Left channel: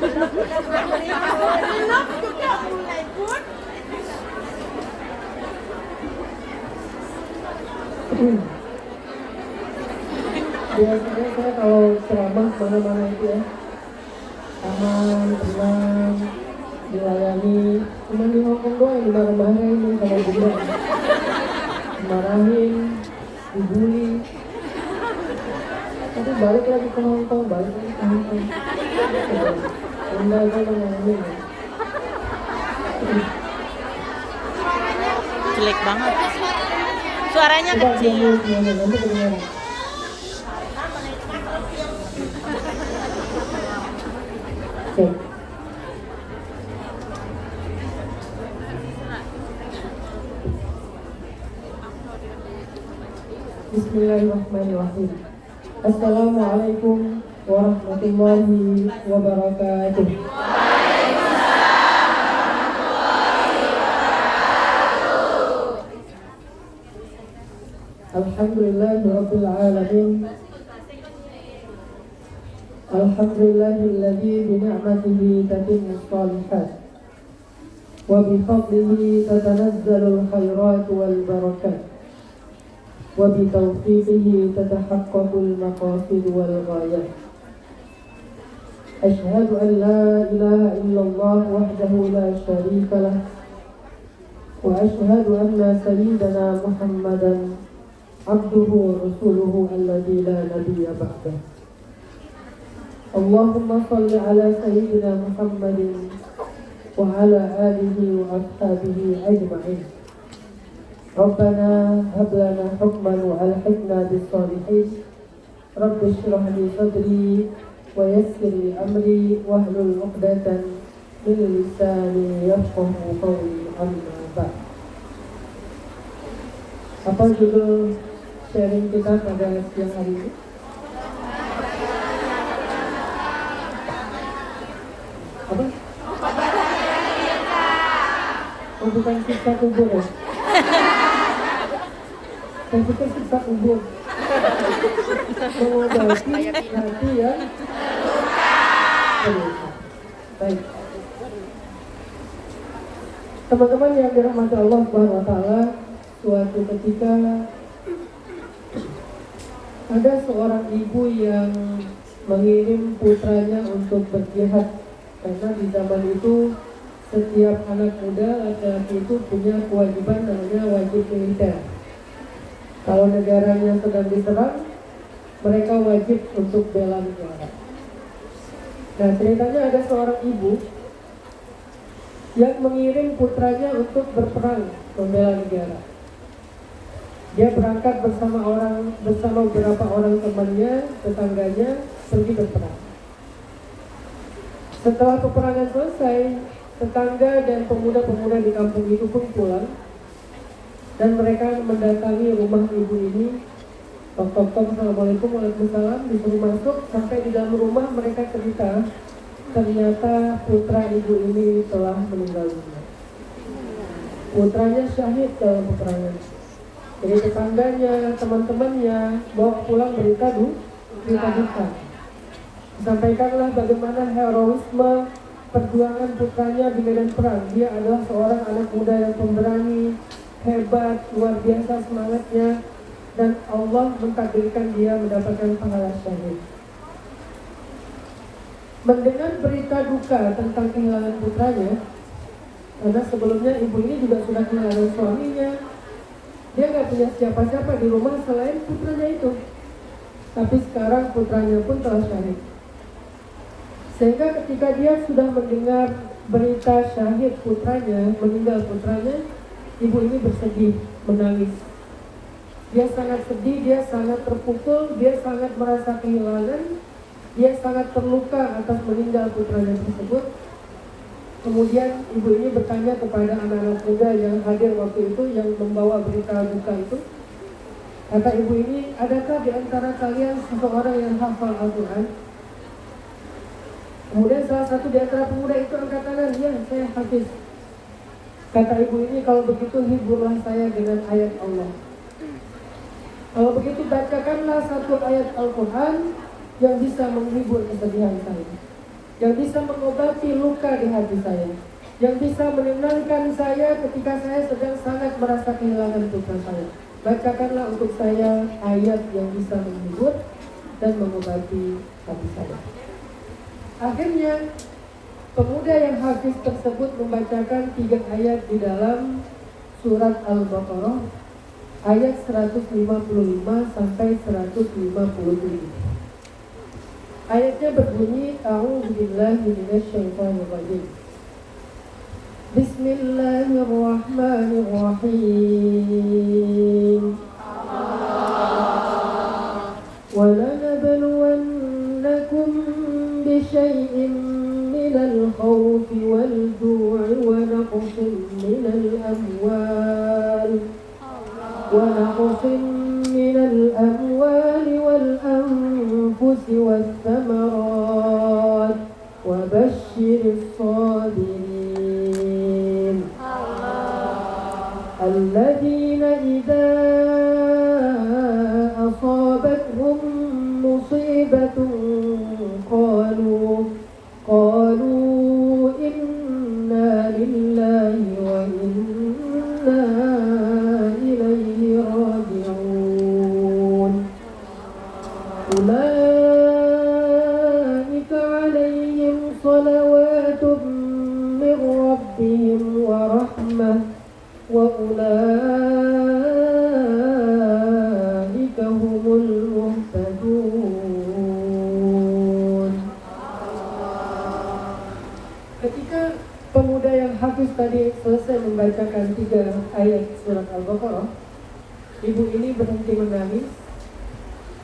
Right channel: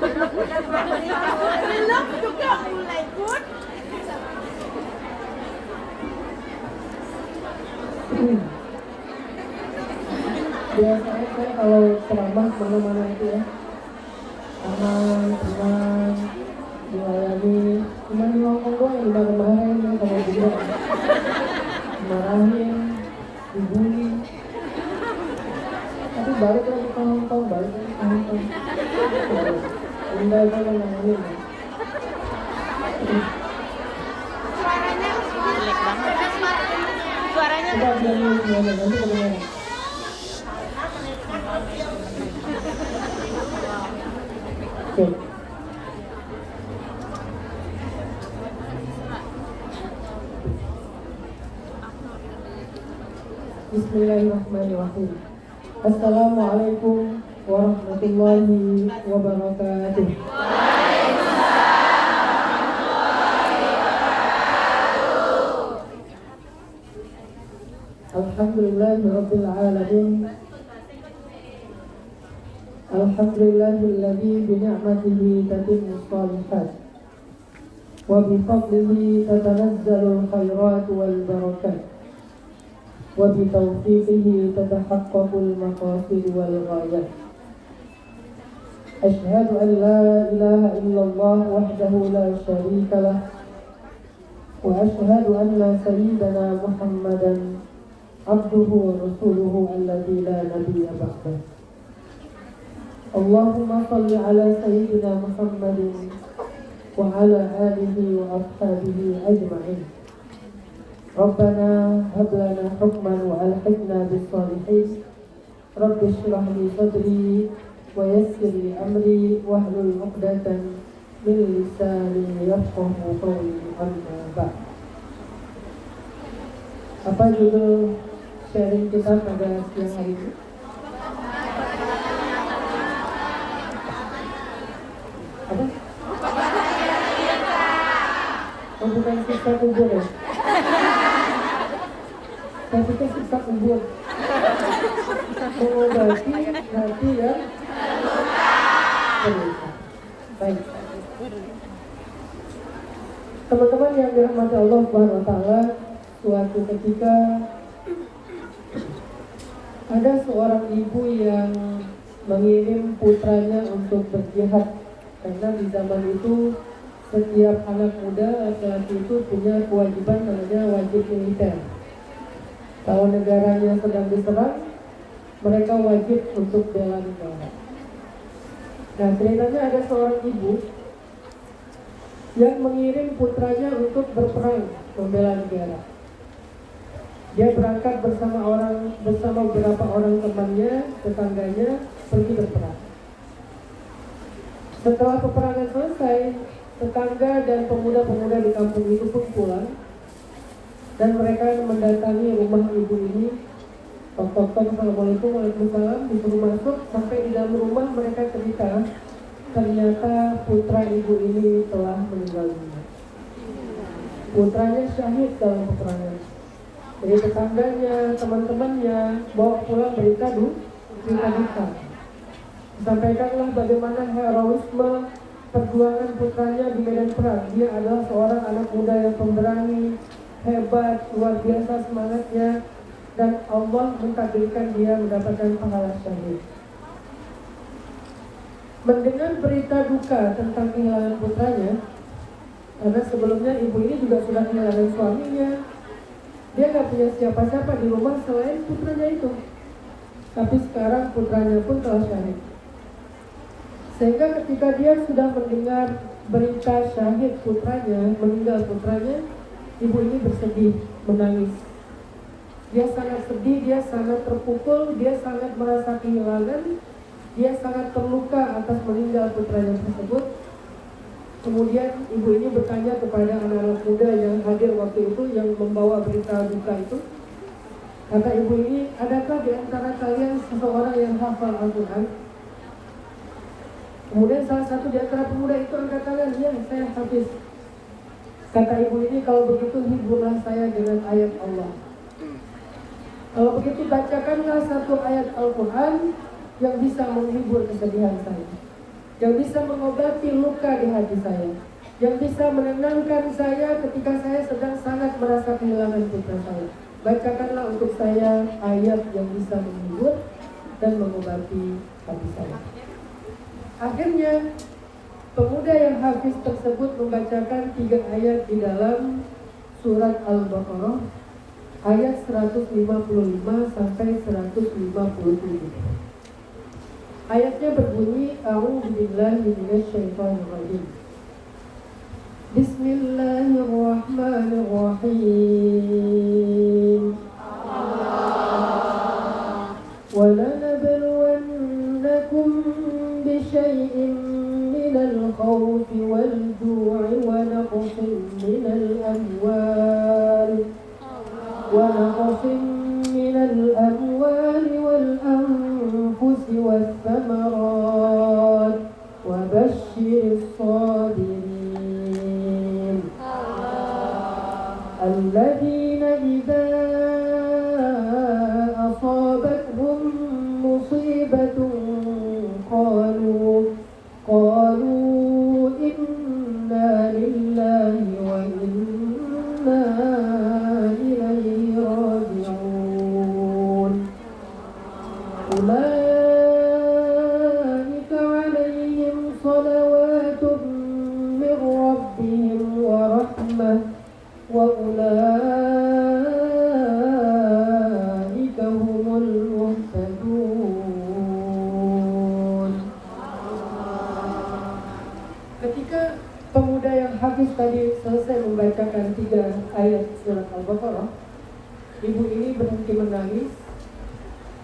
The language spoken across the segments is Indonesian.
Belum juga mulai pun. Biasanya saya kalau ceramah mana-mana itu ya, aman, tenang, dilayani. Cuma di Hongkong doang yang dimarah-marahin nih sama juga, dimarahin, dibully. Tapi balik lagi ke Hongkong, balik lagi ke Hongkong. Tinggal saya ngomongin. Suaranya Jelek banget. Suaranya Tidak kecil. semuanya, nanti kedengaran. Oke. Bismillahirrahmanirrahim. Assalamualaikum warahmatullahi wabarakatuh. Alhamdulillahirabbil alamin. Alhamdulillahilladzi bi ni'matihi tatimmus shalihat wa bi fadlihi tatanazzalul khairat wal barakat wa bi tawfiqihi tatahaqqaqul maqasid wal ghayat. Asyhadu an la ilaha illallah wahdahu la syarika lah wa asyhadu anna sayyidana Muhammadan abduhu wa rasuluhu alladzi la nabiyya ba'dah. Allahumma salli ala sayyidina Muhammadin wa ala alihi wa ashabihi ajma'in. Rabbana hab lana hukman wa alhiqna bis salihin. Rabbi shrah li sadri wa yassir li amri wahlul 'uqdatan min lisani yafqahu qawli. Amma ba'd. Apa judul sharing kita pada siang hari ini? Apa? Oh, bukan siksa kubur ya? Saya pikir siksa kubur. Mengobati hati yang terluka. Baik. Teman-teman yang dirahmati Allah Subhanahu wa Ta'ala, suatu ketika ada seorang ibu yang mengirim putranya untuk berjihad. Karena di zaman itu setiap anak muda laki-laki itu punya kewajiban namanya wajib militer. Kalau negaranya sedang diserang, mereka wajib untuk bela negara. Nah, ceritanya ada seorang ibu yang mengirim putranya untuk berperang membela negara. Dia berangkat bersama beberapa orang temannya, tetangganya, pergi berperang. Setelah peperangan selesai, tetangga dan pemuda-pemuda di kampung itu pun pulang dan mereka mendatangi rumah ibu ini. Tok-tok, assalamualaikum, waalaikumsalam, disuruh masuk. Sampai di dalam rumah mereka cerita, ternyata putra ibu ini telah meninggal dunia. Putranya syahid dalam peperangan. Jadi tetangganya, teman-temannya bawa pulang berita duka. Disampaikanlah bagaimana heroisme perjuangan putranya di medan perang. Dia adalah seorang anak muda yang pemberani, hebat, luar biasa semangatnya, dan Allah mentakdirkan dia mendapatkan pahala syahid. Mendengar berita duka tentang kehilangan putranya, karena sebelumnya ibu ini juga sudah kehilangan suaminya, dia gak punya siapa-siapa di rumah selain putranya itu. Tapi sekarang putranya pun telah syahid. Sehingga ketika dia sudah mendengar berita syahid putranya, meninggal putranya, ibu ini bersedih, menangis. Dia sangat sedih, dia sangat terpukul, dia sangat merasa kehilangan, dia sangat terluka atas meninggal putranya tersebut. Kemudian ibu ini bertanya kepada anak-anak muda yang hadir waktu itu, yang membawa berita duka itu. Kata ibu ini, adakah di antara kalian seseorang yang hafal Al-Quran? Kemudian salah satu di antara pemuda itu angkat tangan, ya saya hafiz. Kata ibu ini, kalau begitu hiburlah saya dengan ayat Allah. Kalau begitu bacakanlah satu ayat Al-Quran yang bisa menghibur kesedihan saya. yang bisa mengobati luka di hati saya, yang bisa menenangkan saya ketika saya sedang sangat merasa kehilangan putra saya. Bacakanlah untuk saya ayat yang bisa menghibur dan mengobati hati saya. Akhirnya pemuda yang hafiz tersebut membacakan 3 ayat di dalam surat Al-Baqarah ayat 155 sampai 157. Ayatnya berbunyi, A'udzubillahi minasyaitonirrajim. Bismillahirrahmanirrahim. وَلَنَبْلُوَنَّكُمْ بِشَيْءٍ مِّنَ الْخَوْفِ وَالْجُوعِ وَنَقْصٍ مِّنَ الْأَمْوَالِ وَالْأَنفُسِ وَالثَّمَرَاتِ وَبَشِّرِ الصَّابِرِينَ الَّذِينَ إِذَا أَصَابَتْهُم مُّصِيبَةٌ قالوا إِنَّا لِلَّهِ وَإِنَّا إِلَيْهِ راجعون أولئك عليهم صلوات من ربهم ورحمة وأولئك هم المهتدون. Ketika pemuda yang hafiz tadi selesai membacakan 3 ayat surat Al-Baqarah, ibu ini berhenti menangis.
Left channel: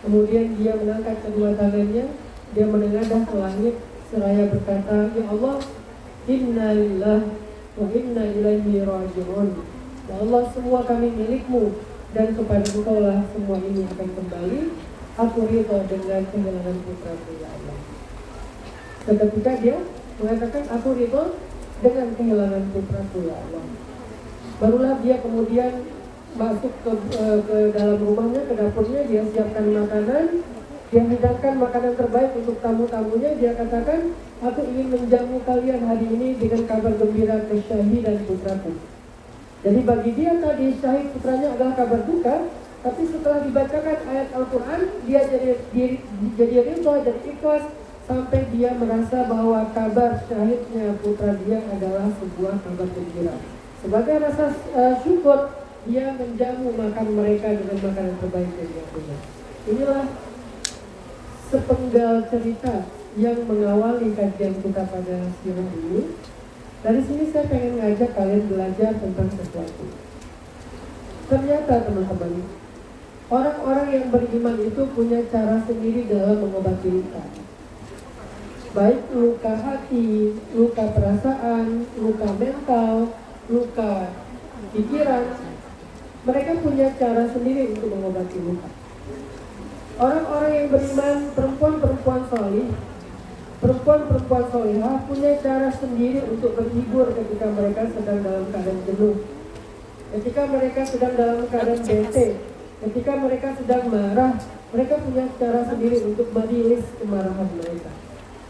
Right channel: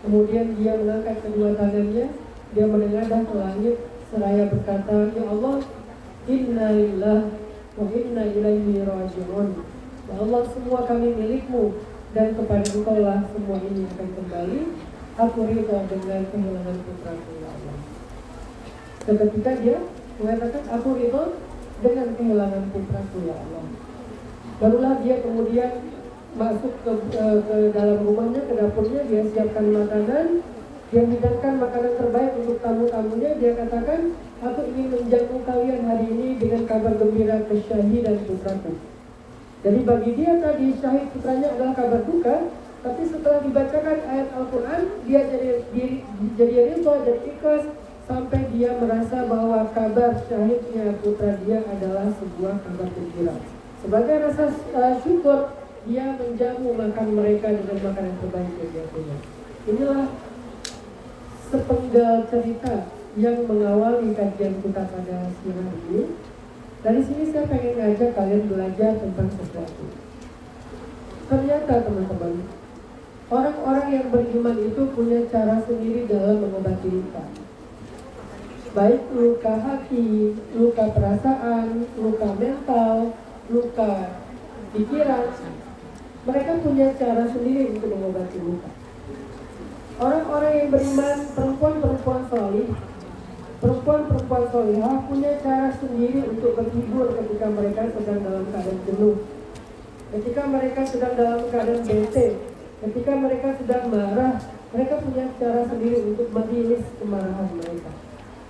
Kemudian dia mengangkat kedua tangannya, dia menengadah ke langit seraya berkata, Ya Allah, Inna lillahi wa inna ilaihi raji'un. Ya Allah, semua kami milikmu dan kepada Engkau lah semua ini akan kembali. Aku ridha dengan kehilangan putraku, ya Allah. Ketika dia mengatakan aku ridha dengan kehilangan putraku, ya Allah, barulah dia kemudian masuk ke dalam rumahnya, ke dapurnya. Dia siapkan makanan, dia hidangkan makanan terbaik untuk tamu-tamunya. Dia katakan, aku ingin menjamu kalian hari ini dengan kabar gembira kesyahidan putraku. Jadi bagi dia tadi syahid putranya adalah kabar duka, tapi setelah dibacakan ayat Al-Quran, dia jadi ridha, jadi ikhlas, sampai dia merasa bahwa kabar syahidnya putra dia adalah sebuah kabar gembira. Sebagai rasa syukur, dia menjamu makan mereka dengan makanan terbaik yang dia punya. Inilah sepenggal cerita yang mengawali kajian kita pada siang ini. Dari sini saya pengen ngajak kalian belajar tentang sesuatu. Ternyata teman-teman, orang-orang yang beriman itu punya cara sendiri dalam mengobati luka. Baik luka hati, luka perasaan, luka mental, luka pikiran. Mereka punya cara sendiri untuk mengobati luka. Orang-orang yang beriman, perempuan-perempuan solihah punya cara sendiri untuk berhibur ketika mereka sedang dalam keadaan jenuh, ketika mereka sedang dalam keadaan bete, ketika mereka sedang marah. Mereka punya cara sendiri untuk merilis kemarahan mereka.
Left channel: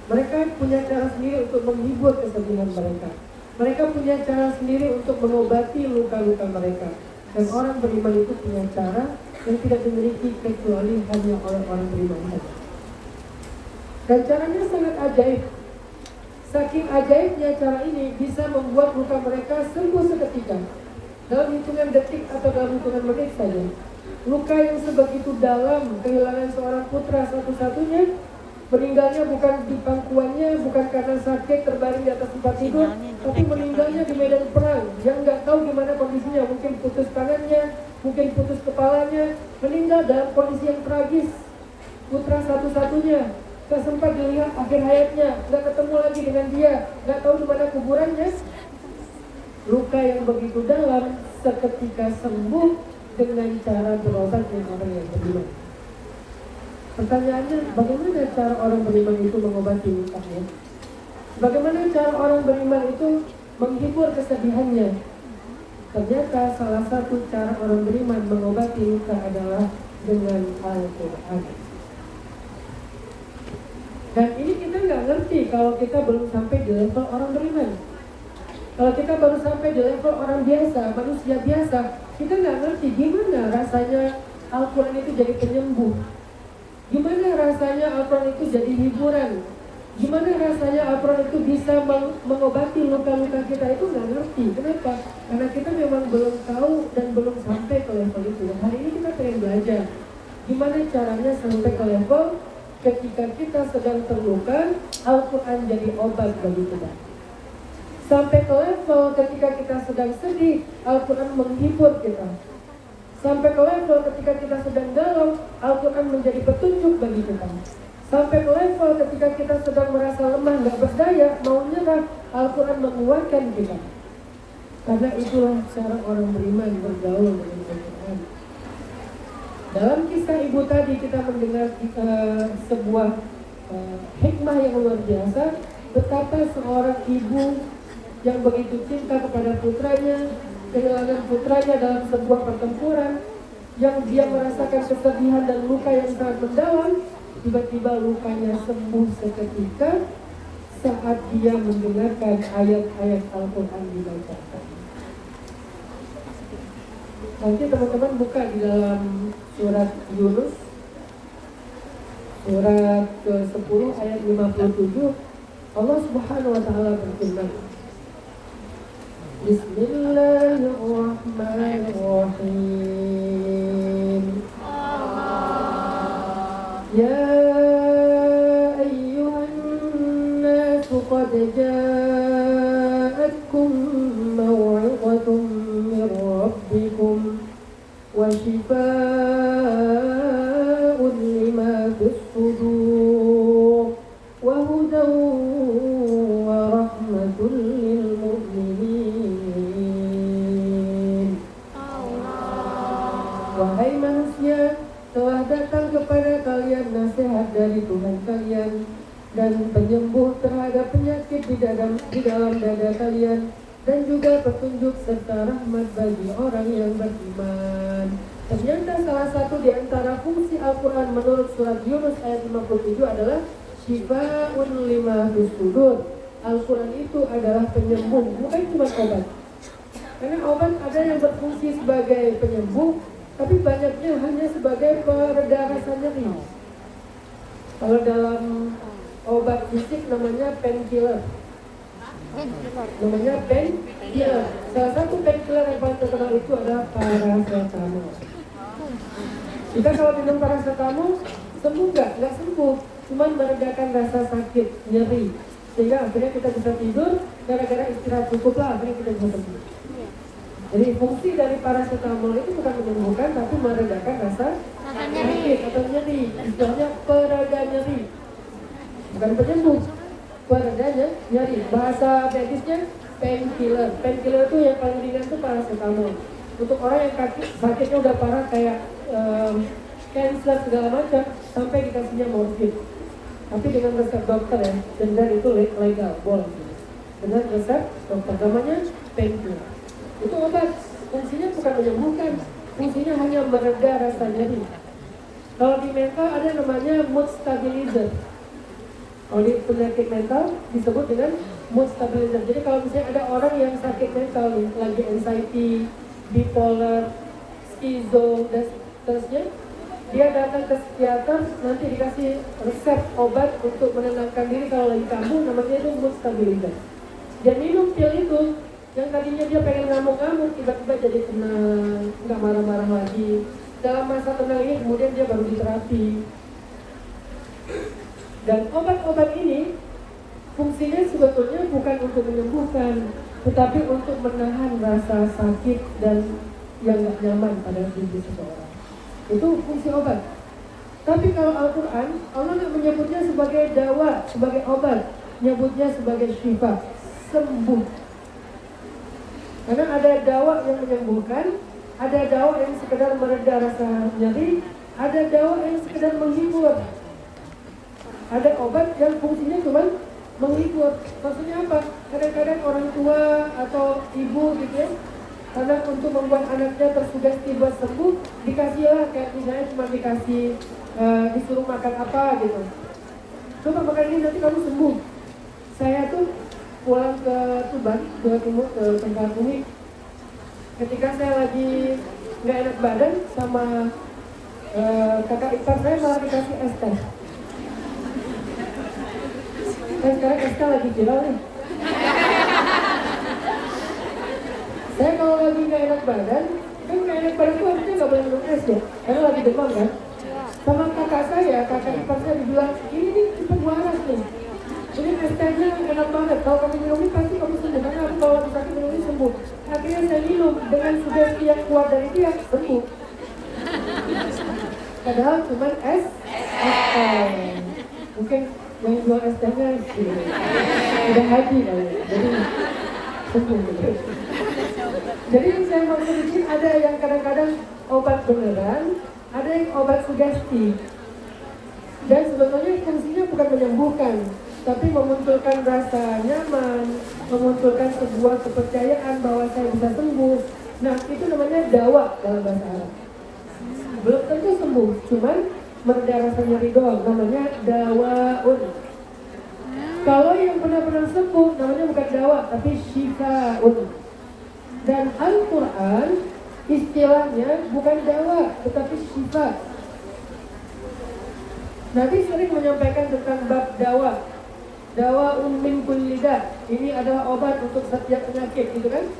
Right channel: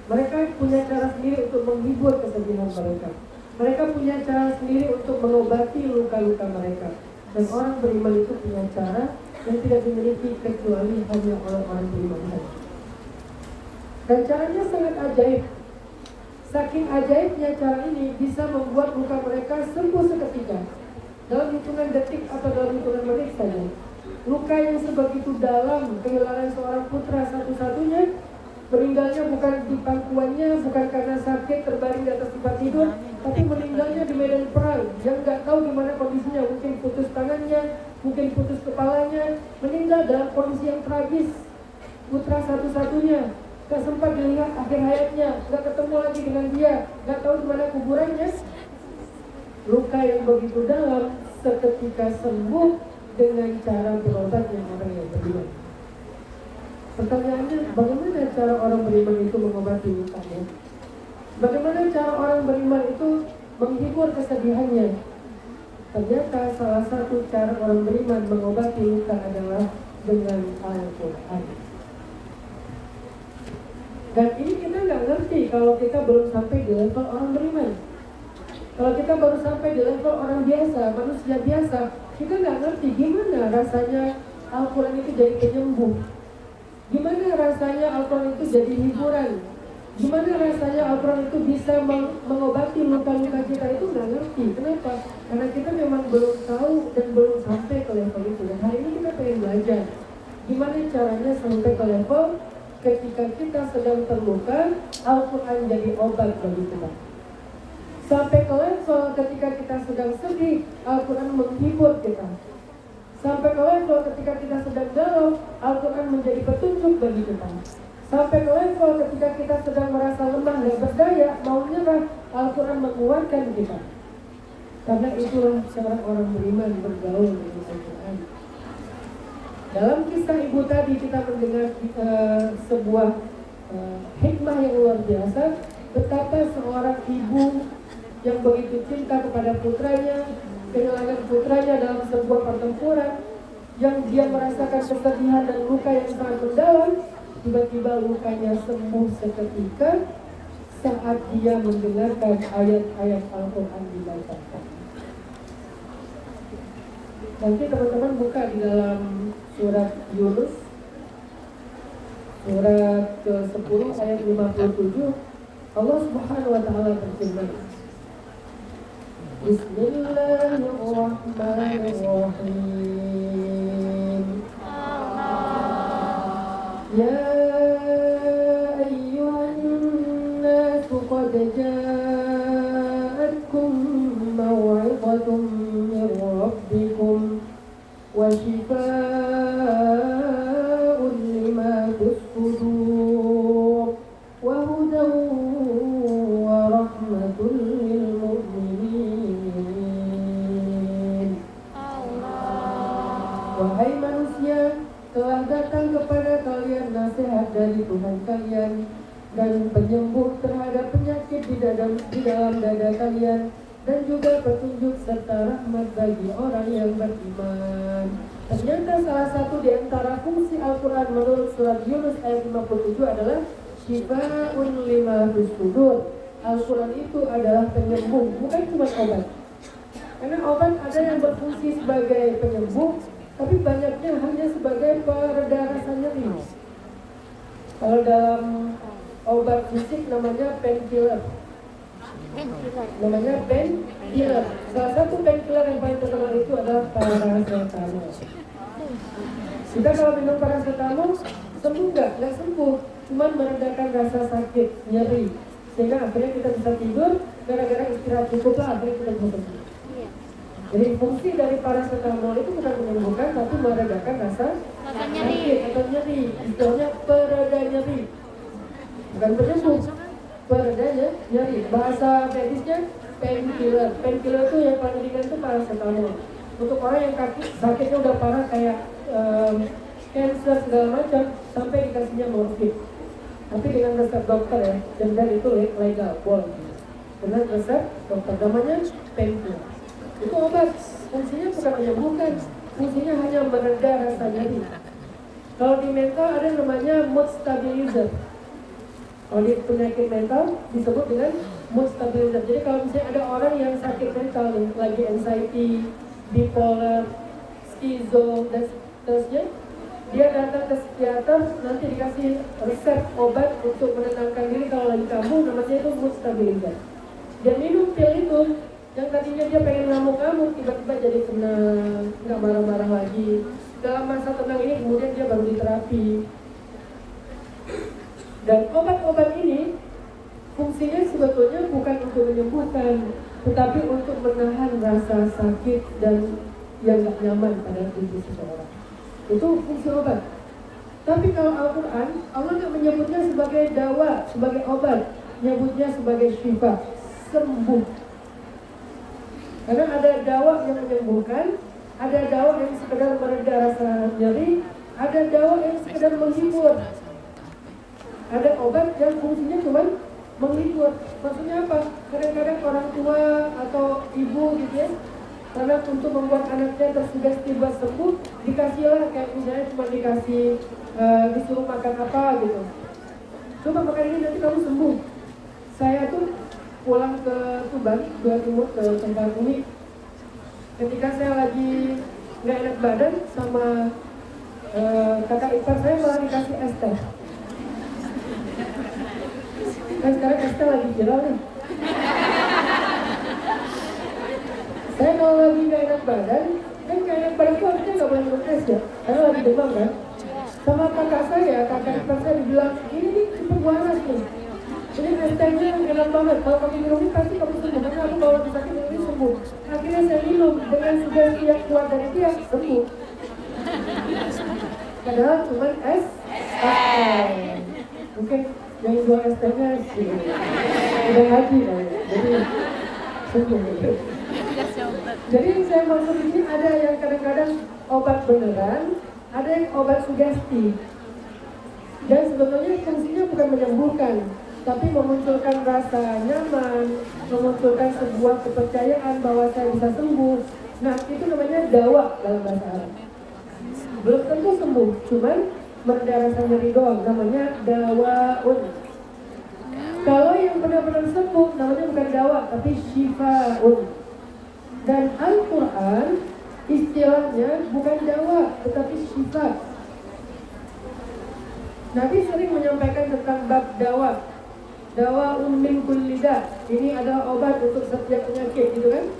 Mereka punya cara sendiri untuk menghibur kesedihan mereka. Mereka punya cara sendiri untuk mengobati luka-luka mereka. Dan orang beriman itu punya cara yang tidak dimiliki kecuali hanya orang-orang beriman saja. Dan caranya sangat ajaib. Saking ajaibnya cara ini bisa membuat luka mereka sembuh seketika, dalam hitungan detik atau dalam hitungan menit saja. Luka yang sebegitu dalam, kehilangan seorang putra satu-satunya, meninggalnya bukan di pangkuannya, bukan karena sakit terbaring di atas tempat tidur, tapi meninggalnya di medan perang yang nggak tahu gimana kondisinya. Mungkin putus tangannya, mungkin putus kepalanya, meninggal dalam kondisi yang tragis. Putra satu-satunya, gak sempat dilihat akhir hayatnya, gak ketemu lagi dengan dia, gak tahu di mana kuburannya. Luka yang begitu dalam seketika sembuh dengan cara berobatnya orang yang beriman. Pertanyaannya, bagaimana cara orang beriman itu mengobati lukanya? Bagaimana cara orang beriman itu menghibur kesedihannya? Ternyata salah satu cara orang beriman mengobati luka adalah dengan Al-Quran. Dan ini kita nggak ngerti kalau kita belum sampai di level orang beriman. Kalau kita baru sampai di level orang biasa, manusia biasa, kita nggak ngerti gimana rasanya Al-Quran itu jadi penyembuh. Gimana rasanya Al-Quran itu jadi hiburan. Gimana rasanya Al-Quran itu bisa mengobati luka-luka kita, itu nggak ngerti. Kenapa? Karena kita memang belum tahu dan belum sampai ke level itu. Dan hari ini kita pengen belajar gimana caranya sampai ke level ketika kita sedang terluka, Al-Quran jadi obat bagi kita. Sampai ke level ketika kita sedang sedih, Al-Quran menghibur kita. Sampai ke level ketika kita sedang galau, Al-Quran menjadi petunjuk bagi kita. Sampai ke level ketika kita sedang merasa lemah, gak berdaya, mau nyerah, Al-Quran menguatkan kita. Karena itulah cara orang beriman bergaul dengan Al-Quran. Dalam kisah ibu tadi kita mendengar sebuah hikmah yang luar biasa, betapa seorang ibu yang begitu cinta kepada putranya, kehilangan putranya dalam sebuah pertempuran, yang dia merasakan kesedihan dan luka yang sangat mendalam, tiba-tiba lukanya sembuh seketika saat dia mendengarkan ayat-ayat Al-Quran dibacakan. Nanti teman-teman buka di dalam surat Yunus, surat ke-10 ayat 57, Allah Subhanahu wa Ta'ala berfirman, Bismillahirrahmanirrahim. Ya ayyuhan nasu qad ja'atkum maw'izatun min rabbikum wa shifaa'un lima fis sudur wa hudan wa rahmatun lil mu'minin. Wahai manusia, telah datang kepada kalian nasihat dari Tuhan kalian dan penyembuh terhadap penyakit di dalam dada kalian, dan juga petunjuk serta rahmat bagi orang yang beriman. Ternyata salah satu di antara fungsi Al-Quran menurut surat Yunus ayat 57 adalah Shifa'un lima fis sudur. Al-Quran itu adalah penyembuh, bukan cuma obat. Karena obat ada yang berfungsi sebagai penyembuh, tapi banyaknya hanya sebagai pereda rasa nyeri. Kalau dalam obat fisik namanya painkiller. Namanya painkiller. Salah satu painkiller yang paling terkenal itu adalah paracetamol. Kita kalau minum paracetamol sembuh nggak? Nggak sembuh, cuma meredakan rasa sakit, nyeri, sehingga akhirnya kita bisa tidur. Gara-gara istirahat cukup lah, akhirnya kita bisa tidur. Jadi fungsi dari paracetamol itu bukan menyembuhkan, tapi meredakan rasa nyeri atau nyeri. Istilahnya pereda nyeri, bukan penyembuh. Peredanya nyeri. Bahasa medisnya painkiller. Painkiller itu yang paling ringan itu paracetamol. Untuk orang yang sakitnya udah parah kayak cancer segala macam, sampai dikasihnya morfin. Tapi dengan resep dokter ya, dan itu legal, boleh. Dengan resep dokter, namanya painkiller. Itu obat, fungsinya bukan menyembuhkan, fungsinya hanya mereda rasa nyeri. Kalau di mental ada namanya mood stabilizer. Kalau di penyakit mental disebut dengan mood stabilizer. Jadi kalau misalnya ada orang yang sakit mental, lagi anxiety, bipolar, skizo, dan seterusnya, dia datang ke psikiater, nanti dikasih resep obat untuk menenangkan diri kalau lagi kambuh, namanya itu mood stabilizer. Dia minum pil itu, yang tadinya dia pengen ngamuk-ngamuk, tiba-tiba jadi tenang, nggak marah-marah lagi. Dalam masa tenang ini kemudian dia baru diterapi. Dan obat-obat ini fungsinya sebetulnya bukan untuk menyembuhkan, tetapi untuk menahan rasa sakit dan yang nggak nyaman pada tubuh seseorang. Itu fungsi obat. Tapi kalau Al-Quran, Allah nggak menyebutnya sebagai dawa, sebagai obat, menyebutnya sebagai syifa, sembuh. Karena ada dawa yang menyembuhkan, ada dawa yang sekedar mereda rasa nyeri, ada dawa yang sekedar menghibur. Ada obat yang fungsinya cuma menghibur. Maksudnya apa? Kadang-kadang orang tua atau ibu gitu ya, karena untuk membuat anaknya tersugesti buat sembuh, dikasihlah kayak misalnya cuma dikasih disuruh makan apa gitu. Coba makan ini nanti kamu sembuh. balik Jawa Timur ke tempat ini. Ketika saya lagi nggak enak badan sama kakak ipar saya malah dikasih es teh. Dan sekarang es teh lagi viral nih. Saya kalau lagi nggak enak badan, kan nggak enak badan tuh harusnya nggak boleh minum es ya, karena lagi demam kan. Sama kakak saya, kakak ipar saya dibilang, ini nih cepet waras nih. Ini es tehnya enak banget, kalau kamu minum ini pasti kamu sembuh, karena aku kalau sakit minum ini sembuh. Akhirnya saya minum, dengan sugesti yang keluar dari dia, sembuh. Padahal cuma es teh. Mungkin yang jual es tehnya udah haji kali ya, jadi sembuh gitu. Jadi yang saya maksud di sini ada yang kadang-kadang obat beneran, ada yang obat sugesti. Dan sebetulnya fungsinya bukan menyembuhkan, tapi memunculkan rasa nyaman, memunculkan sebuah kepercayaan bahwa saya bisa sembuh. Nah, itu namanya dawa dalam bahasa Arab. Belum tentu sembuh, cuman mereda rasa nyeri doang, namanya dawaun. Kalau yang benar-benar sembuh, namanya bukan dawa, tapi syifaun. Dan Al-Quran istilahnya bukan dawa, tetapi syifa. Nabi sering menyampaikan tentang bab dawa. Dawa min kulli da. Ini adalah obat untuk setiap penyakit, gitu kan?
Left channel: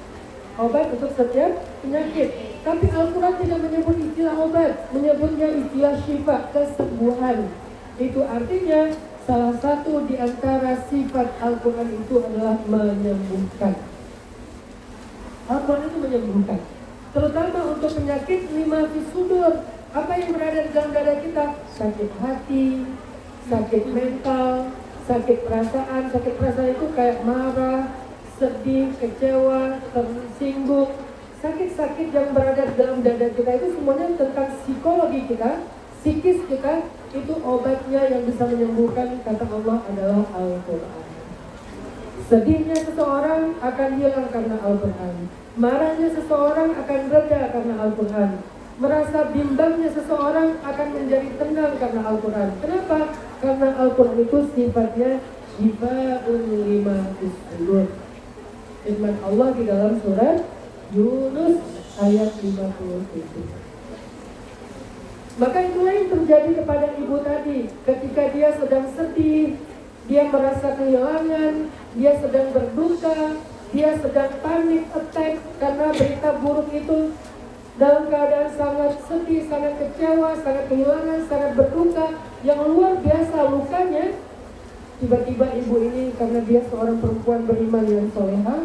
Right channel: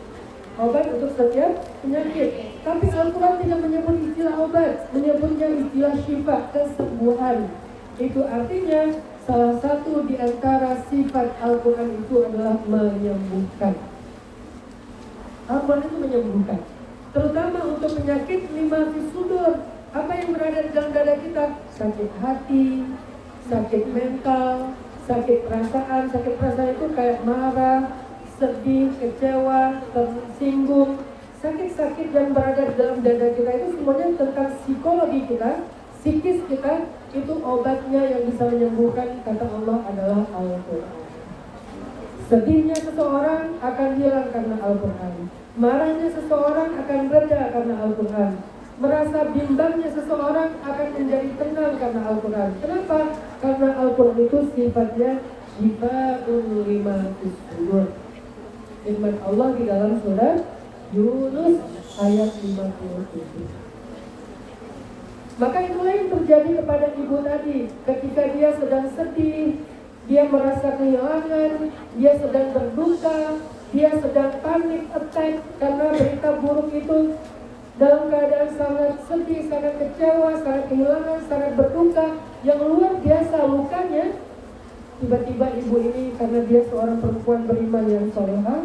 Obat untuk setiap penyakit. Tapi Al-Quran tidak menyebut istilah obat, menyebutnya istilah syifa, kesembuhan. Itu artinya salah satu di antara sifat Al-Quran itu adalah menyembuhkan. Al-Quran itu menyembuhkan, terutama untuk penyakit lima fis sudur. Apa yang berada di dalam dada kita? Sakit hati, sakit mental, sakit perasaan. Sakit perasaan itu kayak marah, sedih, kecewa, tersinggung. Sakit-sakit yang berada di dalam dada kita itu semuanya tentang psikologi kita, psikis kita. Itu obatnya yang bisa menyembuhkan, kata Allah, adalah Al-Quran. Sedihnya seseorang akan hilang karena Al-Quran. Marahnya seseorang akan reda karena Al-Quran. Merasa bimbangnya seseorang akan menjadi tenang karena Al-Quran. Kenapa? Karena Al-Quran itu sifatnya Shifa'un lima fis sudur. Firman Allah di dalam surat Yunus ayat 57. Maka itulah yang terjadi kepada ibu tadi. Ketika dia sedang sedih, dia merasa kehilangan, dia sedang berduka, dia sedang panik attack karena berita buruk itu. Dalam keadaan sangat sedih, sangat kecewa, sangat kehilangan, sangat berduka, yang luar biasa lukanya. Tiba-tiba ibu ini, karena dia seorang perempuan beriman yang soleha,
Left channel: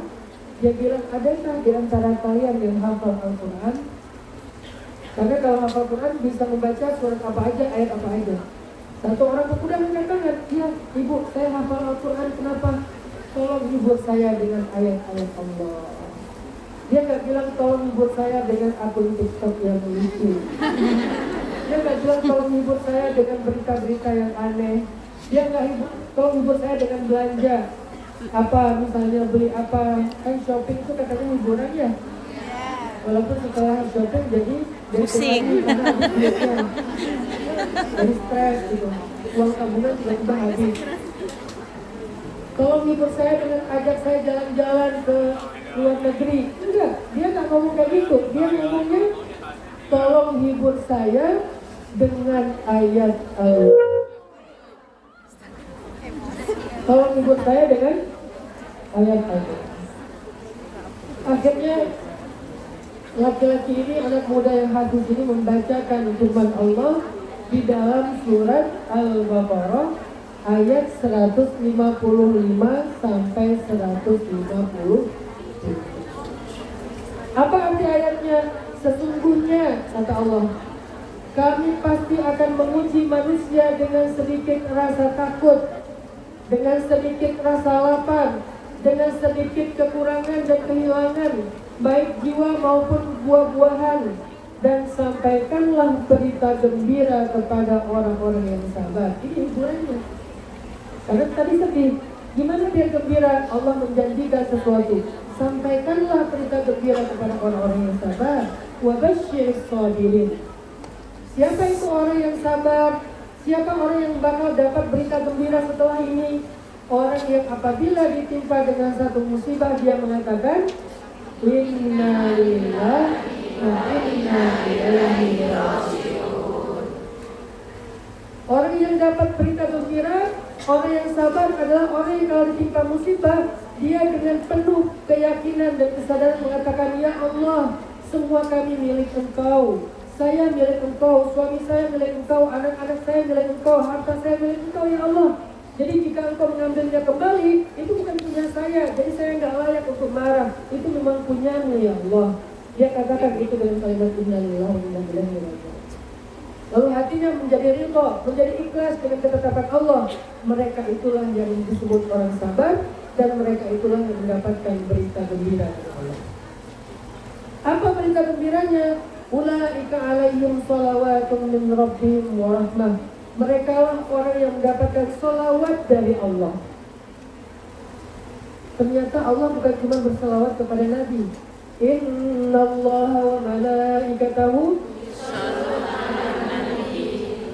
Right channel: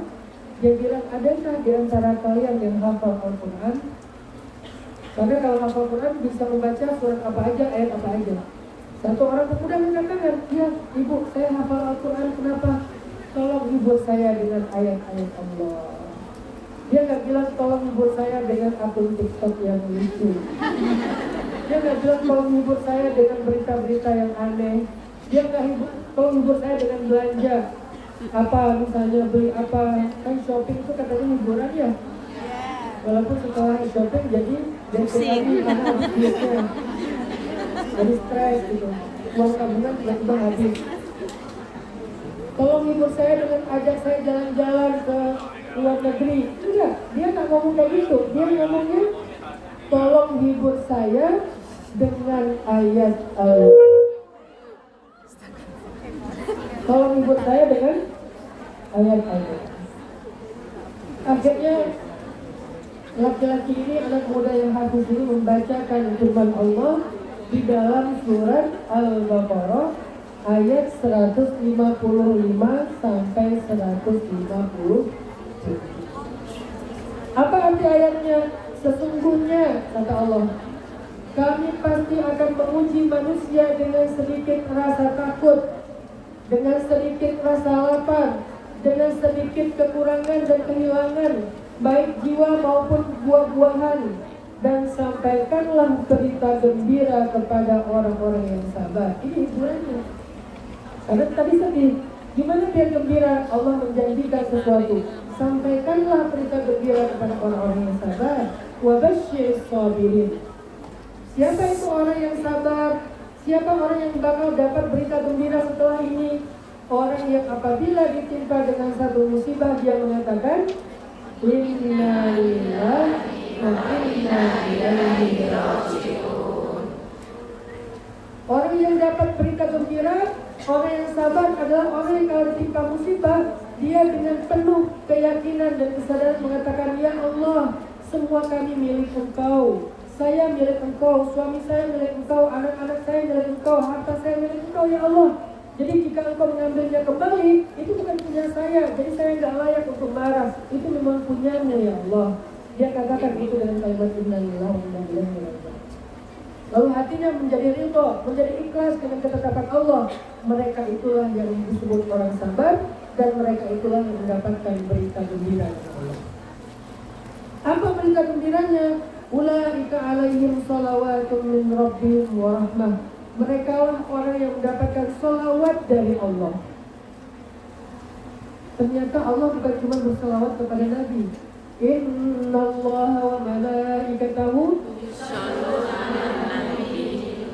dia bilang, adakah di antara kalian yang hafal Al-Quran? Karena kalau hafal Quran bisa membaca surat apa aja, ayat apa aja. Satu orang pemuda mengatakan, ya ibu, saya hafal Al-Quran, kenapa? Tolong hibur saya dengan ayat-ayat Allah. Dia nggak bilang tolong hibur saya dengan akun TikTok yang lucu. Dia nggak bilang tolong hibur saya dengan berita-berita yang aneh. Dia nggak tolong hibur saya dengan belanja. Apa misalnya beli apa, kan shopping itu katanya hiburan ya. Walaupun setelah shopping jadi pusing, karena habisnya. Jadi stres gitu. Uang tabungan tiba-tiba habis. Tolong hibur saya dengan ajak saya jalan-jalan ke luar negeri. Enggak, dia nggak ngomong kayak gitu. Dia ngomongnya tolong hibur saya dengan ayat tolong hibur saya dengan ayat. Akhirnya laki-laki ini, anak muda yang hafiz ini membacakan firman Allah di dalam surat Al-Baqarah ayat 155 sampai 150. Apa arti ayatnya? Sesungguhnya, kata Allah, kami pasti akan menguji manusia dengan sedikit rasa takut, dengan sedikit rasa lapar, dengan sedikit kekurangan dan kehilangan, baik jiwa maupun buah-buahan. Dan sampaikanlah berita gembira kepada orang-orang yang sabar. Ini hiburannya. Karena tadi sedih, gimana dia gembira? Allah menjanjikan sesuatu. Sampaikanlah berita gembira kepada orang-orang yang sabar. Wa basyyiris sabirin. Siapa itu orang yang sabar? Siapa orang yang bakal dapat berita gembira setelah ini? orang yang apabila ditimpa dengan satu musibah dia mengatakan inna lillahi wa inna ilaihi raji'un. Orang yang dapat berita gembira, orang yang sabar adalah orang yang kalau ditimpa musibah dia dengan penuh keyakinan dan kesadaran mengatakan, ya Allah, semua kami milik Engkau, saya milik Engkau, suami saya milik Engkau, anak-anak saya milik Engkau, harta saya milik Engkau, ya Allah. Jadi jika Engkau mengambilnya kembali, itu bukan punya saya, jadi saya nggak layak untuk marah, itu memang punyamu ya Allah. Dia katakan itu dengan kalimat inna lillahi wa inna ilaihi raji'un. Lalu hatinya menjadi ridha, menjadi ikhlas dengan ketetapan Allah. Mereka itulah yang disebut orang sabar, dan mereka itulah yang mendapatkan berita gembira dari Allah. Apa berita gembiranya? Ulaika alaihim salawatun min rabbihim wa rahmah. Mereka lah orang yang mendapatkan salawat dari Allah. Ternyata Allah bukan cuma bersalawat kepada Nabi. Innallaha wa malaikatahu.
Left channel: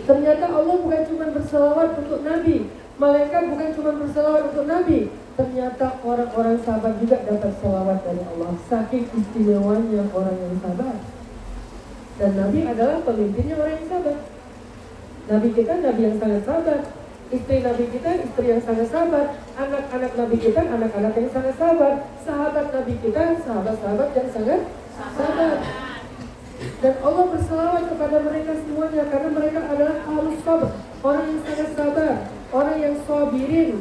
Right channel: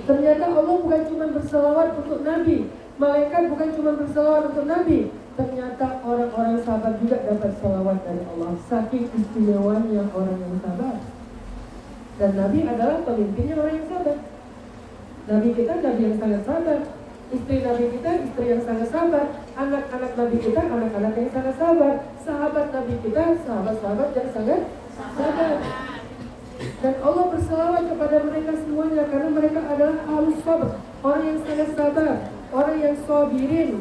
Ternyata Allah bukan cuma bersalawat untuk Nabi. Malaikat bukan cuma bersalawat untuk Nabi. Ternyata orang-orang sabar juga dapat salawat dari Allah. Saking istimewanya orang yang sabar. Dan Nabi adalah pemimpinnya orang yang sabar. Nabi kita Nabi yang sangat sabar. Istri Nabi kita istri yang sangat sabar. Anak-anak Nabi kita anak-anak yang sangat sabar. Sahabat Nabi kita sahabat-sahabat yang sangat sabar. Dan Allah bersalawat kepada mereka semuanya karena mereka adalah ahlus sabar, orang yang sangat sabar, orang yang sabirin.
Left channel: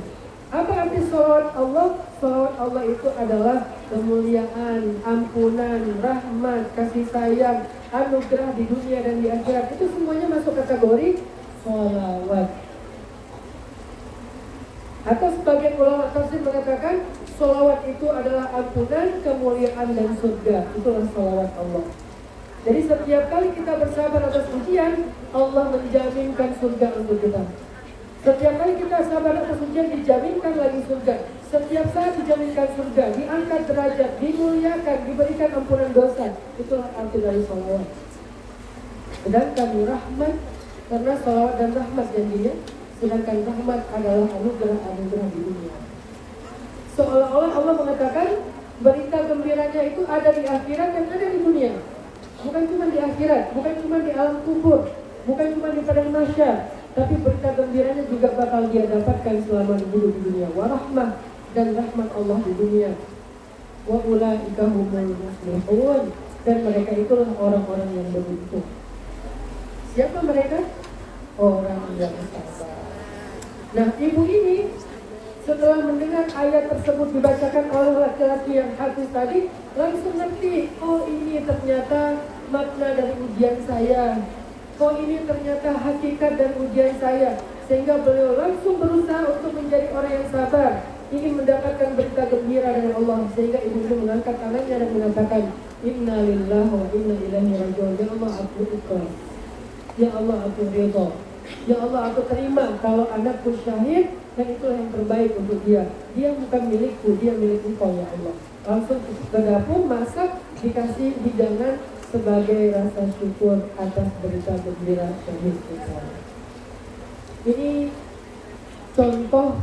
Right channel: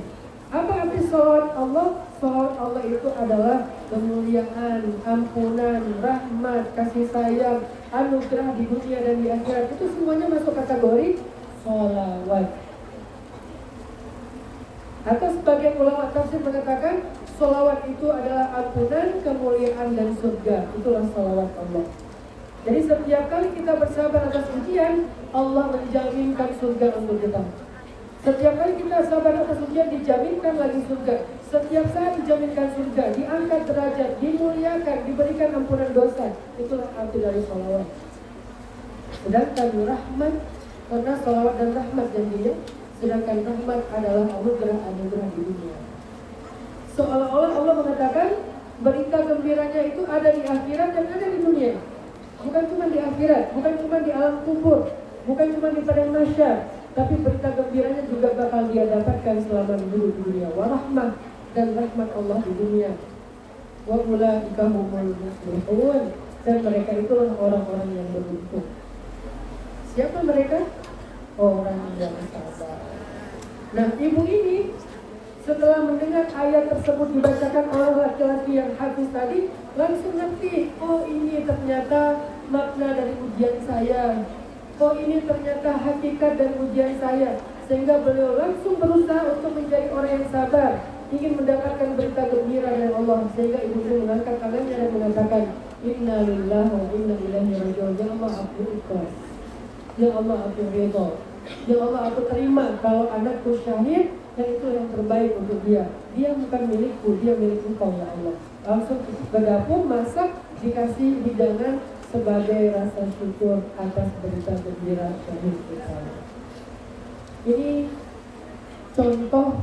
Apa arti salawat Allah? Salawat Allah itu adalah kemuliaan, ampunan, rahmat, kasih sayang, anugerah di dunia dan di akhirat. Itu semuanya masuk kategori salawat. Atau sebagian ulama tafsir mengatakan salawat itu adalah ampunan, kemuliaan dan surga. Itulah salawat Allah. Jadi setiap kali kita bersabar atas ujian, Allah menjaminkan surga untuk kita. Setiap kali kita sabar atas ujian, dijaminkan lagi surga. Setiap saat dijaminkan surga, diangkat derajat, dimuliakan, diberikan ampunan dosa. Itulah arti dari salawat. Sedangkan rahmat, karena salawat dan rahmat janjinya, sedangkan rahmat adalah anugerah-anugerah di dunia. Seolah-olah Allah mengatakan berita gembiranya itu ada di akhirat dan ada di dunia. Bukan cuma di akhirat, bukan cuma di alam kubur, bukan cuma di padang mahsyar, tapi berita gembiranya juga bakal dia dapatkan selama hidup di dunia. Wa rahmah, dan rahmat Allah di dunia. Wa ulaika humul muflihun, dan mereka itulah orang-orang yang beruntung. Siapa mereka? Orang yang sabar. Nah, ibu ini setelah mendengar ayat tersebut dibacakan oleh laki-laki yang hafiz tadi, langsung ngerti, oh ini ternyata makna dari ujian saya. Oh ini ternyata hakikat dari ujian saya. Sehingga beliau langsung berusaha untuk menjadi orang yang sabar, ingin mendapatkan berita gembira dari Allah. Sehingga ibu itu mengangkat tangannya dan mengatakan, inna lillahi wa inna ilaihi raji'un. Ya Allah, aku ikhlas. Ya Allah, aku ridha. Ya Allah, aku terima kalau anakku syahid, dan itu yang terbaik untuk dia. Dia bukan milikku, dia milik Engkau ya Allah. Langsung ke dapur, masak, dikasih hidangan sebagai rasa syukur atas berita gembira syahid kita. Ini contoh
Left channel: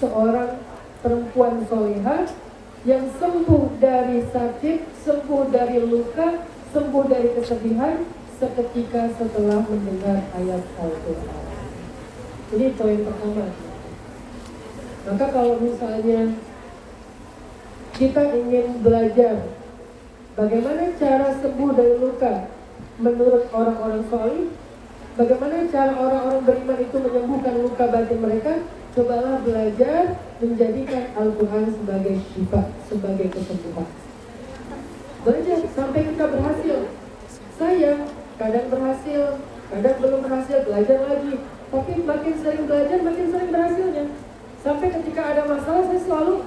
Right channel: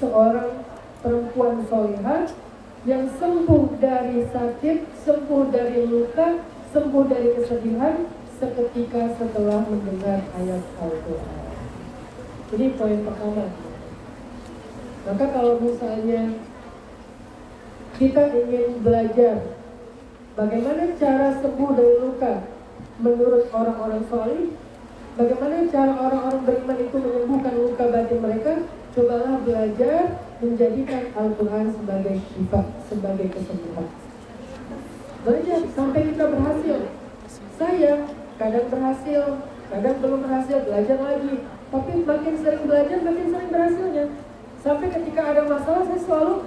seorang perempuan solihah yang sembuh dari sakit, sembuh dari luka, sembuh dari kesedihan seketika setelah mendengar ayat Al-Quran. Ini poin pertama. Maka kalau misalnya kita ingin belajar bagaimana cara sembuh dari luka menurut orang-orang solih, bagaimana cara orang-orang beriman itu menyembuhkan luka batin mereka, cobalah belajar menjadikan Al-Quran sebagai syifa, sebagai kesembuhan. Belajar sampai kita berhasil. Saya kadang berhasil, kadang belum berhasil, belajar lagi. Tapi makin sering belajar, makin sering berhasilnya. Sampai ketika ada masalah, saya selalu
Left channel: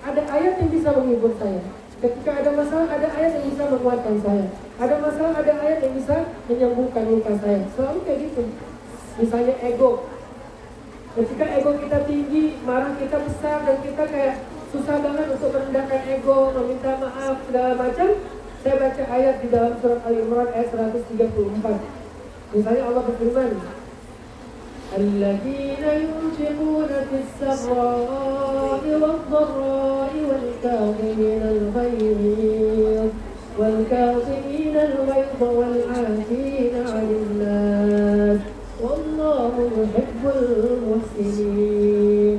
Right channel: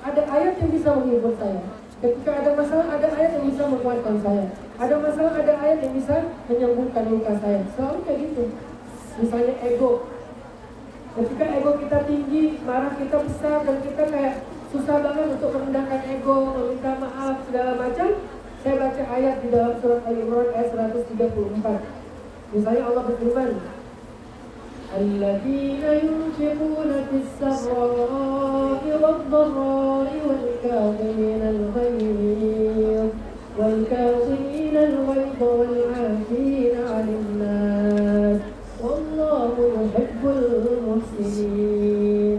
ada ayat yang bisa menghibur saya. Ketika ada masalah, ada ayat yang bisa menguatkan saya. Ada masalah, ada ayat yang bisa menyembuhkan luka saya. Selalu kayak gitu. Misalnya ego. Ketika ego kita tinggi, marah kita besar, dan kita kayak susah banget untuk merendahkan ego, meminta maaf, segala macam. Saya baca ayat di dalam surat Al-Imran ayat 134. Misalnya Allah berfirman, الذين ينفقون في السراء والضراء والكاظمين الغيظ والعافين عن الناس والله يحب المحسنين.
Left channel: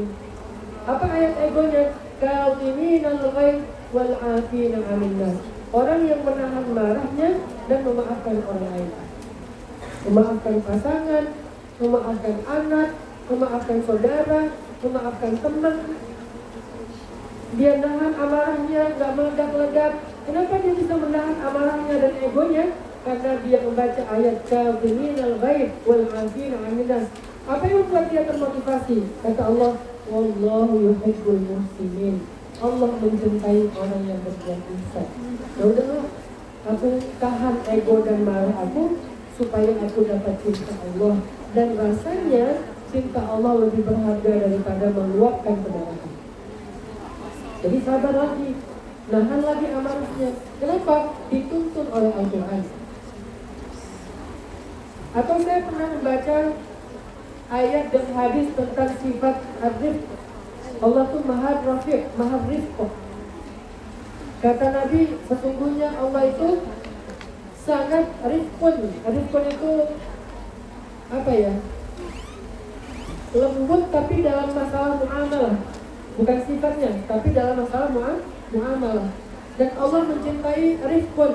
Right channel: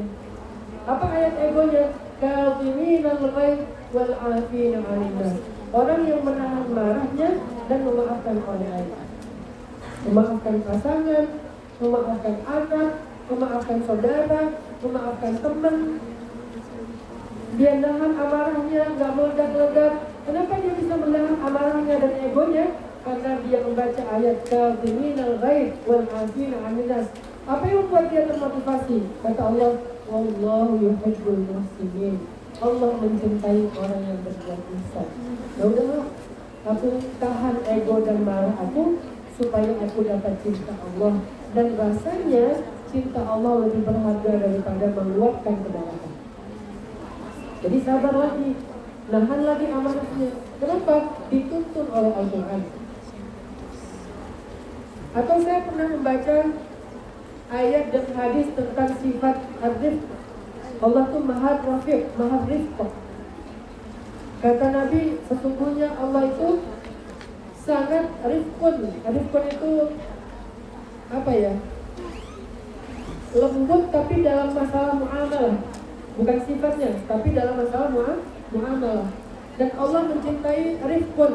Apa ayat egonya? Kazimin al-ghaidh wal 'afina 'anil nas. Orang yang menahan marahnya dan memaafkan orang lain. Memaafkan pasangan, memaafkan anak, memaafkan saudara, memaafkan teman. Dia nahan amarahnya, nggak meledak-ledak. Kenapa dia bisa menahan amarahnya dan egonya? Karena dia membaca ayat kazimin al-ghaidh wal 'afina 'anil nas. Apa yang membuat dia termotivasi? Kata Allah, wallahu yuhibbul muhsinin. Allah mencintai orang yang berbuat ihsan. Ya udahlah, aku tahan ego dan marah aku supaya aku dapat cinta Allah. Dan rasanya cinta Allah lebih berharga daripada meluapkan kemarahan. Jadi sabar lagi, nahan lagi amarahnya. Kenapa? Dituntun oleh Al-Quran. Atau saya pernah membaca ayat dan hadis tentang sifat ar-rifq. Allah tuh maha rafiq, maha rifq. Kata Nabi, sesungguhnya Allah itu sangat rifqun. Rifqun itu apa ya? Lembut tapi dalam masalah muamalah. Bukan sifatnya, tapi dalam masalah muamalah. Dan Allah mencintai rifqun.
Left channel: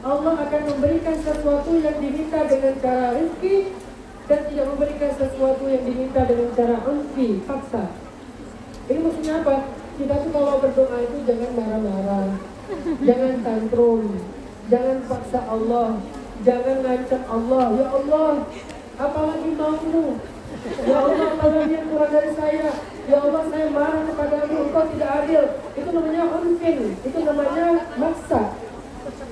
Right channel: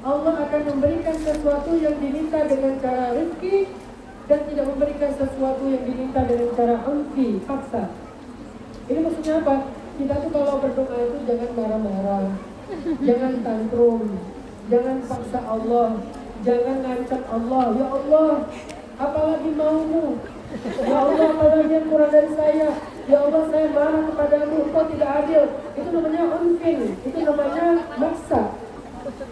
Allah akan memberikan sesuatu yang diminta dengan cara rizki dan tidak memberikan sesuatu yang diminta dengan cara unfi, paksa. Ini maksudnya apa? Kita tuh kalau berdoa itu jangan marah-marah, jangan tantrum, jangan paksa Allah, jangan ngancam Allah. Ya Allah, apalagi maumu? Ya Allah, apalagi yang kurang dari saya? Ya Allah, saya marah kepadamu, Engkau tidak adil. Itu namanya unfin, itu namanya maksa.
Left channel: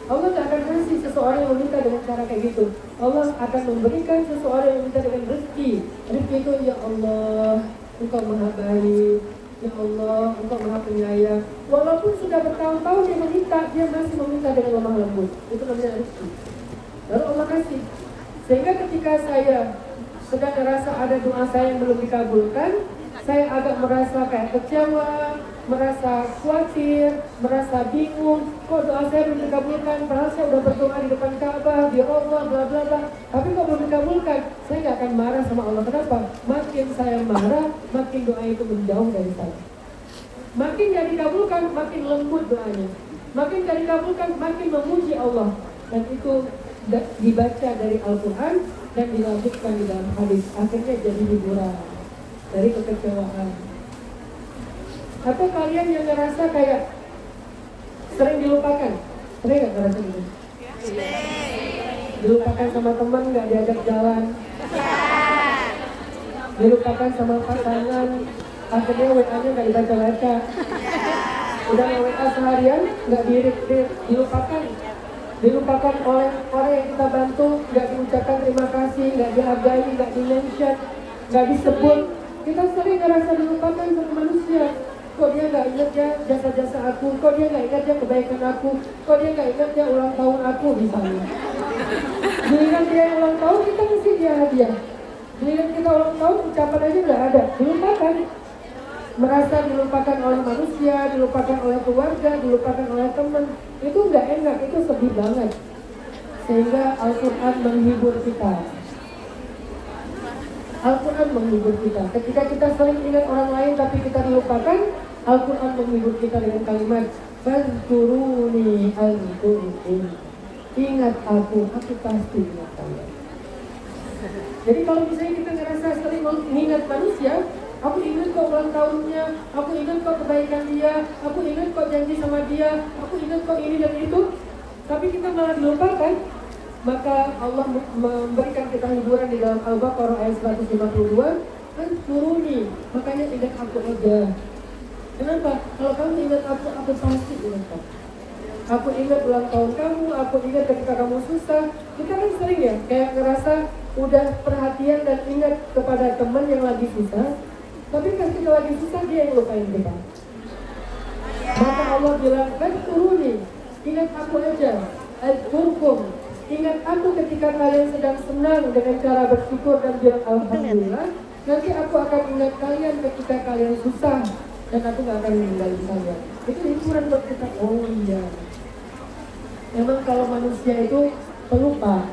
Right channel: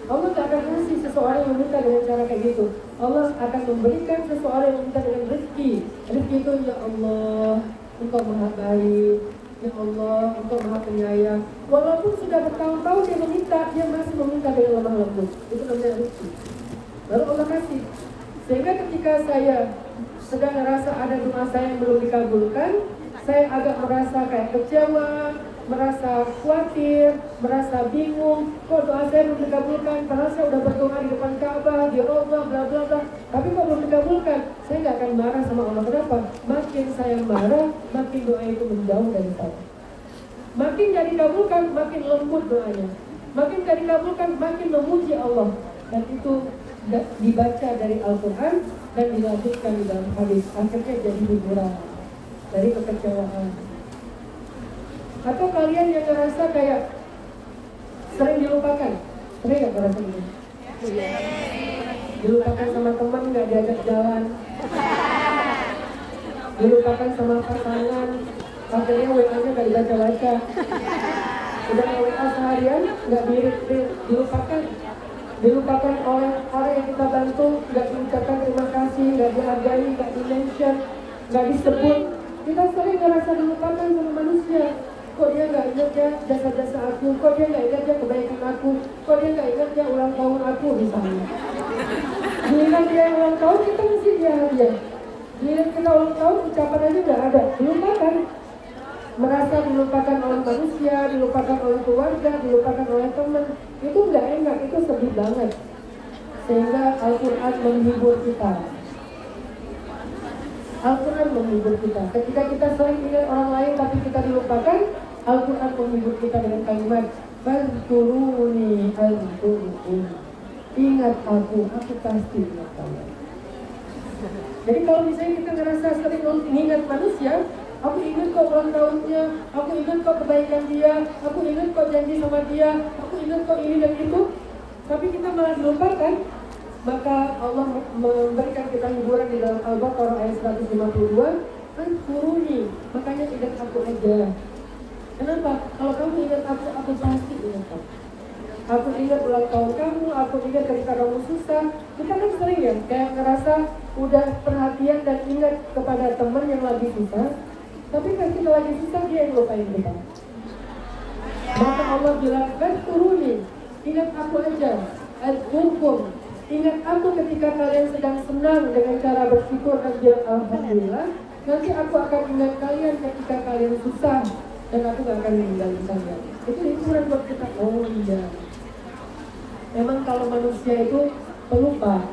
Allah tak akan kasih seseorang yang meminta dengan cara kayak gitu. Allah akan memberikan seseorang yang meminta dengan rezeki. Rezeki itu, ya Allah, Engkau maha baik. Ya Allah, Engkau maha penyayang. Walaupun sudah bertahun-tahun dia meminta, dia masih meminta dengan lemah lembut. Itu namanya rezeki. Lalu Allah kasih. Sehingga ketika saya sedang merasa ada doa saya yang belum dikabulkan, saya agak merasa kayak kecewa, merasa khawatir, merasa bingung. Kok doa saya belum dikabulkan? Padahal saya udah berdoa di depan Ka'bah, di Allah, bla bla bla. Tapi kok belum dikabulkan? Saya nggak akan marah sama Allah. Kenapa? Makin saya marah, makin doa itu menjauh dari saya. Makin nggak dikabulkan, makin lembut doanya. Makin nggak dikabulkan, makin memuji Allah. Dan itu dibaca dari Al-Quran dan dilanjutkan di dalam hadis. Akhirnya jadi hiburan dari kekecewaan. Atau kalian yang ngerasa kayak sering dilupakan? Sering gak ngerasa gitu? Dilupakan sama teman, gak diajak jalan. Dilupakan sama pasangan, akhirnya WA-nya gak dibaca-baca. Udah WA seharian, gak di-read, dilupakan. Dilupakan oleh orang yang kita bantu, gak diucapkan terima kasih, gak dihargai, gak di-mention, gak disebut. Kita sering ngerasa dilupakan sama manusia. Kok dia nggak ingat ya jasa-jasa aku? Kok dia nggak ingat ya kebaikan aku? Kok dia nggak ingat ya ulang tahun aku misalnya? Giliran dia yang ulang tahun, kita mesti dia hadiah. Giliran kita ulang tahun, ucapan aja nggak ada. Dilupakan. Merasa dilupakan oleh manusia, dilupakan oleh keluarga, dilupakan oleh teman. Itu nggak enak, itu sedih banget. Sehingga Al-Quran menghibur kita. Al-Quran menghibur kita. Ketika kita sering ingat orang lain tapi kita dilupakan, Al-Quran menghibur kita dengan kalimat Fadhkuruni azkurkum. Ingat aku pasti ingat kalian. Jadi kalau misalnya kita ngerasa sering mengingat manusia, aku ingat kok ulang tahunnya, aku ingat kok kebaikan dia, aku ingat kok janji sama dia, aku ingat kok ini dan itu, tapi kita malah dilupakan, maka Allah memberikan kita hiburan di dalam Al-Baqarah ayat 152. Fadhkuruni, makanya ingat aku aja. Kenapa? Kalau kamu ingat aku pasti ingat kamu. Aku ingat ulang tahun kamu, aku ingat ketika kamu susah. Kita kan sering ya, kayak ngerasa udah perhatian dan ingat kepada teman yang lagi susah, tapi pas kita lagi susah dia yang lupain kita. Maka Allah bilang, fadhkuruni, ingat aku aja, adkurkum, Ingat aku ketika kalian sedang senang dengan cara bersyukur dan bilang alhamdulillah. Nanti aku akan ingat kalian ketika kalian susah dan aku gak akan meninggalin kalian. Itu hiburan buat kita. Oh iya. Memang kalau manusia itu pelupa,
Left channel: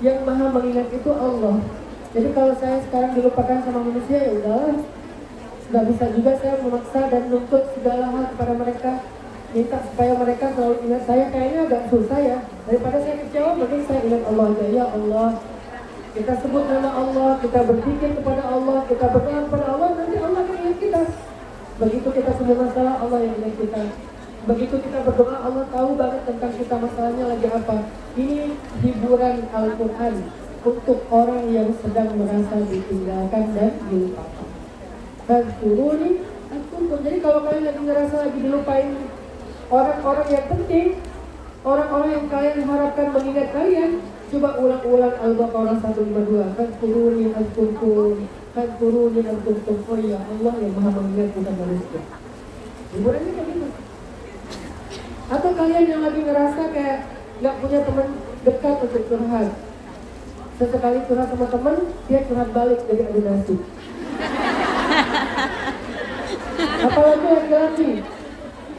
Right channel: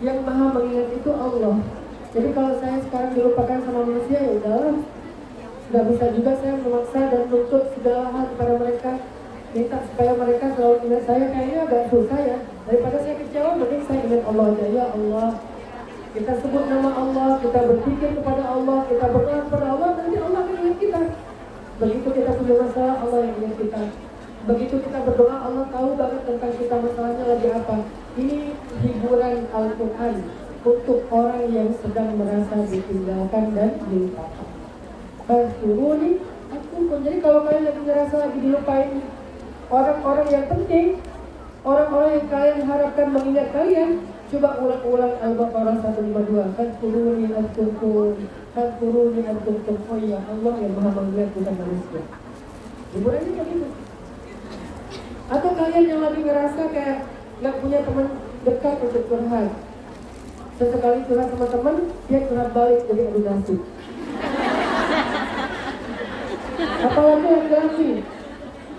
yang maha mengingat itu Allah. Jadi kalau saya sekarang dilupakan sama manusia, ya udahlah. Nggak bisa juga saya memaksa dan nuntut segala hal kepada mereka, minta supaya mereka selalu ingat saya. Kayaknya agak susah ya. Daripada saya kecewa, mending saya ingat Allah aja. Ya Allah, kita sebut nama Allah, kita berpikir kepada Allah, kita berdoa kepada Allah, nanti Allah akan ingat kita. Begitu kita punya masalah, Allah yang ingat kita. Begitu kita berdoa, Allah tahu banget tentang kita masalahnya lagi apa. Ini hiburan Al-Quran untuk orang yang sedang merasa ditinggalkan dan dilupakan. Fadhkuruni adkurkum. Jadi kalau kalian lagi ngerasa lagi dilupain orang-orang yang penting, orang-orang yang kalian harapkan mengingat kalian, coba ulang-ulang Al-Baqarah 152. Fadhkuruni adkurkum, fadhkuruni adkurkum. Oh iya, Allah yang maha mengingat, bukan manusia. Hiburannya kayak gitu. Atau kalian yang lagi ngerasa kayak nggak punya teman dekat untuk curhat, sesekali curhat sama teman, dia curhat balik dari adu nasib. Apalagi laki-laki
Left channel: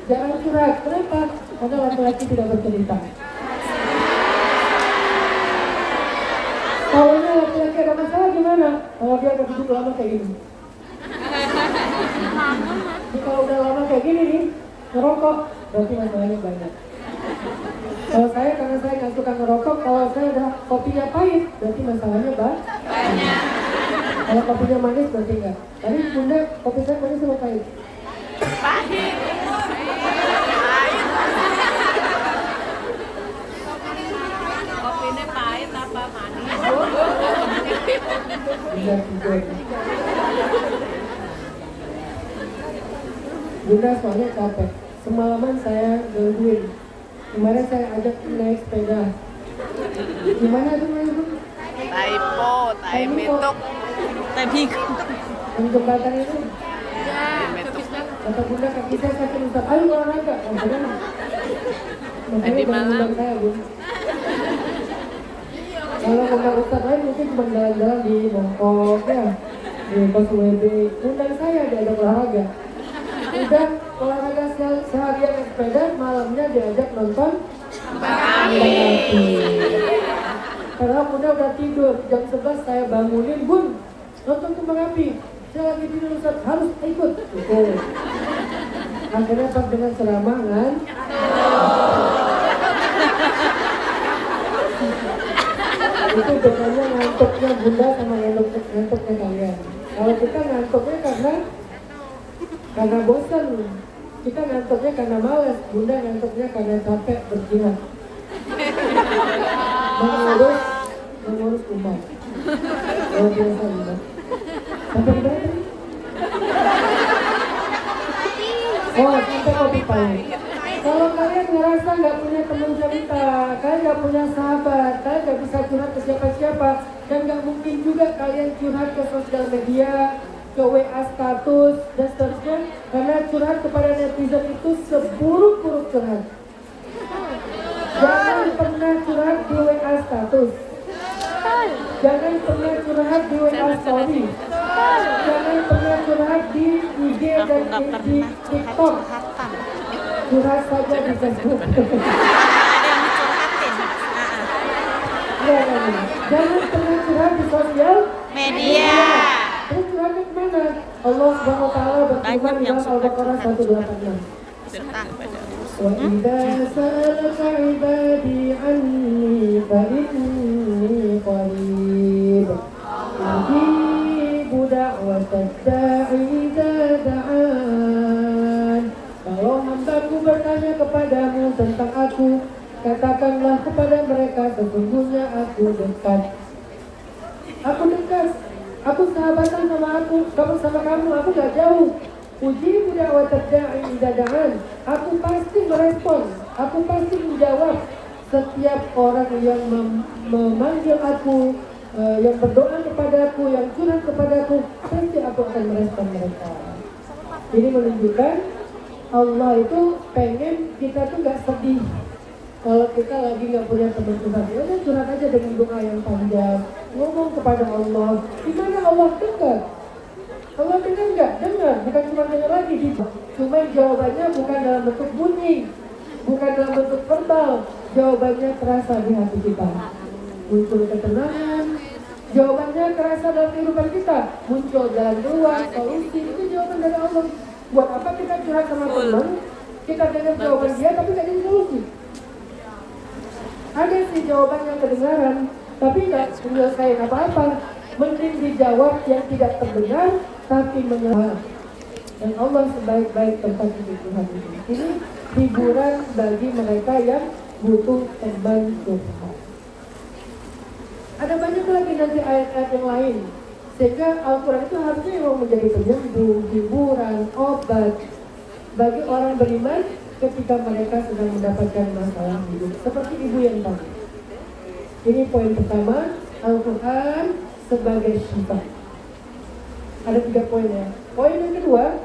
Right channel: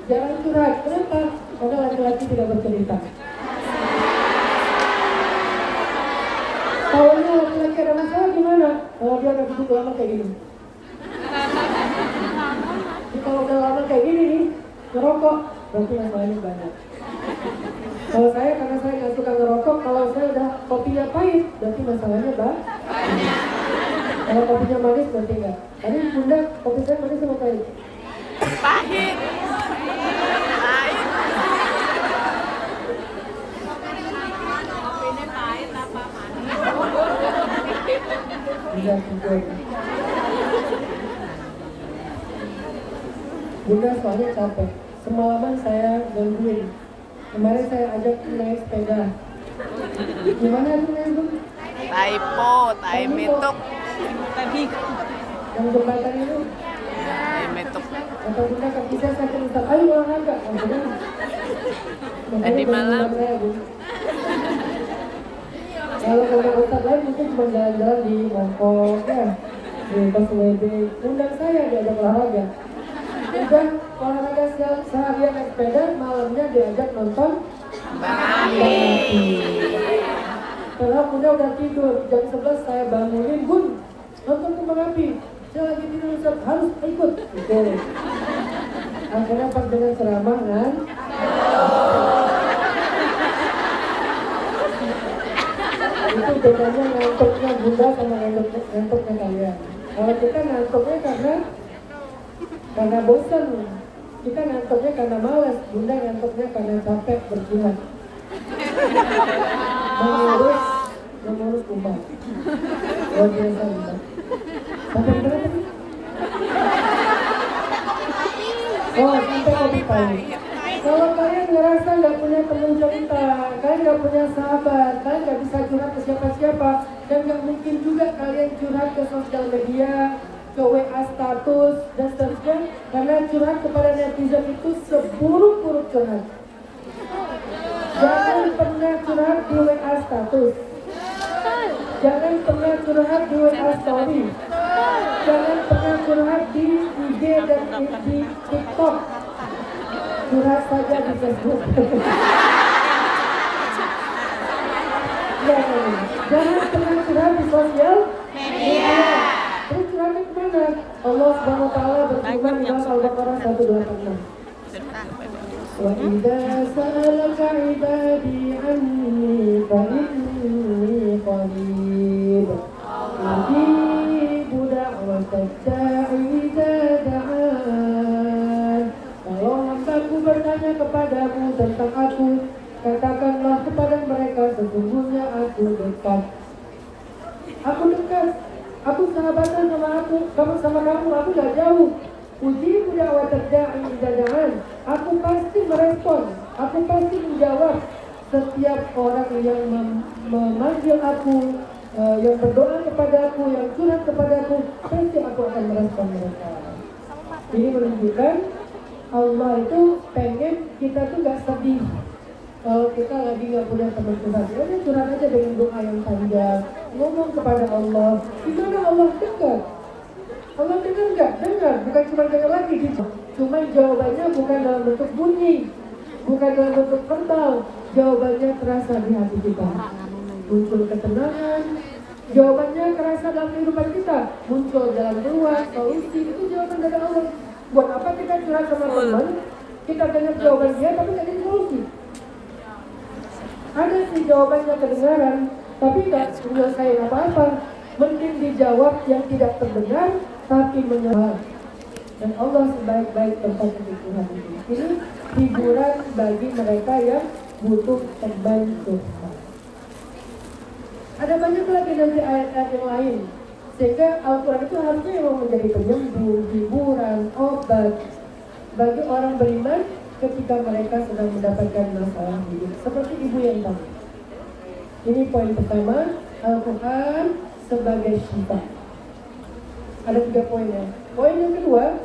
jarang curhat. Kenapa? Karena laki-laki tidak bercerita. Kalau laki-laki ada masalah gimana? Kalau dia udah duduk lama kayak gini. Kalau udah lama kayak gini nih, ngerokok, berarti masalahnya banyak. Kalau saya, karena saya nggak suka ngerokok, kalau saya udah kopinya pahit, berarti masalahnya banyak. Kalau kopinya manis, berarti enggak. Tadi bunda, kopi saya manis sama pahit? Pahit. Kopinya pahit apa manis? Bunda, tidur. Bunda soalnya capek. Semalaman saya gangguin. Kemarin saya ajak naik sepeda. Gimana tuh main itu? Taipo, taimetok. Taimetok. Yang jembatan itu? Taimetok. Kata bunda kaki saya sakit Ustaz. Ayo olahraga. Tadi malam. Saya, Bu. Kalau bunda Ustaz lain mungkin cuma jalan-jalan di Mongkok ya, di Paswede. Undang saya diajak olahraga. Udah olahraga seharian naik sepeda, malamnya diajak nonton Bang Ami. Karena bunda udah tidur, jam 11 saya bangunin, Bun, nonton Kembang Api. Saya lagi tidur, Ustaz, harus ikut. Gitu. Akhirnya pas dengan ceramah kan, itu bedanya ngantuknya bunda sama ngantuknya kalian. Kalau kita ngantuknya karena bosan, kita ngantuknya karena malas, bunda ngantuknya karena capek berjihad. Mengurus umat. Luar biasa bunda. Sampai mana tadi? Oh, sampai kopi pahit. Kalau kalian ngerasa nggak punya teman cerita, kalian nggak punya sahabat, kalian nggak bisa curhat ke siapa-siapa, dan nggak mungkin juga kalian curhat ke sosial media, ke WA status, dan seterusnya, karena curhat kepada netizen itu seburuk-buruk curhat. Jangan pernah curhat di WA status. Jangan pernah curhat di WA story. Jangan pernah curhat di IG dan di TikTok. Curhat saja di Facebook. Jangan pernah curhat di sosial media. Terus curhatnya kemana? Allah Subhanahu wa Ta'ala berfirman di dalam Al-Baqarah 186. Wa idza sa'alaka 'ibadi 'anni fa inni qarib. Ujibu da'watad da'i idza da'an. Kalau hambaku bertanya kepadamu tentang aku, katakanlah kepada mereka, sesungguhnya aku dekat. Aku dekat. Aku sahabatan sama kamu, aku gak jauh. Ujibu da'watad da'i idza da'an. Aku pasti merespon, aku pasti menjawab setiap orang yang memanggil aku, yang berdoa kepadaku, yang curhat kepadaku, pasti aku akan merespon mereka. Ini menunjukkan Allah itu pengen kita tuh gak sedih. Kalau kita lagi nggak punya teman curhat, ya udah curhat aja dengan doa yang panjang, ngomong kepada Allah. Gimana Allah dekat? Allah dengar nggak? Dengar, bukan cuma dengar lagi gitu. Cuma jawabannya bukan dalam bentuk bunyi, bukan dalam bentuk verbal. Jawabannya terasa di hati kita. Muncul ketenangan. Jawabannya terasa dalam kehidupan kita. Muncul jalan keluar, solusi. Itu jawaban dari Allah. Buat apa kita curhat sama teman? Kita dengar jawaban dia, tapi nggak ada solusi. Ada sih jawabannya kedengaran, tapi nggak menyelesaikan apa-apa. Mending dijawab yang tidak terdengar, tapi menyelesaikan. Dan Allah sebaik-baik tempat kebutuhan ini. Ini hiburan bagi mereka yang butuh teman curhat. Ada banyak lagi nanti ayat-ayat yang lain. Sehingga Al-Quran itu harusnya memang menjadi penyembuh, hiburan, obat bagi orang beriman ketika mereka sedang mendapatkan masalah hidup. Seperti ibu yang tadi. Ini poin pertama, Al-Quran sebagai syifa. Ada 3 poin ya. Poin yang kedua,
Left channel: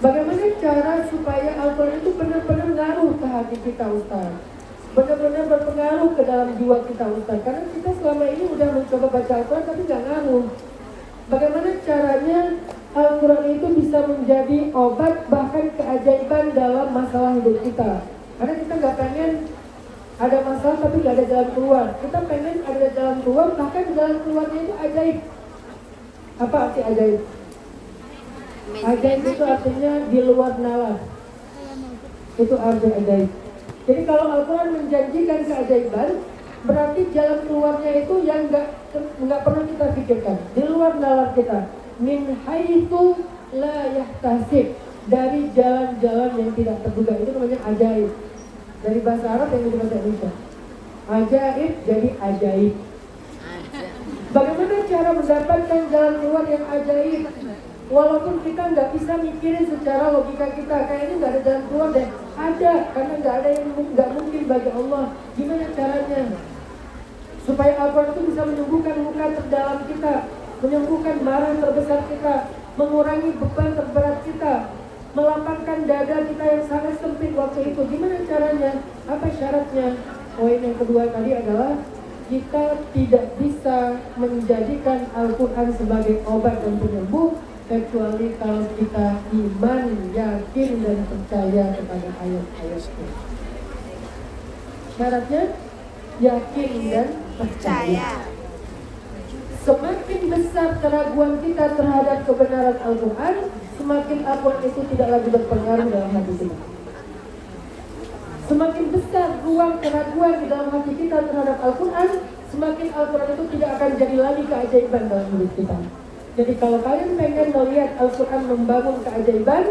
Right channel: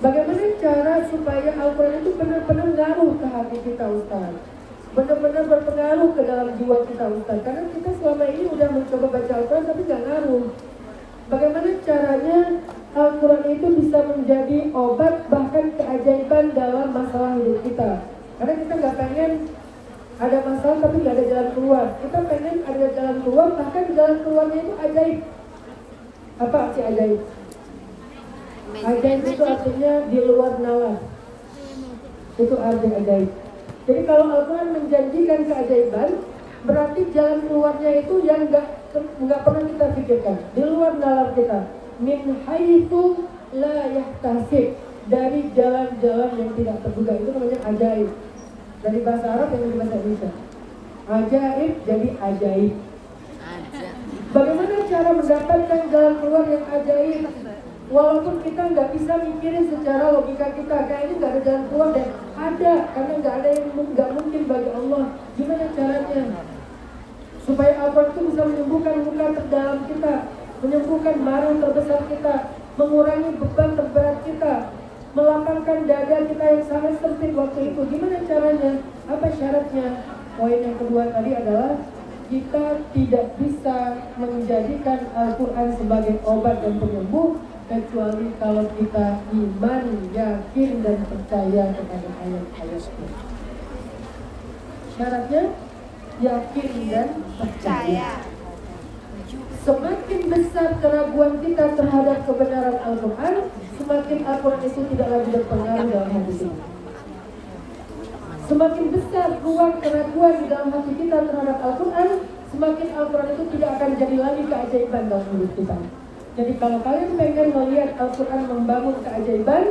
bagaimana cara supaya Al-Quran itu benar-benar ngaruh ke hati kita, Ustaz? Benar-benar berpengaruh ke dalam jiwa kita, Ustaz. Karena kita selama ini udah mencoba baca Al-Quran tapi nggak ngaruh. Bagaimana caranya Al-Quran itu bisa menjadi obat bahkan keajaiban dalam masalah hidup kita? Karena kita nggak pengen ada masalah tapi nggak ada jalan keluar. Kita pengen ada jalan keluar, bahkan jalan keluarnya itu ajaib. Apa arti ajaib? Ajaib itu artinya di luar nalar. Itu arti ajaib. Jadi kalau Al-Quran menjanjikan keajaiban, berarti jalan keluarnya itu yang nggak pernah kita pikirkan, di luar nalar kita. Min haitsu la yahtasib, dari jalan-jalan yang tidak terduga. Itu namanya ajaib. Dari bahasa Arab yang dari bahasa Indonesia. Ajaib jadi ajaib. Bagaimana cara mendapatkan jalan keluar yang ajaib? Walaupun kita nggak bisa mikirin secara logika kita, kayaknya nggak ada jalan keluar deh. Ada, karena nggak ada yang nggak mungkin bagi Allah. Gimana caranya? Supaya Al-Quran itu bisa menyembuhkan luka terdalam kita, menyembuhkan marah terbesar kita, mengurangi beban terberat kita, melapangkan dada kita yang sangat sempit waktu itu. Gimana caranya? Apa syaratnya? Poin yang kedua tadi adalah kita tidak bisa menjadikan Al-Quran sebagai obat dan penyembuh kecuali kalau kita iman, yakin dan percaya kepada ayat-ayatnya. Syaratnya yakin dan percaya. Semakin besar keraguan kita terhadap kebenaran Al-Quran, semakin Al-Quran itu tidak lagi berpengaruh dalam hati kita. Semakin besar ruang keraguan di dalam hati kita terhadap Al-Quran, semakin Al-Quran itu tidak akan jadi lagi keajaiban dalam hidup kita. Jadi kalau kalian pengen melihat Al-Quran membangun keajaiban,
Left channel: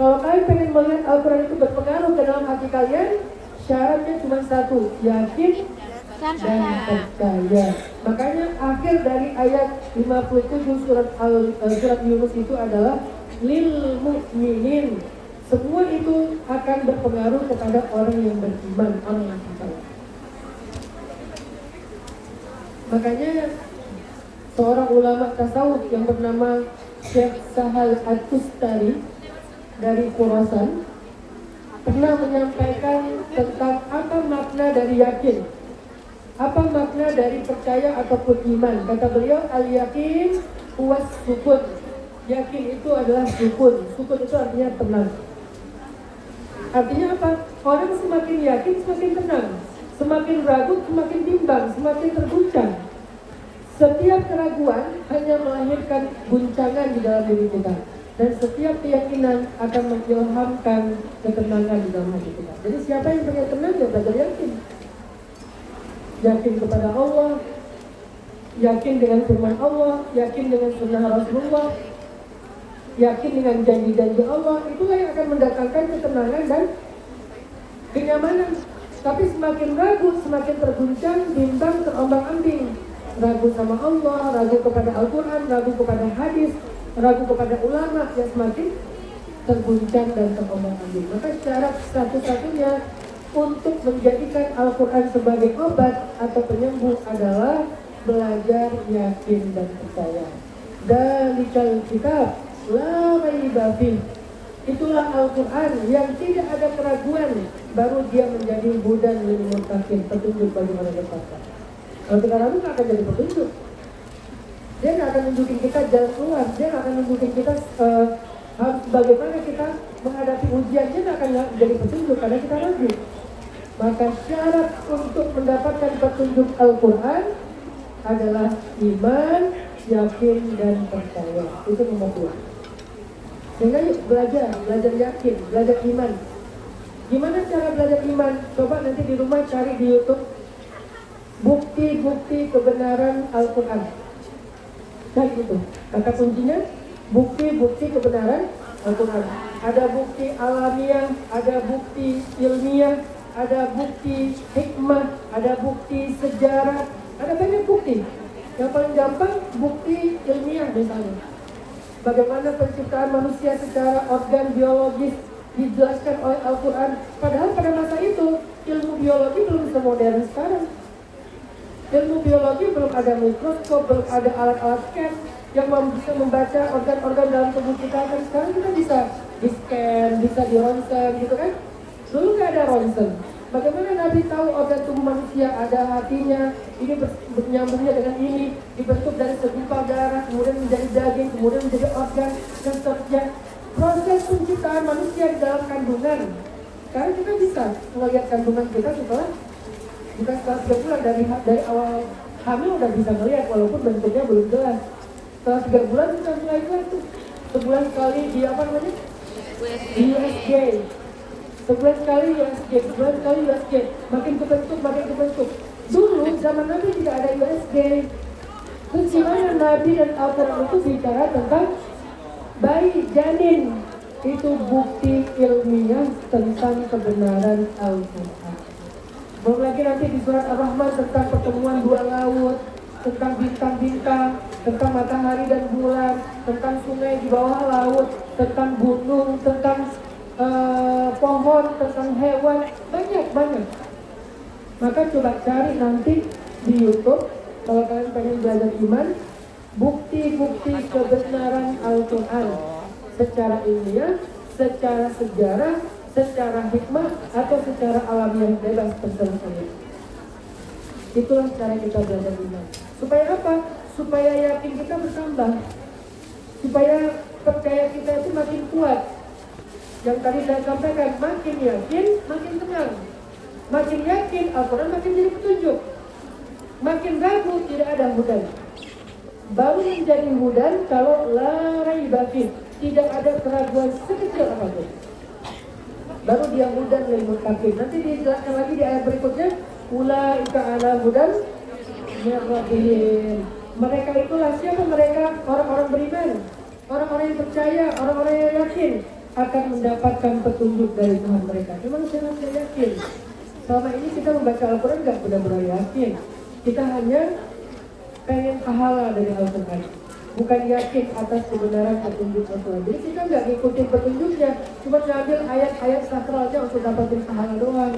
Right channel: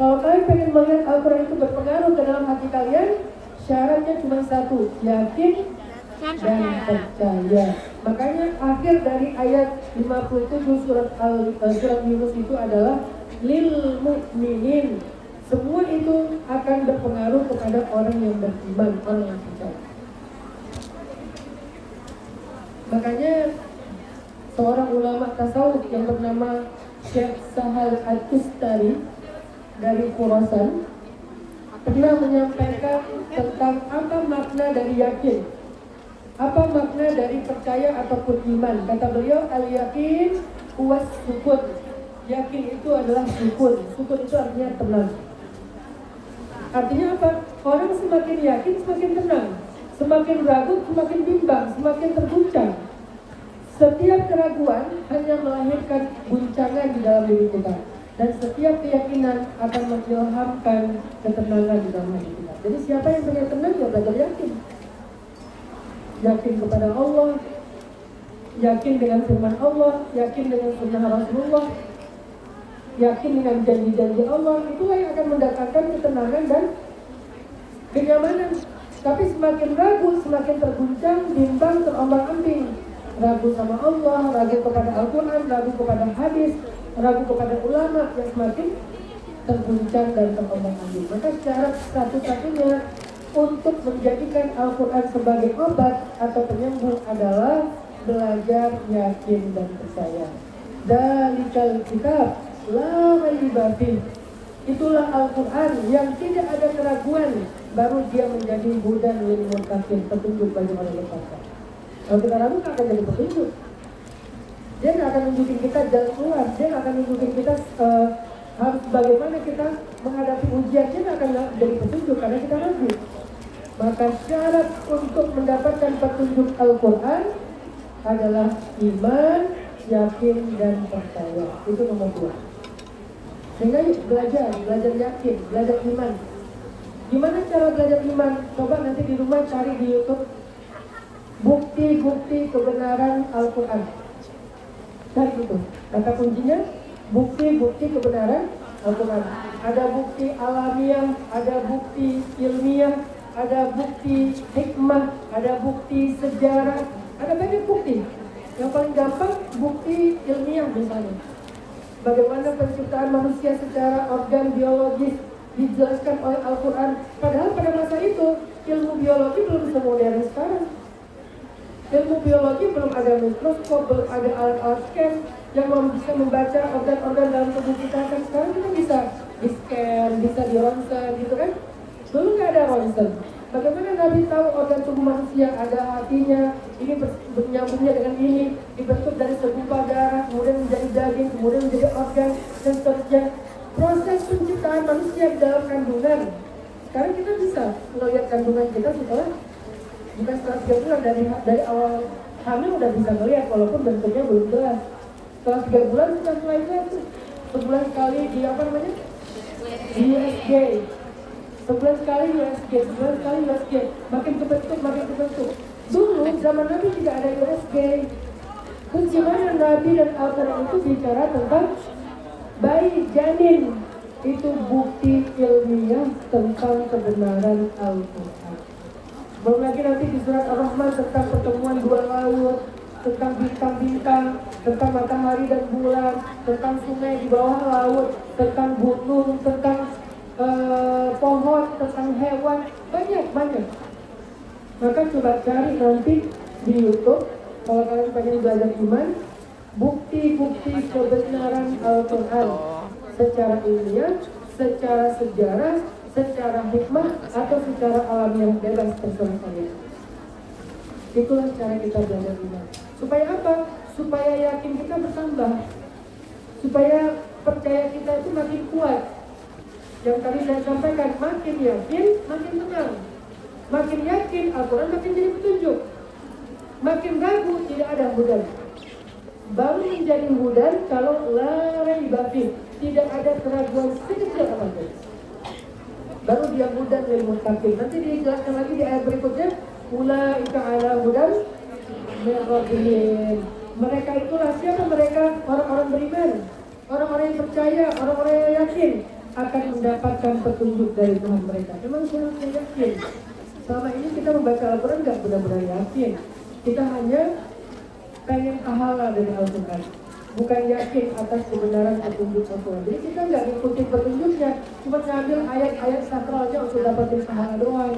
kalau kalian pengen melihat Al-Quran itu berpengaruh ke dalam hati kalian, syaratnya cuma satu, yakin dan percaya. Makanya akhir dari ayat 57 surat Yunus itu adalah lil mu'minin. Semua itu akan berpengaruh kepada orang yang beriman, orang yang percaya. Makanya seorang ulama tasawuf yang bernama Syekh Sahal At-Tustari dari Khurasan pernah menyampaikan tentang apa makna dari yakin, apa makna dari percaya ataupun iman. Kata beliau, al-yakin huwas sukun. Yakin itu adalah sukun. Sukun itu artinya tenang. Artinya apa? Orang semakin yakin semakin tenang, semakin ragu semakin bimbang, semakin terguncang. Setiap keraguan hanya melahirkan guncangan di dalam diri kita, dan setiap keyakinan akan mengilhamkan ketenangan di dalam hati kita. Jadi siapa yang pengen tenang ya belajar yakin. Yakin kepada Allah, yakin dengan firman Allah, yakin dengan sunnah Rasulullah, yakin dengan janji-janji Allah. Itulah yang akan mendatangkan ketenangan dan kenyamanan. Tapi semakin ragu, semakin terguncang, bimbang, terombang-ambing. Ragu sama Allah, ragu kepada Al-Quran, ragu kepada hadis, ragu kepada ulama, yang semakin terguncang dan terombang-ambing. Maka syarat satu-satunya untuk menjadikan Al-Quran sebagai obat atau penyembuh adalah belajar yakin dan percaya. Dalikal kitab la raiba fih Itulah Al-Quran yang tidak ada keraguan, baru dia menjadi hudan lil muttaqin, petunjuk bagi orang bertakwa. Kalau kita ragu nggak akan jadi petunjuk. Dia nggak akan nunjukin kita jalan keluar, dia nggak akan nunjukin kita harus bagaimana kita menghadapi ujian, dia nggak akan jadi petunjuk karena kita ragu. Maka syarat untuk mendapatkan petunjuk Al-Quran adalah iman, yakin, dan percaya. Itu nomor 2. Sehingga yuk belajar yakin, belajar iman. Gimana cara belajar iman? Coba nanti di rumah cari di YouTube bukti-bukti kebenaran Al-Quran. Dan itu kata kuncinya bukti-bukti kebenaran Al-Quran. Ada bukti alamiah, ada bukti ilmiah, ada bukti hikmah, ada bukti sejarah, ada banyak bukti. Yang paling gampang bukti ilmiah misalnya. Bagaimana penciptaan manusia secara organ biologis dijelaskan oleh Al-Quran. Padahal pada masa itu ilmu biologi belum semodern sekarang. Ilmu biologi belum ada mikroskop, belum ada alat-alat scan yang bisa membaca organ-organ dalam tubuh kita. Kan sekarang kita bisa di scan, bisa di ronsen gitu kan. Dulu nggak ada ronsen. Bagaimana Nabi tahu organ tubuh manusia, ada hatinya, ini bernyambungnya dengan ini, dibentuk dari segumpal darah, kemudian menjadi daging, kemudian menjadi organ, dan seterusnya. Proses penciptaan manusia di dalam kandungan. Sekarang kita bisa melihat kandungan kita setelah, bukan setelah 3 bulan, dari awal hamil udah bisa melihat, walaupun bentuknya belum jelas. Setelah 3 bulan sudah mulai jelas tuh. Sebulan sekali di apa namanya? Di USG. Sebulan sekali USG, sebulan sekali USG, makin kebentuk. Dulu zaman Nabi tidak ada USG. Terus gimana Nabi dan Al-Quran itu bicara tentang bayi janin? Itu bukti ilmiah tentang kebenaran Al-Quran. Belum lagi nanti di surat Ar-Rahman tentang pertemuan 2 laut, tentang bintang-bintang, tentang matahari dan bulan, tentang sungai di bawah laut, tentang gunung, tentang pohon, tentang hewan, banyak. Maka coba cari nanti di YouTube kalau kalian pengen belajar iman, bukti-bukti kebenaran Al-Quran secara ilmiah, secara sejarah, secara hikmah, atau secara alamiah bebas terserah kalian. Itulah cara kita belajar iman. Supaya apa? Supaya yakin kita bertambah, supaya percaya kita itu makin kuat. Yang tadi saya sampaikan, makin yakin, makin tenang. Makin yakin, Al-Quran makin jadi petunjuk. Makin ragu, tidak ada hudan. Baru menjadi hudan kalau la raiba fih, tidak ada keraguan sekecil apapun. Baru dia hudan lil muttaqin. Nanti dijelaskan lagi di ayat berikutnya, ulaika ala hudan min rabbihim. Mereka itulah siapa mereka? Orang-orang beriman, orang-orang yang percaya, orang-orang yang yakin akan mendapatkan petunjuk dari Tuhan mereka. Memang siapa yang yakin? Selama ini kita membaca Al-Quran nggak benar-benar yakin. Kita hanya pengen pahala dari Al-Quran, bukan yakin atas kebenaran petunjuk Al-Quran. Jadi kita nggak ngikutin petunjuknya, cuma ngambil ayat-ayat sakralnya untuk dapatin pahala doang.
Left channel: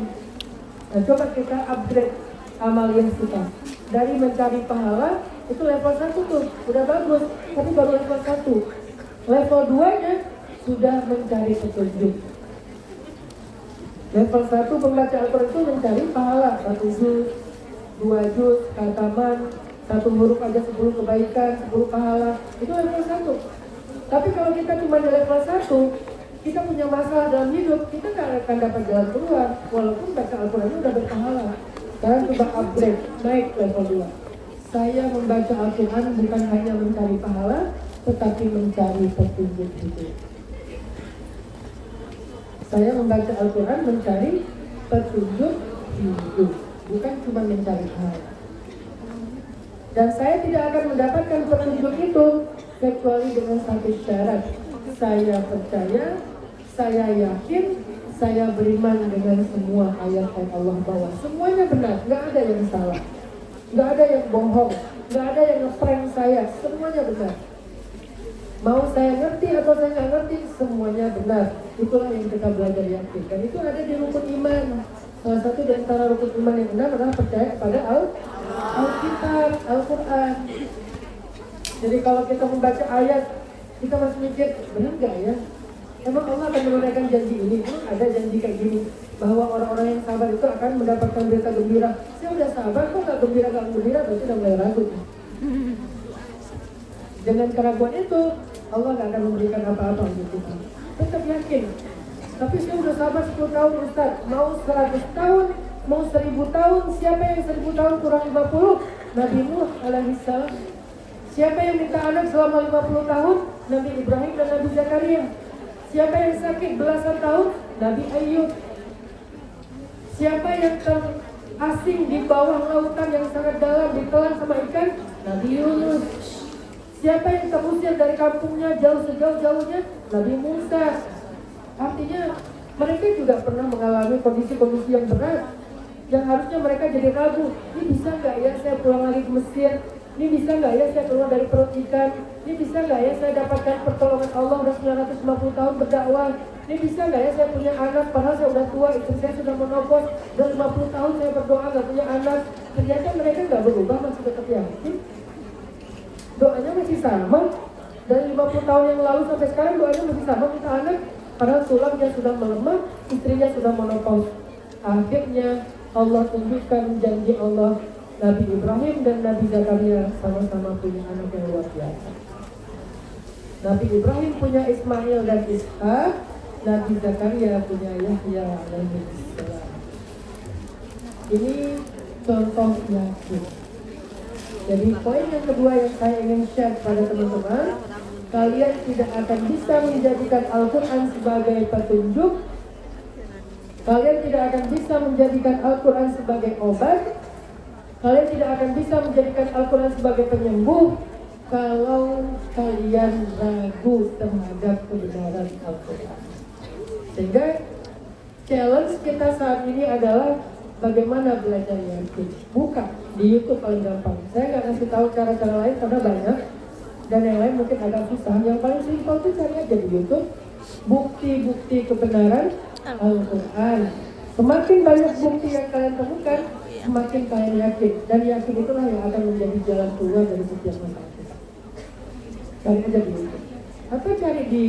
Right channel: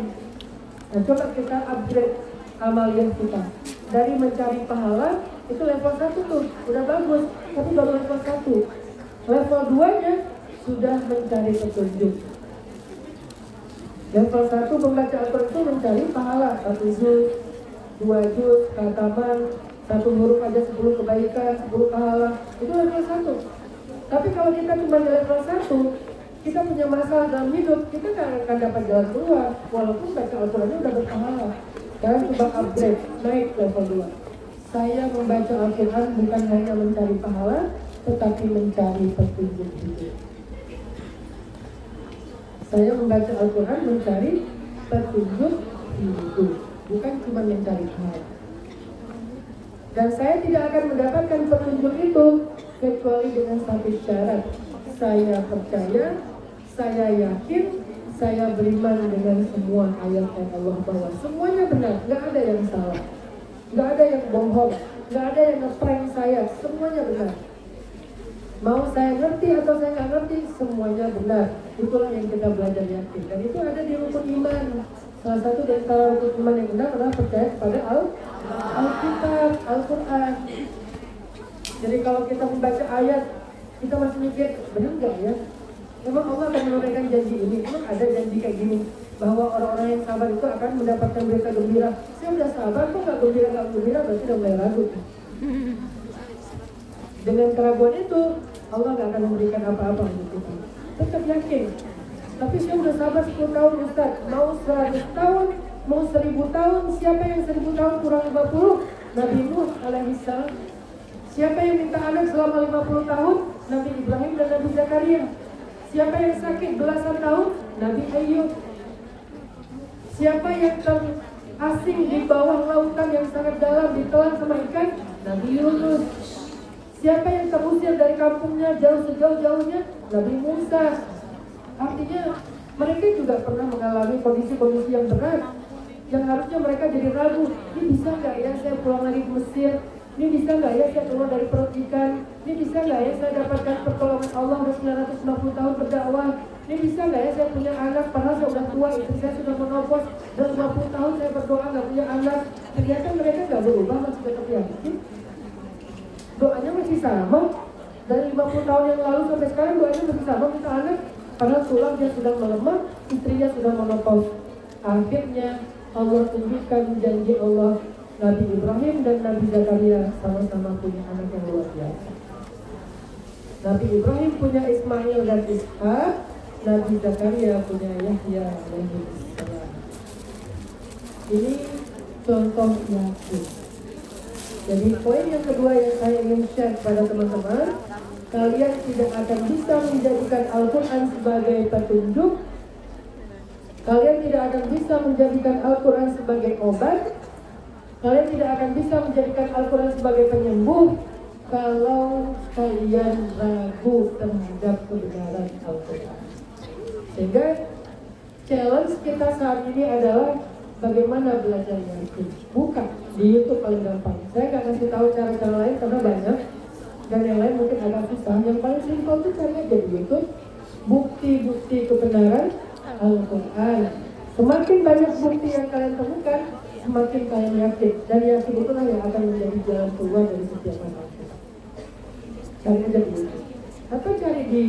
Nah, coba kita upgrade amaliyah kita. Dari mencari pahala, itu level 1 tuh, udah bagus, tapi baru level 1. Level 2-nya sudah mencari petunjuk. Level 1 pembaca Al-Quran itu mencari pahala, 1 juz, 2 juz, khataman, 1 huruf aja 10 kebaikan, 10 pahala, itu level 1. Tapi kalau kita cuma di level 1, kita punya masalah dalam hidup, kita nggak akan dapat jalan keluar, walaupun baca Al-Qurannya udah berpahala. Sekarang coba upgrade, naik level 2. Saya membaca Al-Quran bukan hanya mencari pahala, tetapi mencari petunjuk hidup. Saya membaca Al-Quran mencari petunjuk hidup, bukan cuma mencari pahala. Dan saya tidak akan mendapatkan petunjuk itu kecuali dengan satu syarat. Saya percaya, saya yakin, saya beriman dengan semua ayat yang Allah bawa. Semuanya benar, nggak ada yang salah, nggak ada yang bohong, nggak ada yang ngeprank saya. Semuanya benar. Mau saya ngerti atau saya nggak ngerti, semuanya benar. Itulah yang kita belajar yakin. Dan itu ada di rukun iman. Salah satu di antara rukun iman yang benar adalah percaya kepada Alkitab, Al-Quran. Jadi kalau kita membaca ayat, kita masih mikir, benar nggak ya? Emang Allah akan menunaikan janji ini? Emang ada janji kayak gini? Bahwa orang-orang yang sabar itu akan mendapatkan berita gembira. Saya udah sabar kok gak gembira, berarti udah mulai ragu. Dengan keraguan itu, Allah gak akan memberikan apa-apa untuk kita. Tetap yakin. Tapi saya udah sabar 10 tahun Ustaz. Mau 100 tahun, mau 1000 tahun. Siapa yang 1000 tahun kurang 50? Nabi Nuh alaihissalam. Siapa yang minta anak selama 50 tahun? Nabi Ibrahim dan Nabi Zakaria. Siapa yang sakit belasan tahun? Nabi Ayub. Siapa yang terasing di bawah lautan yang sangat dalam ditelan sama ikan? Nabi Yunus. Siapa yang terusir dari kampungnya jauh sejauh-jauhnya? Nabi Musa. Artinya mereka juga pernah mengalami kondisi-kondisi yang berat, yang harusnya mereka jadi ragu. Ini bisa nggak ya saya pulang lagi ke Mesir? Ini bisa nggak ya saya keluar dari perut ikan? Ini bisa nggak ya saya dapatkan pertolongan Allah udah 950 tahun berdakwah? Ini bisa nggak ya saya punya anak padahal saya udah tua, istri saya sudah menopos, dan 50 tahun saya berdoa nggak punya anak. Ternyata mereka nggak berubah, masih tetap yakin. Doanya masih sama. Dari 50 tahun yang lalu sampai sekarang doanya masih sama minta anak. Padahal tulangnya sudah melemah, istrinya sudah menopause. Akhirnya Allah tunjukkan janji Allah. Nabi Ibrahim dan Nabi Zakaria sama-sama punya anak yang luar biasa. Nabi Ibrahim punya Ismail dan Ishak. Nabi Zakaria punya Yahya alaihissalam. Ini contoh yakin. Jadi poin yang kedua yang saya ingin share pada teman-teman, kalian tidak akan bisa menjadikan Al-Quran sebagai petunjuk. Kalian tidak akan bisa menjadikan Al-Quran sebagai obat. Kalian tidak akan bisa menjadikan Al-Quran sebagai penyembuh kalau kalian ragu terhadap kebenaran Al-Quran. Sehingga challenge kita saat ini adalah bagaimana belajar yakin. Buka di YouTube paling gampang. Saya nggak kasih tahu cara-cara lain karena banyak. Dan yang lain mungkin agak susah. Yang paling simpel itu cari aja di YouTube bukti-bukti kebenaran Al-Quran. Semakin banyak bukti yang kalian temukan, semakin kalian yakin. Dan yakin itulah yang akan menjadi jalan keluar dari setiap masalah. Cari aja di YouTube. Atau cari di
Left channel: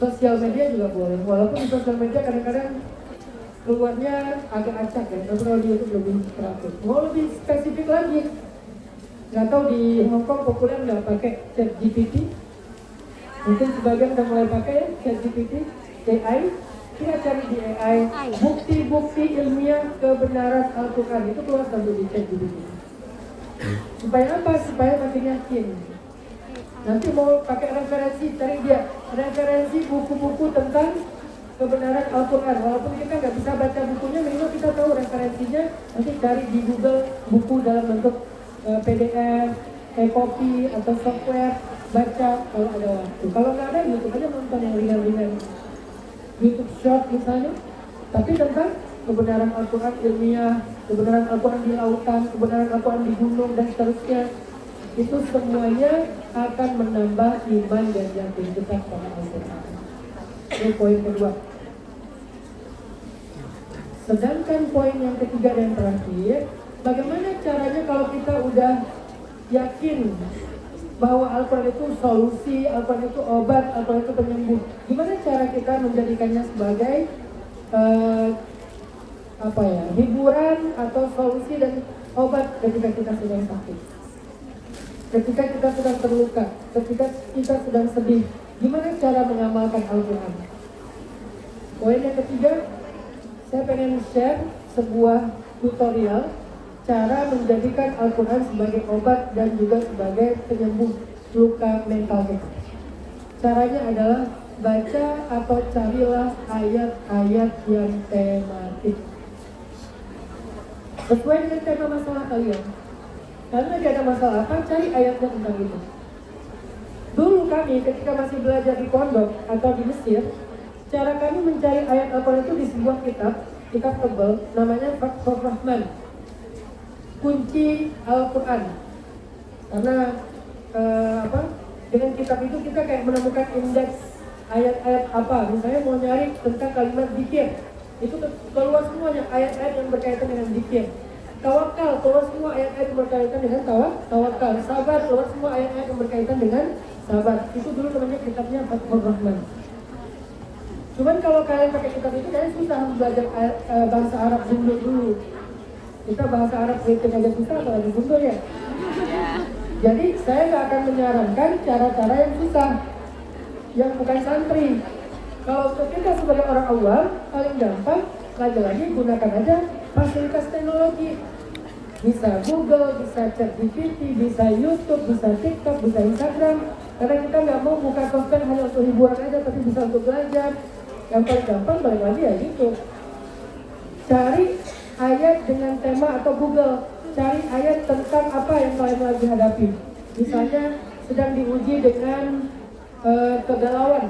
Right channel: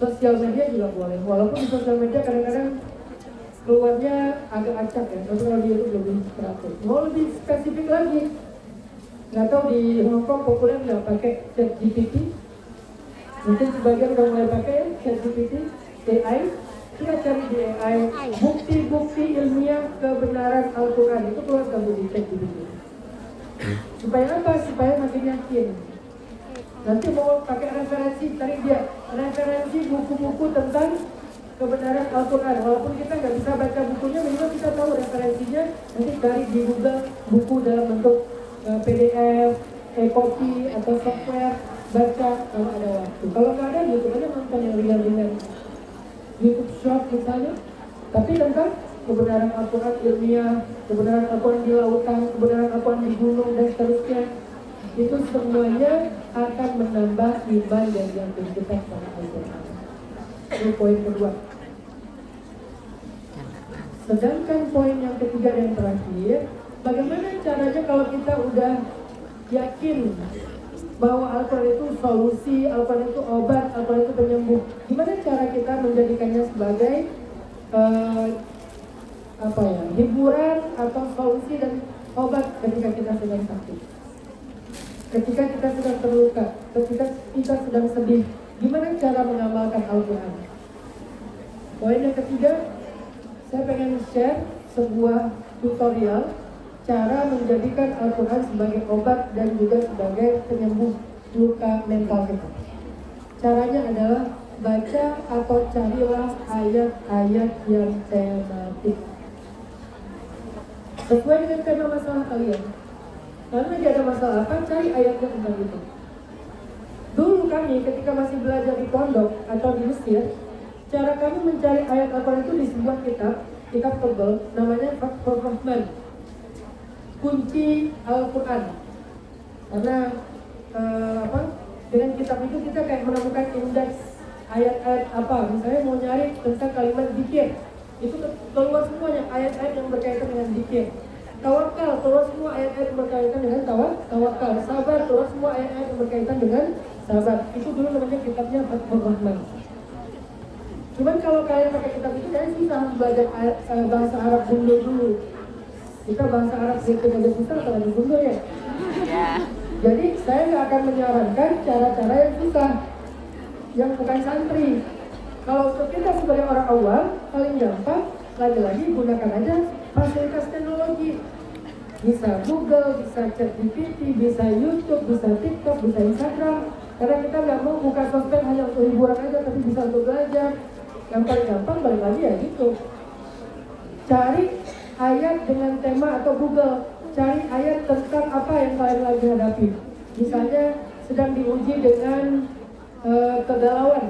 sosial media juga boleh. Walaupun di sosial media kadang-kadang keluarnya agak acak ya. Tapi kalau di YouTube lebih teratur. Mau lebih spesifik lagi, nggak tahu di Hong Kong populer nggak pakai ChatGPT? Mungkin sebagian udah mulai pakai ya ChatGPT, AI. Coba cari di AI bukti-bukti ilmiah kebenaran Al-Quran, itu keluar di ChatGPT. Supaya apa? Supaya makin yakin. Nanti mau pakai referensi, cari dia referensi buku-buku tentang kebenaran Al-Quran. Walaupun kita nggak bisa baca bukunya, minimal kita tahu referensinya. Nanti cari di Google buku dalam bentuk PDF, e-copy atau software, baca kalau ada waktu. Kalau nggak ada, YouTube aja nonton yang ringan-ringan, YouTube Short misalnya. Tapi tentang kebenaran Al-Quran ilmiah, kebenaran Al-Quran di lautan, kebenaran Al-Quran di gunung dan seterusnya. Itu semuanya akan menambah iman dan yakin kita sama Al-Quran. Ini poin kedua. Sedangkan poin yang ketiga dan terakhir, bagaimana caranya kalau kita udah yakin bahwa Al-Quran itu solusi, Al-Quran itu obat, Al-Quran itu penyembuh. Gimana cara kita menjadikannya sebagai hiburan atau solusi dan obat ketika kita sedang sakit, ketika kita sedang terluka, ketika kita sedang sedih? Gimana cara mengamalkan Al-Quran? Poin yang ketiga, saya pengen share sebuah tutorial cara menjadikan Al-Quran sebagai obat dan juga sebagai penyembuh luka mental kita. Caranya adalah baca atau carilah ayat-ayat yang tematik sesuai dengan tema masalah kalian. Kalau lagi ada masalah apa, cari ayatnya tentang itu. Dulu kami ketika masih belajar di pondok atau di Mesir, cara kami mencari ayat Al-Quran itu di sebuah kitab tebal namanya Fathur Rahman, kunci Al-Quran. Karena dengan kitab itu kita kayak menemukan indeks ayat-ayat apa. Misalnya mau nyari tentang kalimat zikir, itu keluar semuanya ayat-ayat yang berkaitan dengan zikir. Tawakal, keluar semua ayat-ayat yang berkaitan dengan tawakal. Sabar, keluar semua ayat-ayat yang berkaitan dengan sabar. Itu dulu namanya kitabnya Fathur Rahman. kitab itu kayaknya susah harus belajar bahasa Arab Bundo dulu. Kita bahasa Arab sedikit aja susah, apalagi Bundo ya. Ya. Jadi saya nggak akan menyarankan cara-cara yang susah, yang bukan santri. Kalau untuk kita sebagai orang awam, paling gampang, lagi-lagi gunakan aja fasilitas teknologi. Bisa Google, bisa ChatGPT, bisa YouTube, bisa TikTok, bisa Instagram. Karena kita nggak mau buka sosmed hanya untuk hiburan aja, tapi bisa untuk belajar. Yang paling gampang balik lagi ya YouTube. Cari ayat dengan tema atau Google, cari ayat tentang apa yang kalian lagi hadapi. Misalnya sedang diuji dengan kegalauan,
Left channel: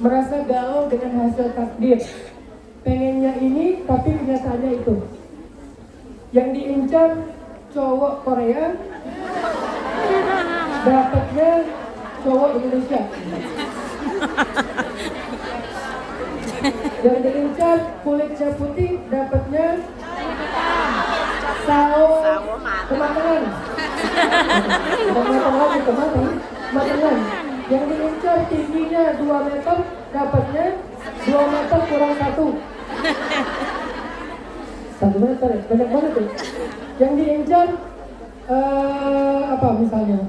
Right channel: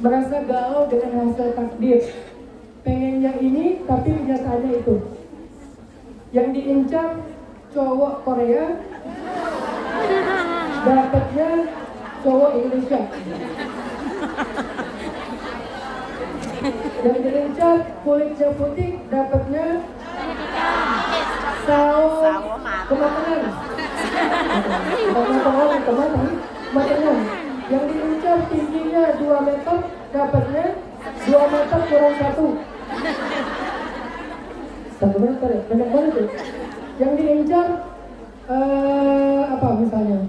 merasa galau dengan hasil takdir, pengennya ini tapi kenyataannya itu. Yang diincar cowok Korea, dapetnya cowok Indonesia. Yang diincar kulitnya putih, dapetnya Sawo matang. Kemarin. Yang diincar tingginya 2 meter, dapatnya 2 meter kurang 1. 1 meter ya, banyak banget ya. Yang diincar apa misalnya?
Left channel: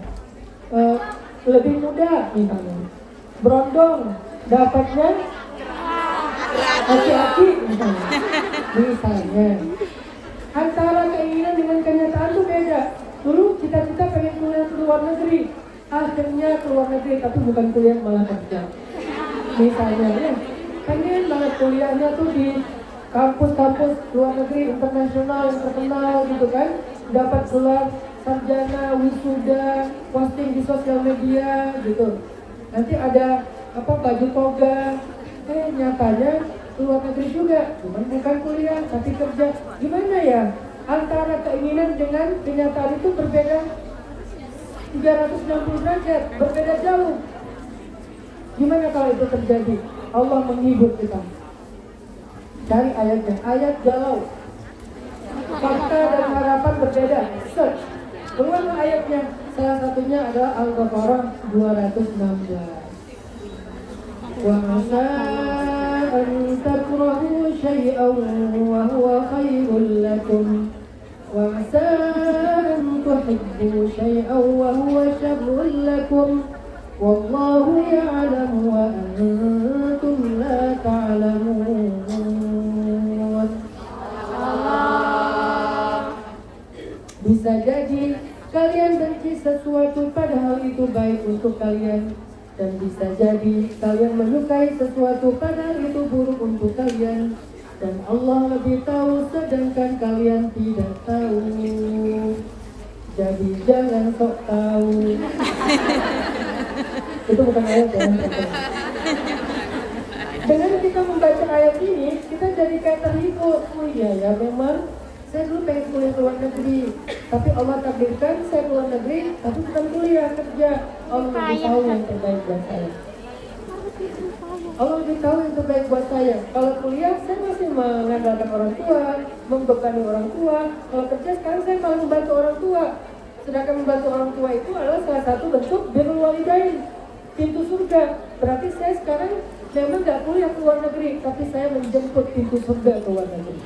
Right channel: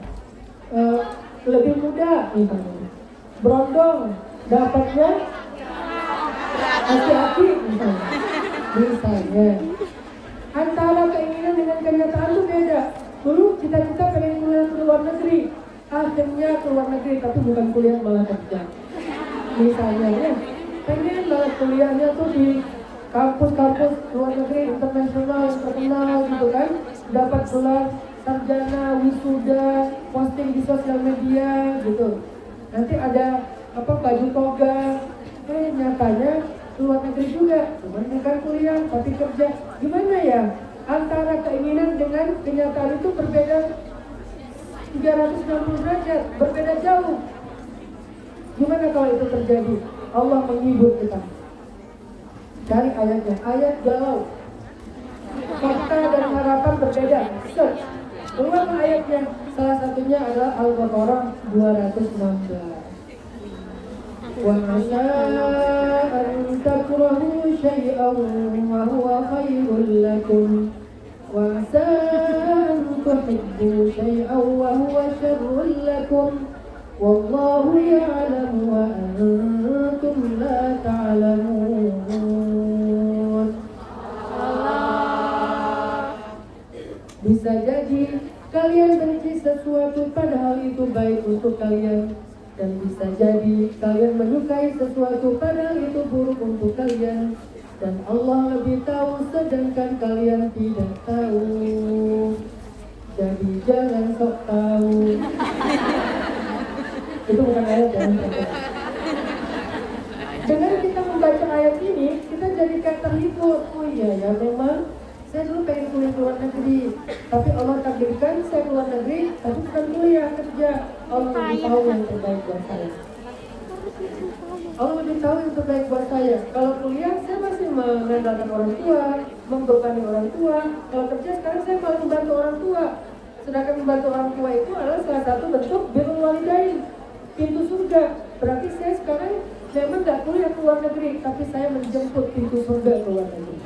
Lebih muda misalnya. Berondong, dapatnya aki-aki misalnya. Antara keinginan dengan kenyataan itu beda. Dulu cita-cita pengen kuliah ke luar negeri, akhirnya ke luar negeri tapi bukan kuliah malah kerja. Misalnya ya, pengen banget kuliahnya tuh di kampus-kampus luar negeri internasional yang terkenal gitu kan, dapat gelar sarjana, wisuda, posting di sosial media gitu. Nanti ada apa baju toga, nyatanya luar negeri juga, cuman bukan kuliah tapi kerja. Gimana ya? Antara keinginan dengan kenyataan itu berbeda 360 derajat, berbeda jauh. Gimana kalau itu terjadi? Allah menghibur kita. Cari ayatnya, ayat galau. Fakta dan harapan berbeda. Search. Keluar ayatnya. Salah satunya adalah Al-Baqarah 216. وَعَسَىٰ أَن تَكْرَهُوا شَيْئًا وَهُوَ خَيْرٌ لَكُمْ وَعَسَىٰ أَن تُحِبُّوا شَيْئًا وَهُوَ شَرٌّ لَكُمْ وَاللَّهُ يَعْلَمُ وَأَنتُمْ لَا تَعْلَمُونَ. Bisa jadi kalian benci sesuatu padahal itu baik untuk kalian. Dan bisa jadi kalian menyukai sesuatu padahal itu buruk untuk kalian. Dan Allah lebih tahu sedangkan kalian tidak tahu. Jadi jangan sok tahu. Itu bukan ayat ya. Dengan kita membaca ayat ini, kita jadi kayak terhibur. Oh iya ya, memang saya dulu pengen kuliah ke luar negeri, tapi Allah takdirkan saya ke luar negeri, tapi bukan kuliah, kerja. Allah lebih tahu yang terbaik buat saya. Allah lebih tahu yang terbaik buat saya. Kalau kuliah, saya masih mengandalkan orang tua, membebani orang tua. Kalau kerja, sekarang saya malah membantu orang tua. Sedangkan membantu orang tua itu adalah salah satu bentuk birrul walidain, pintu surga. Berarti saya sekarang memang nggak kuliah ke luar negeri, tapi saya menjemput pintu surga ke luar negeri.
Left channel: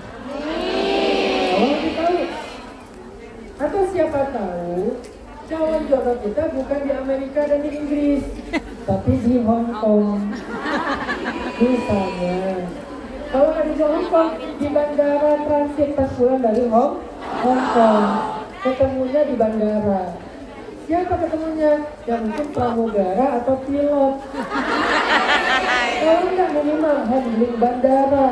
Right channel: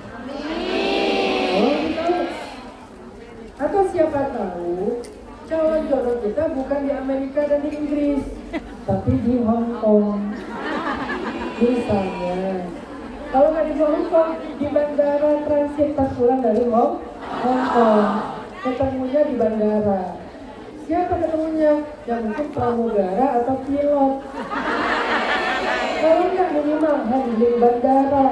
Atau siapa tahu calon jodoh kita bukan di Amerika dan di Inggris, tapi di Hong Kong. Misalnya, kalau nggak di Hong Kong, di bandara transit pas pulang dari Hong Kong, ketemunya di bandara. Siapa ketemunya? Ya mungkin pramugara atau pilot. Kalau nggak minimal handling bandara.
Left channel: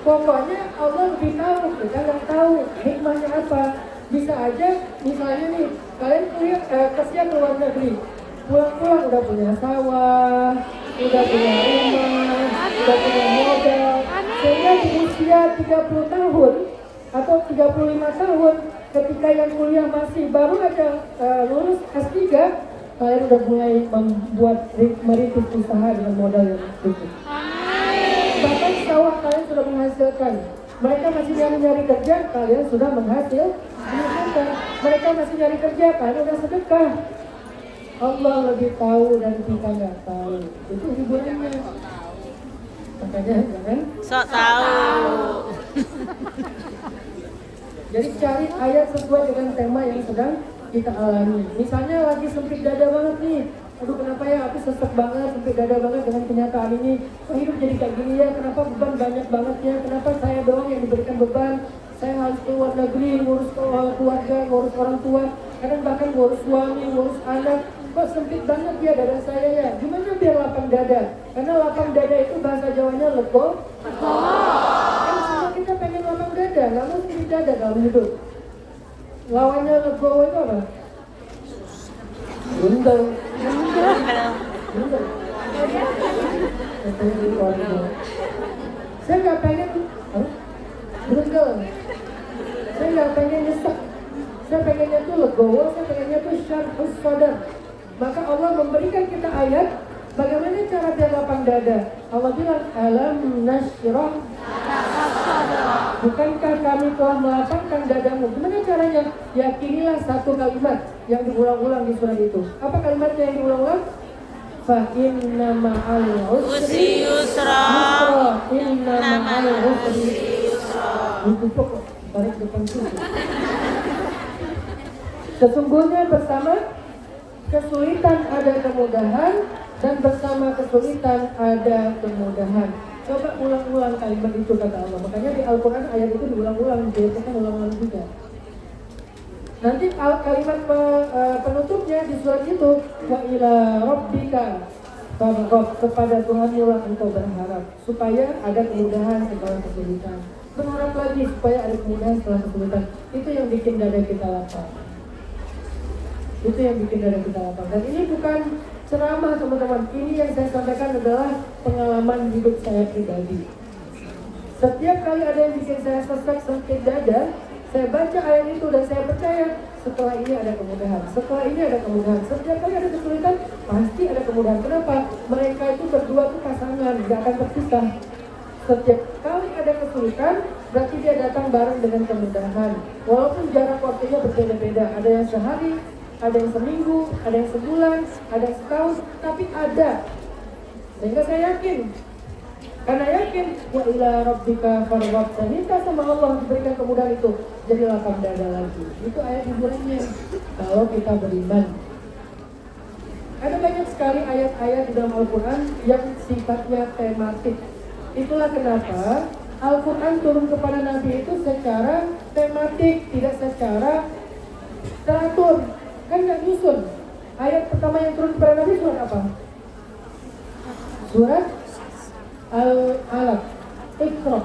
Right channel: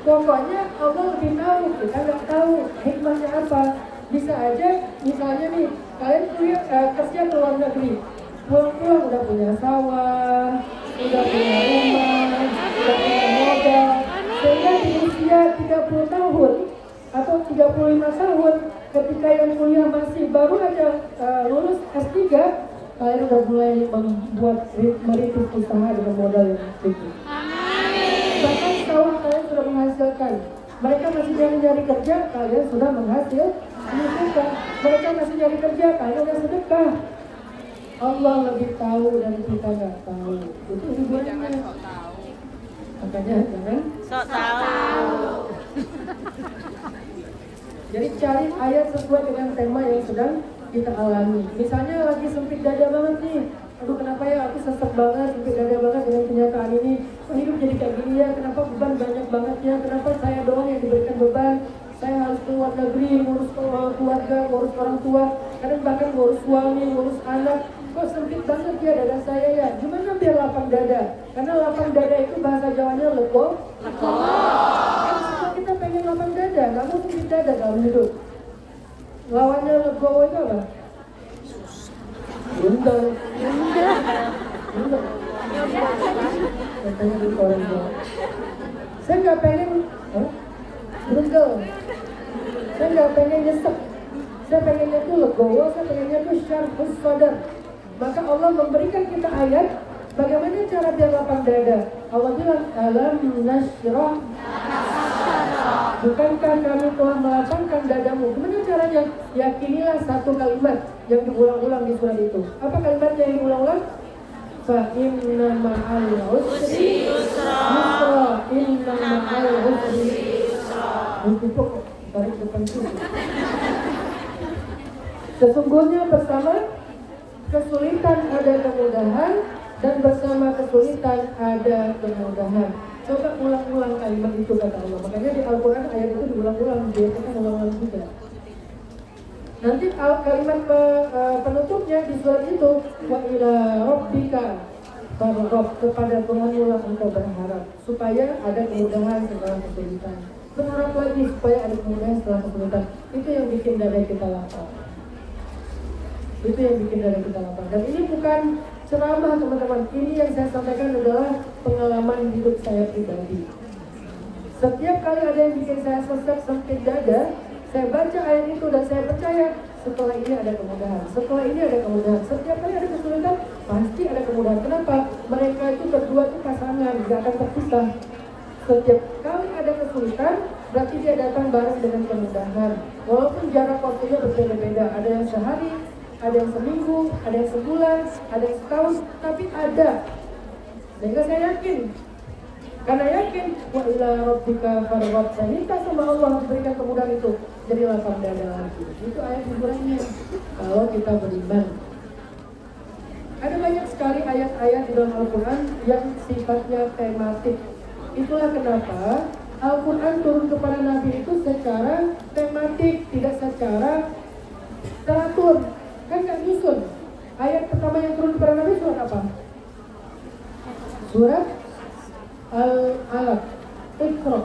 Pokoknya Allah lebih tahu, kita nggak tahu hikmahnya apa. Bisa aja, misalnya nih, kalian kuliah kerja ke luar negeri, pulang-pulang udah punya sawah, udah punya rumah, udah punya modal, sehingga di usia 30 tahun atau 35 tahun, ketika yang kuliah masih baru aja lulus S3, kalian udah mulai membuat merintis usaha dengan modal yang sedikit. Bahkan sawah kalian sudah menghasilkan. Mereka masih nyari kerja, kalian sudah menghasilkan. Mereka masih nyari kerja, kalian sudah sedekah. Allah lebih tahu dan kita nggak tahu. Itu hiburannya. Makanya jangan Sok tahu. jadi cari ayat sesuai dengan tema yang sedang kita alami. Misalnya lagi sempit dada banget nih. Aduh kenapa ya aku sesek banget, sempit dada banget dengan kenyataan ini. Kok hidup jadi kayak gini ya? Kenapa beban banyak banget ya? Kenapa saya doang yang diberikan beban? Saya harus keluar negeri, ngurus keluarga, ngurus orang tua, kadang bahkan ngurus suami, ngurus anak. Kok sempit banget ya dada saya ya? Gimana biar lapang dada? Karena lapang dada itu bahasa Jawanya lego. Kan semua kita pengen lapang dada, nggak mau sempit dada dalam hidup. Lawannya legowo itu apa? Undang. Undang. Katanya di koridor. Saya nggak pengen, berundel. Saya nggak pengen nyesek. Saya pengennya tuh legowo, saya pengennya tuh syarhus sadar. Maka Allah memberikan kita ayat bagaimana cara biar lapang dada. Allah bilang, alam nasyrah. Bukankah kami telah melapangkan dadamu? Gimana caranya? Yakinilah satu kalimat yang diulang-ulang di surat itu. Apa kalimatnya yang diulang-ulang? Fa inna ma'al usri yusra. Inna ma'al usri yusra. Untuk tarik depan susu. Sesungguhnya bersama kesulitan ada kemudahan dan bersama kesulitan ada kemudahan. Coba ulang-ulang kalimat itu kata Allah. Makanya di Al-Quran ayat itu diulang-ulang, biasakan ulang-ulang juga. Nanti kalimat penutupnya di surat itu, wa ila rabbika farghab, kepada Tuhanmu lah engkau berharap supaya ada kemudahan setelah kesulitan. Berharap lagi supaya ada kemudahan setelah kesulitan. Itu yang bikin dada kita lapang. Itu yang bikin dada kita lapang. Dan ini bukan ceramah teman-teman, ini yang saya sampaikan adalah pengalaman hidup saya pribadi. Setiap kali ada yang bikin saya sesek sempit dada, saya baca ayat itu dan saya percaya setelah ini ada kemudahan, setelah ini ada kemudahan. Setiap kali ada kesulitan, pasti ada kemudahan. Kenapa? Mereka itu berdua tuh pasangan, gak akan terpisah. Setiap kali ada kesulitan, berarti dia datang bareng dengan kemudahan. Walaupun jarak waktunya berbeda-beda, ada yang sehari, ada yang seminggu, ada yang sebulan, ada yang setahun, tapi ada. Sehingga saya yakin, karena yakin, wa ila rabbika farghab, saya minta sama Allah diberikan kemudahan itu, jadi lapang dada lagi. Itu ayat hiburannya, kalau kita beriman. Ada banyak sekali ayat-ayat di dalam Al-Quran yang sifatnya tematik. Itulah kenapa Al-Quran turun kepada Nabi itu secara tematik, tidak secara teratur. Kan gak nyusun. Ayat pertama yang turun kepada Nabi surat apa? Surat Al-Alaq, Iqra.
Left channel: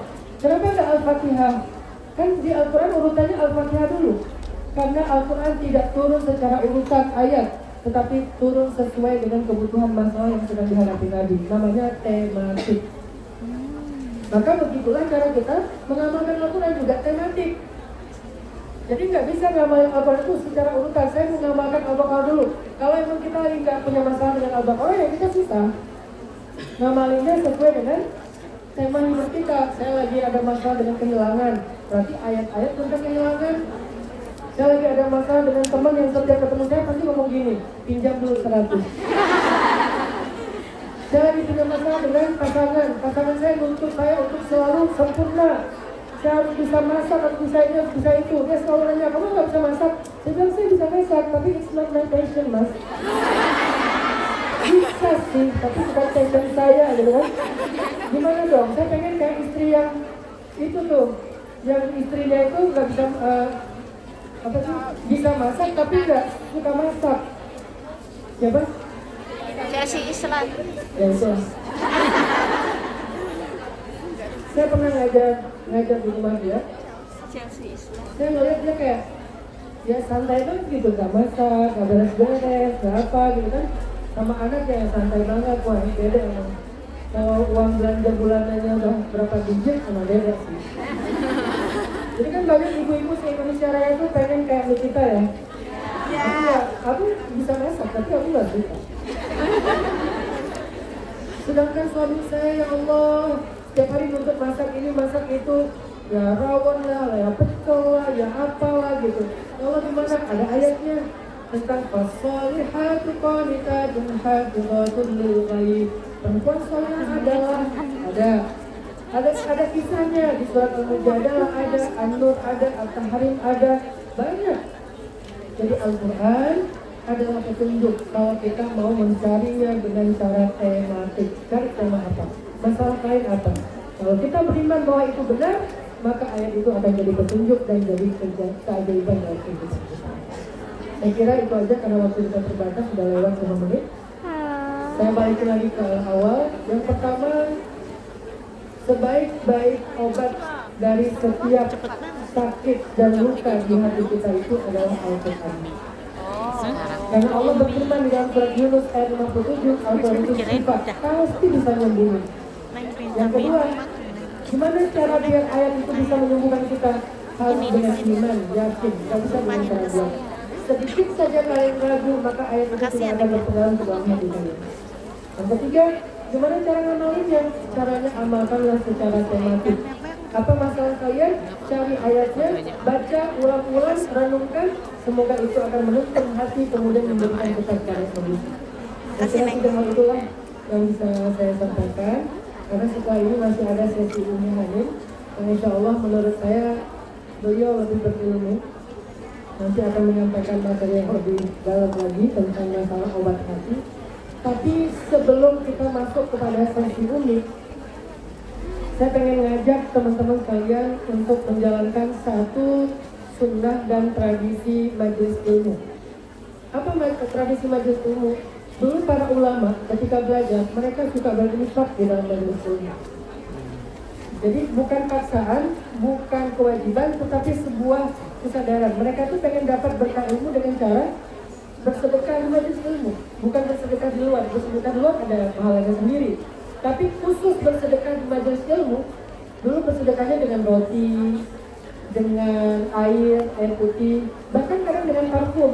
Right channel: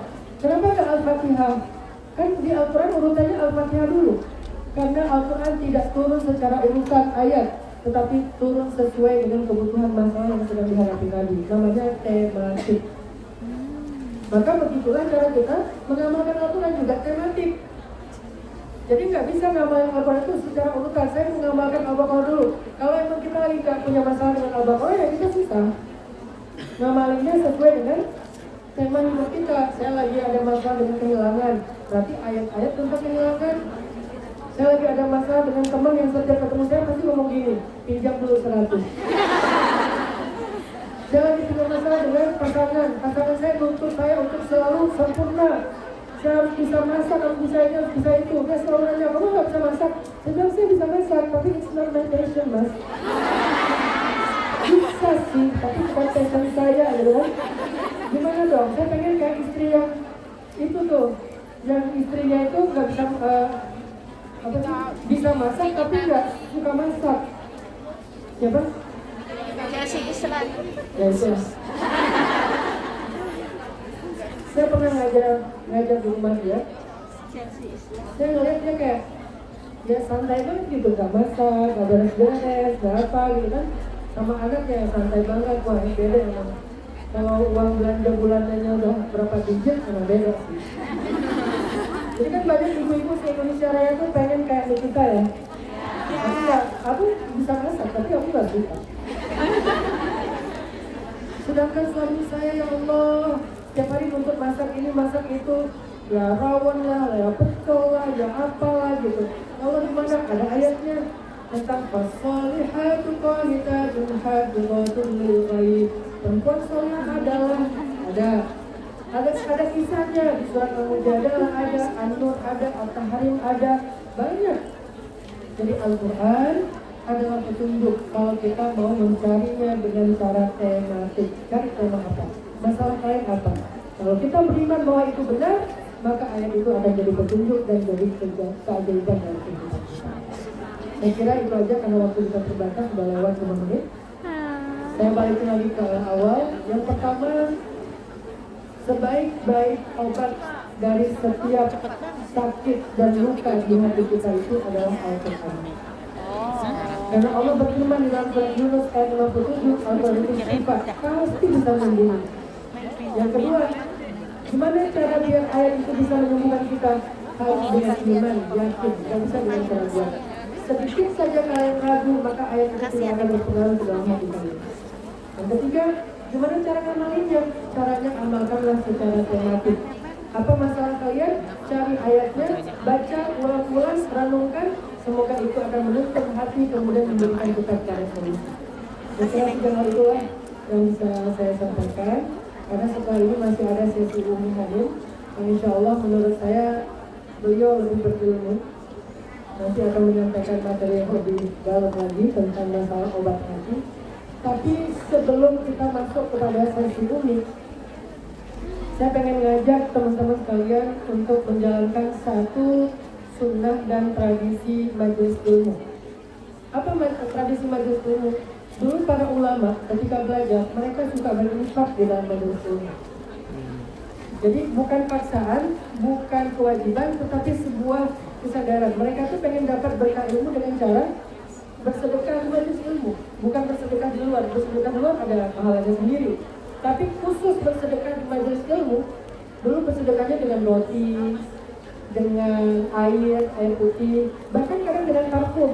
Kenapa gak Al-Fatihah? Kan di Al-Quran urutannya Al-Fatihah dulu. Karena Al-Quran tidak turun secara urutan ayat, tetapi turun sesuai dengan kebutuhan masalah yang sedang dihadapi Nabi. Namanya tematik. Maka begitulah cara kita mengamalkan Al-Quran, juga tematik. Jadi nggak bisa ngamalin Al-Quran itu secara urutan. Saya mengamalkan Al-Baqarah dulu. Kalau emang kita nggak punya masalah dengan Al-Baqarah, ya kita susah. Ngamalinnya sesuai dengan tema hidup kita. Saya lagi ada masalah dengan kehilangan, berarti ayat-ayat tentang kehilangan. Saya lagi ada masalah dengan teman yang setiap ketemu saya pasti ngomong gini, pinjam dulu 100. Saya lagi punya masalah dengan pasangan saya nuntut saya untuk selalu sempurna. Saya harus bisa masak, harus bisa ini, harus bisa itu. Dia selalu nanya, kamu nggak bisa masak? Saya bilang, saya bisa masak, tapi it's not my passion, mas. Bisa sih, tapi bukan passion saya, gitu kan. Gimana dong? Saya pengen kayak istri yang itu tuh, yang istrinya itu nggak bisa, apa sih? Bisa masak, tapi nggak suka masak. Siapa? Kasih Islam. Ya itu. Saya pernah ngajar di rumah dia. Saya ngeliat dia kayak ya santai banget gitu, gak masak, gak beres-beres, gak apa gitu kan. Sama anaknya yang santai banget, wah beda emang. Kalau uang belanja bulanannya udah berapa digit, emang beda sih. Jadi kan banyak ibu-ibu di Indonesia Raya tuh pengen kayak Nikita ya. Tapi ya, aku bisa masak, tapi aku gak suka. Sedangkan suami saya, ya Allah, tiap hari untuk masak ini, masak itu, ya rawon lah, ya pecel lah, ya apalah gitu. Ya Allah gimana? Ada ayatnya. tentang fasolihatu qanitatun hafizatun lil ghaib. Perempuan soleh adalah ada kisahnya di surat Al-Mujadalah ada, An-Nur ada, At-Tahrim ada, banyak. Jadi Al-Quran adalah petunjuk kalau kita mau mencarinya dengan cara tematik. Cari tema apa? Masalah lain apa? Kalau kita beriman bahwa itu benar, maka ayat itu akan jadi petunjuk dan jadi keajaiban dalam kehidupan kita. Saya kira itu aja karena waktu kita terbatas, sudah lewat 5 menit. Saya balikin lagi ke awal. Yang pertama, sebaik-baik obat dari setiap sakit dan luka di hati kita itu adalah Al-Quran. Karena Allah berfirman di dalam surat Yunus ayat 57, Al-Quran itu suka, pasti bisa membimbing. Yang kedua, gimana cara biar ayat itu bisa menyembuhkan kita? Harus dengan iman, yakin, tidak bisa dengan cara diam. Sedikit saja kalian ragu, maka ayat itu tidak akan berpengaruh ke dalam hati kalian. Yang ketiga, gimana cara ngamalinnya? Caranya amalkanlah secara tematik. Apa masalah kalian? Cari ayatnya, baca, ulang-ulang, renungkan. Semoga itu akan menuntun hati, kemudian memberikan kita cara solusi. Saya kira 3 hal itulah yang bisa saya sampaikan. Karena setelah ini masih ada sesi Umi Hanim. Insya Allah menurut saya beliau lebih berilmu. Nanti akan menyampaikan materi yang lebih dalam lagi tentang masalah obat hati. Tapi sebelum kita masuk kepada sesi Umi, saya pengen ngajak teman-teman kalian untuk menjalankan satu sunnah dan tradisi majelis ilmu. Apa tradisi majelis ilmu? Dulu para ulama ketika belajar, mereka suka berinfak di dalam majelis ilmu. Jadi bukan paksaan, bukan kewajiban, tetapi sebuah kesadaran. Mereka tuh pengen dapat berkah ilmu dengan cara bersedekah di majelis ilmu. Bukan bersedekah di luar. Bersedekah di luar ada pahalanya sendiri. Tapi khusus bersedekah di majelis ilmu, dulu bersedekahnya dengan roti, dengan air putih, bahkan kadang dengan parfum.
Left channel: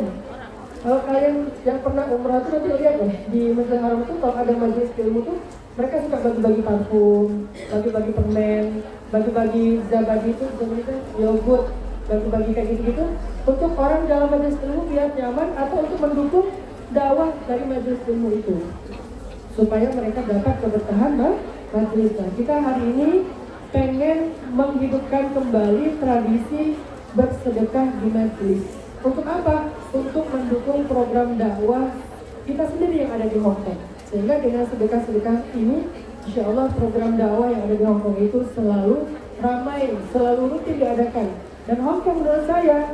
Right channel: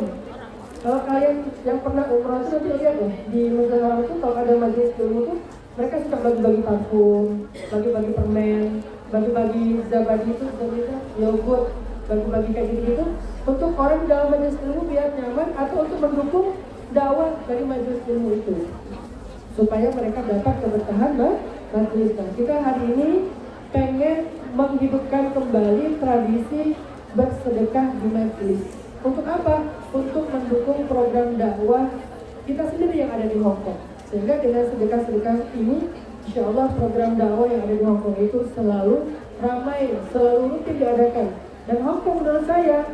Kalau kalian yang pernah umrah itu nanti lihat loh, di Masjidil Haram itu kalau ada majelis ilmu tuh mereka suka bagi-bagi parfum, bagi-bagi permen, bagi-bagi zabadi itu sebenarnya yogurt, bagi-bagi kayak gitu-gitu untuk orang dalam majelis ilmu biar nyaman atau untuk mendukung dakwah dari majelis ilmu itu supaya mereka dapat keberkahan majelis. Nah, kita hari ini pengen menghidupkan kembali tradisi bersedekah di majelis. Untuk apa? Untuk mendukung program dakwah kita sendiri yang ada di Hong Kong. Sehingga dengan sedekah-sedekah ini, insya Allah program dakwah yang ada di Hong Kong itu selalu ramai, selalu rutin diadakan. Dan Hong Kong menurut saya,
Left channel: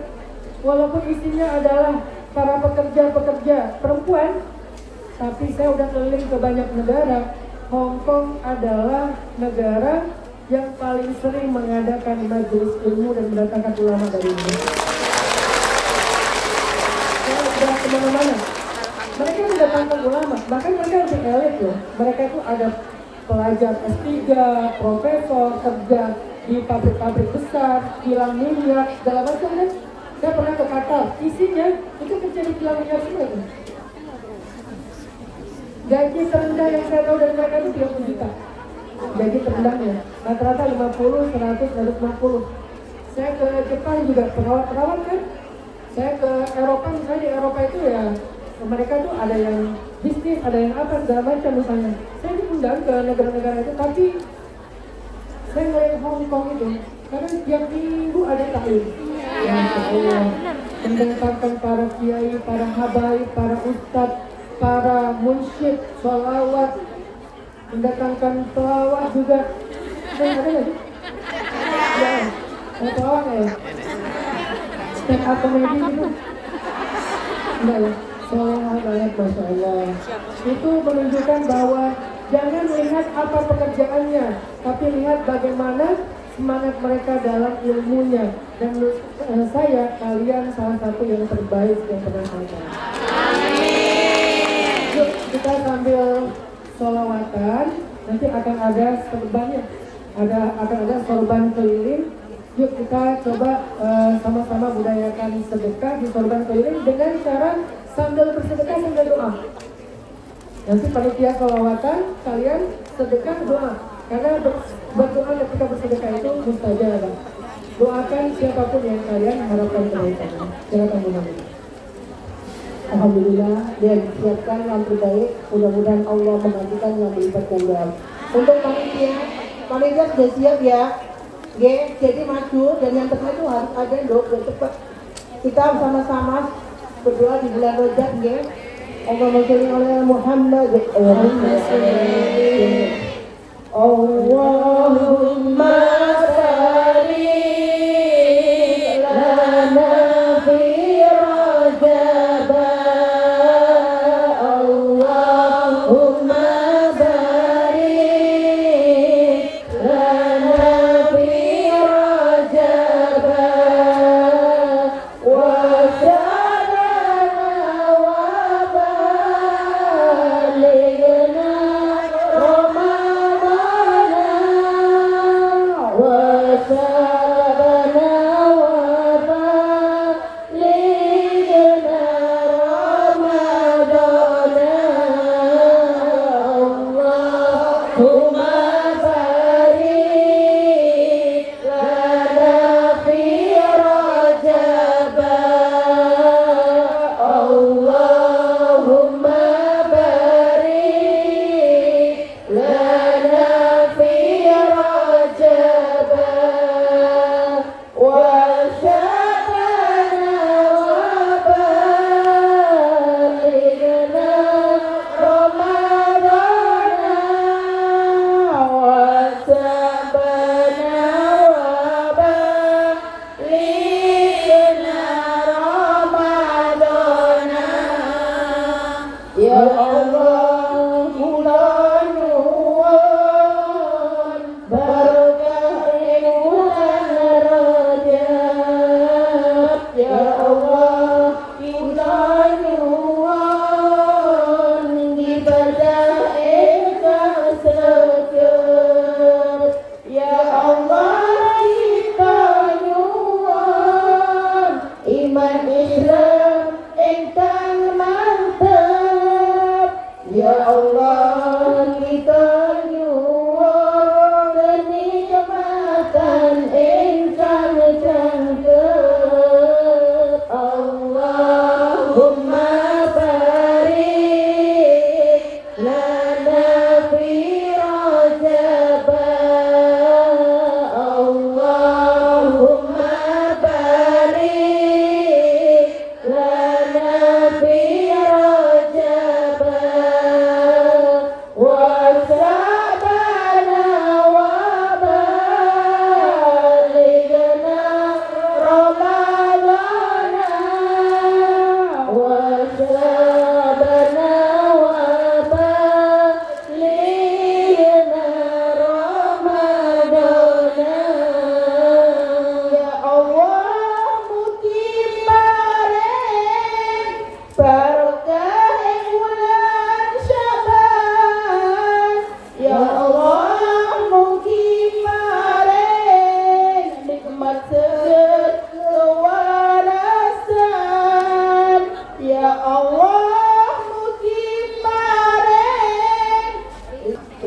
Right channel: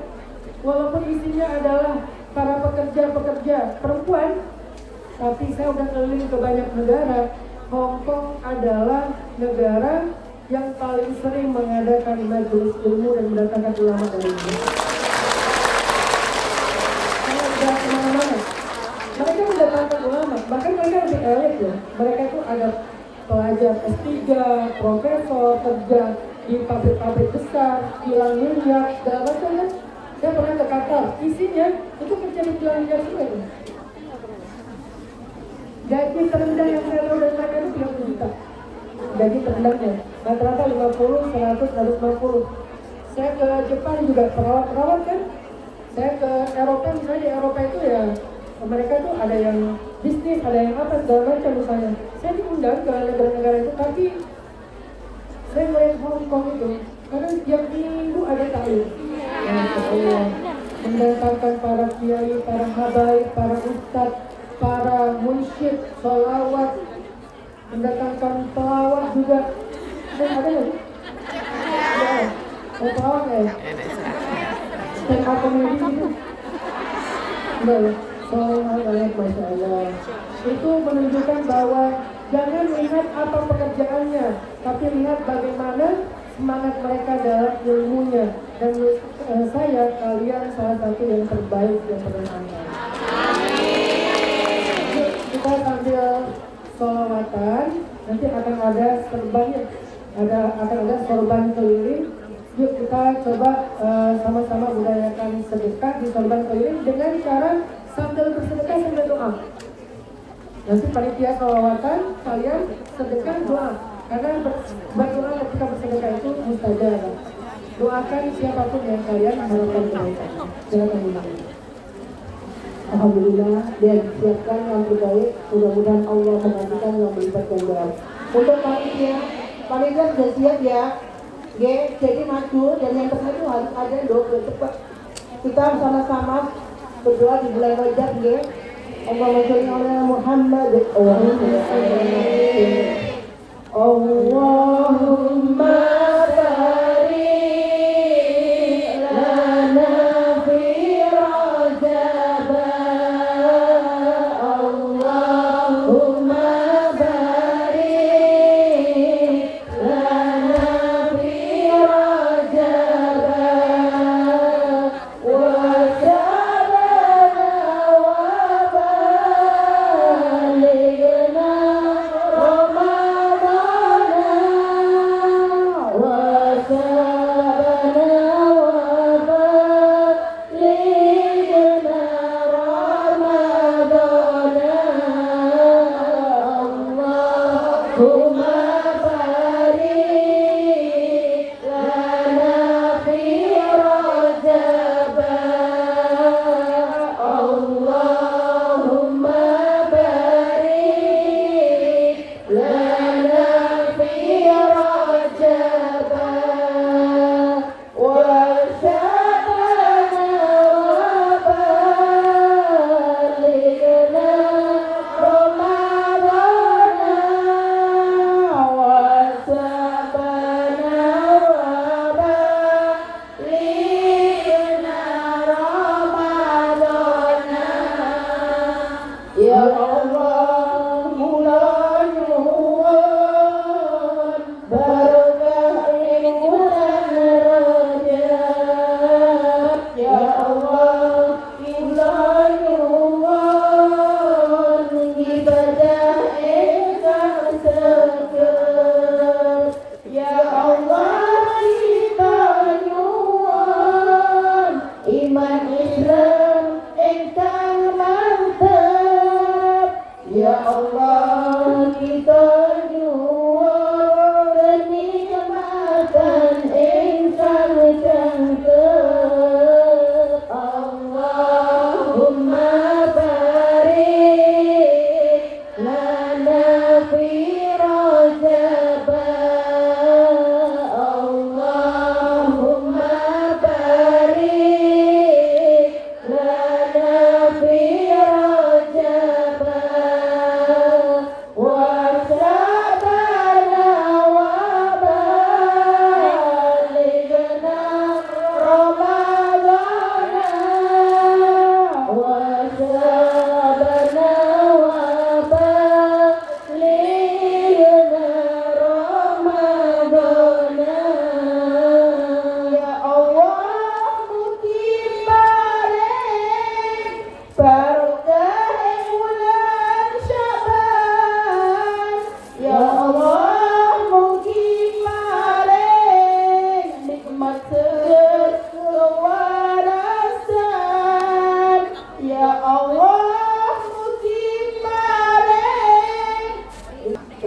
walaupun isinya adalah para pekerja-pekerja perempuan, tapi saya udah keliling ke banyak negara. Hong Kong adalah negara yang paling sering mengadakan majelis ilmu dan mendatangkan ulama dari Indonesia. Saya udah kemana-mana. Mereka mendatangkan ulama, bahkan mereka lebih elit loh. Mereka itu ada pelajar S3, profesor, kerja di pabrik-pabrik besar, kilang minyak, segala macam kan. Saya pernah ke Qatar, isinya itu kerja di kilang minyak semua itu. Gaji terendah yang saya tahu dari mereka itu 30 juta. Gaji terendahnya, rata-rata 50, 100, 150. Saya ke Jepang juga perawat-perawat kan. Saya ke Eropa, misalnya di Eropa itu ya mereka tuh ada yang bisnis, ada yang apa, segala macam misalnya. Saya diundang ke negara-negara itu, tapi saya ngeliat Hong Kong itu, karena tiap minggu ada taklim. Ya, mendatangkan para kiai, para habaib, para ustadz, para munsyid, sholawat, mendatangkan pelawak juga. Ada ya? Ya, ada pelawak ya? Stand up comedy gitu? Enggak ya? Sholawat, Masya Allah. Itu menunjukkan bahwa jangan lihat apa pekerjaannya, tapi lihat bagaimana semangat mereka dalam ilmunya. Dan kalian salah satu yang terbaik yang pernah saya tahu. Yuk, kita sambil sholawatan, nanti akan ada sorbannya, akan ada sorban keliling. Yuk kita coba sama-sama budayakan sedekah di sorban keliling dengan cara sambil bersedekah sambil doa. Nanti panitia sholawatan, kalian sedekah doa. Karena berdoa ketika bersedekah itu mustajab. Doakan siapapun yang kalian harapkan kebaikannya. Silakan Bu. Alhamdulillah dia disiapkan yang terbaik. Mudah-mudahan Allah menggantikan yang berlipat ganda. Untuk panitia sudah siap ya. Jadi maju dan yang terakhir itu harus ada dok cepat. Kita sama-sama berdoa di bulan Rajab Allahumma sholli ala Muhammad Allahumma barik lana fi Rajab Allahumma barik lana fi Rajab wa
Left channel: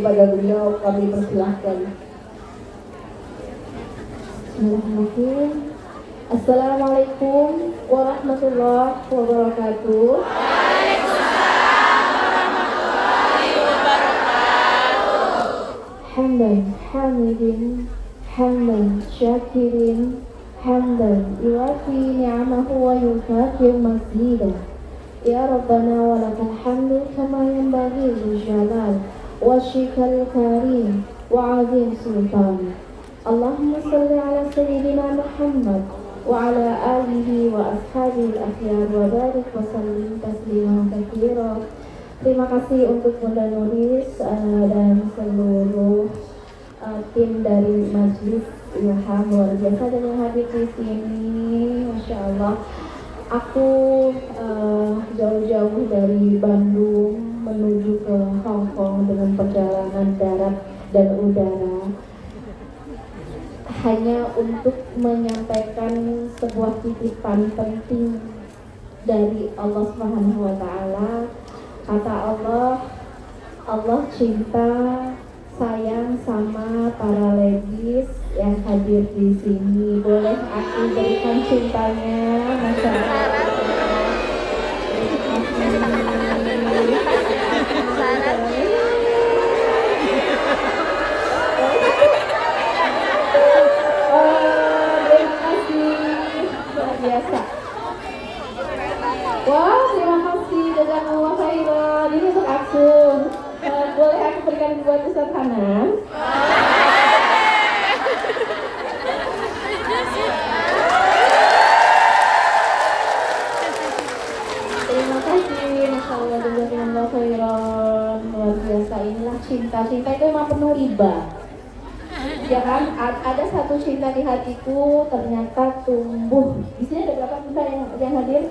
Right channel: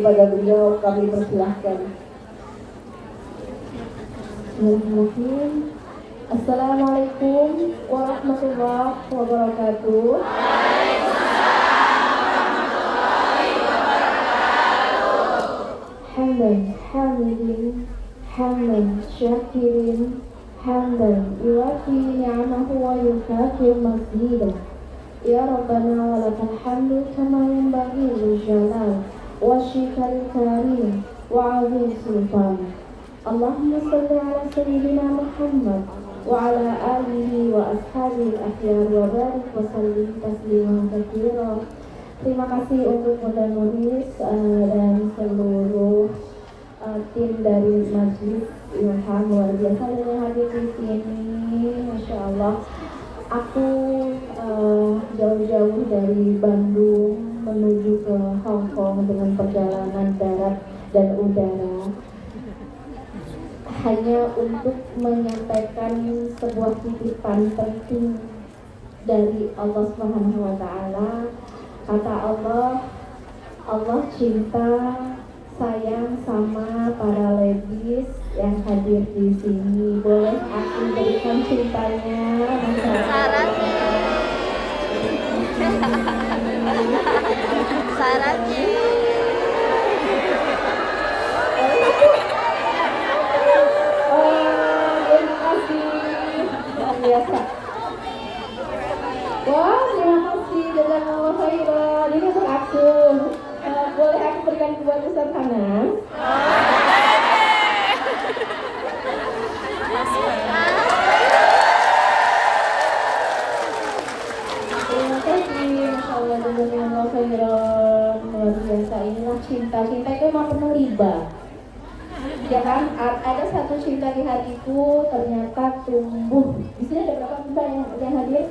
kepada beliau kami persilahkan. Bismillahirrahmanirrahim. Assalamualaikum warahmatullahi wabarakatuh. Hamdan hamidin hamdan syakirin hamdan yuwafi ni'amahu wa yukafi mazidah. Ya Rabbana wa lakal hamdu kama yanbaghi li jalal wajhikal karim wa 'azim sultan. Allahumma salli ala sayyidina Muhammad wa ala alihi wa ashabihi al-akhyar wa barik wa sallim tasliman katsira. Terima kasih untuk Bunda Nuris dan seluruh tim dari Majlis Ilham luar biasa dan yang hadir di sini. Masya Allah, aku jauh-jauh dari Bandung menuju ke Hong Kong dengan perjalanan darat dan udara hanya untuk menyampaikan sebuah titipan penting dari Allah Subhanahu wa Ta'ala. Kata Allah, Allah cinta sayang sama para ladies yang hadir di sini. Boleh aku berikan cintanya, Masya Allah. cinta. Cinta itu emang penuh riba. Ya kan, ada satu cinta di hatiku ternyata tumbuh. Di sini ada berapa cinta yang hadir?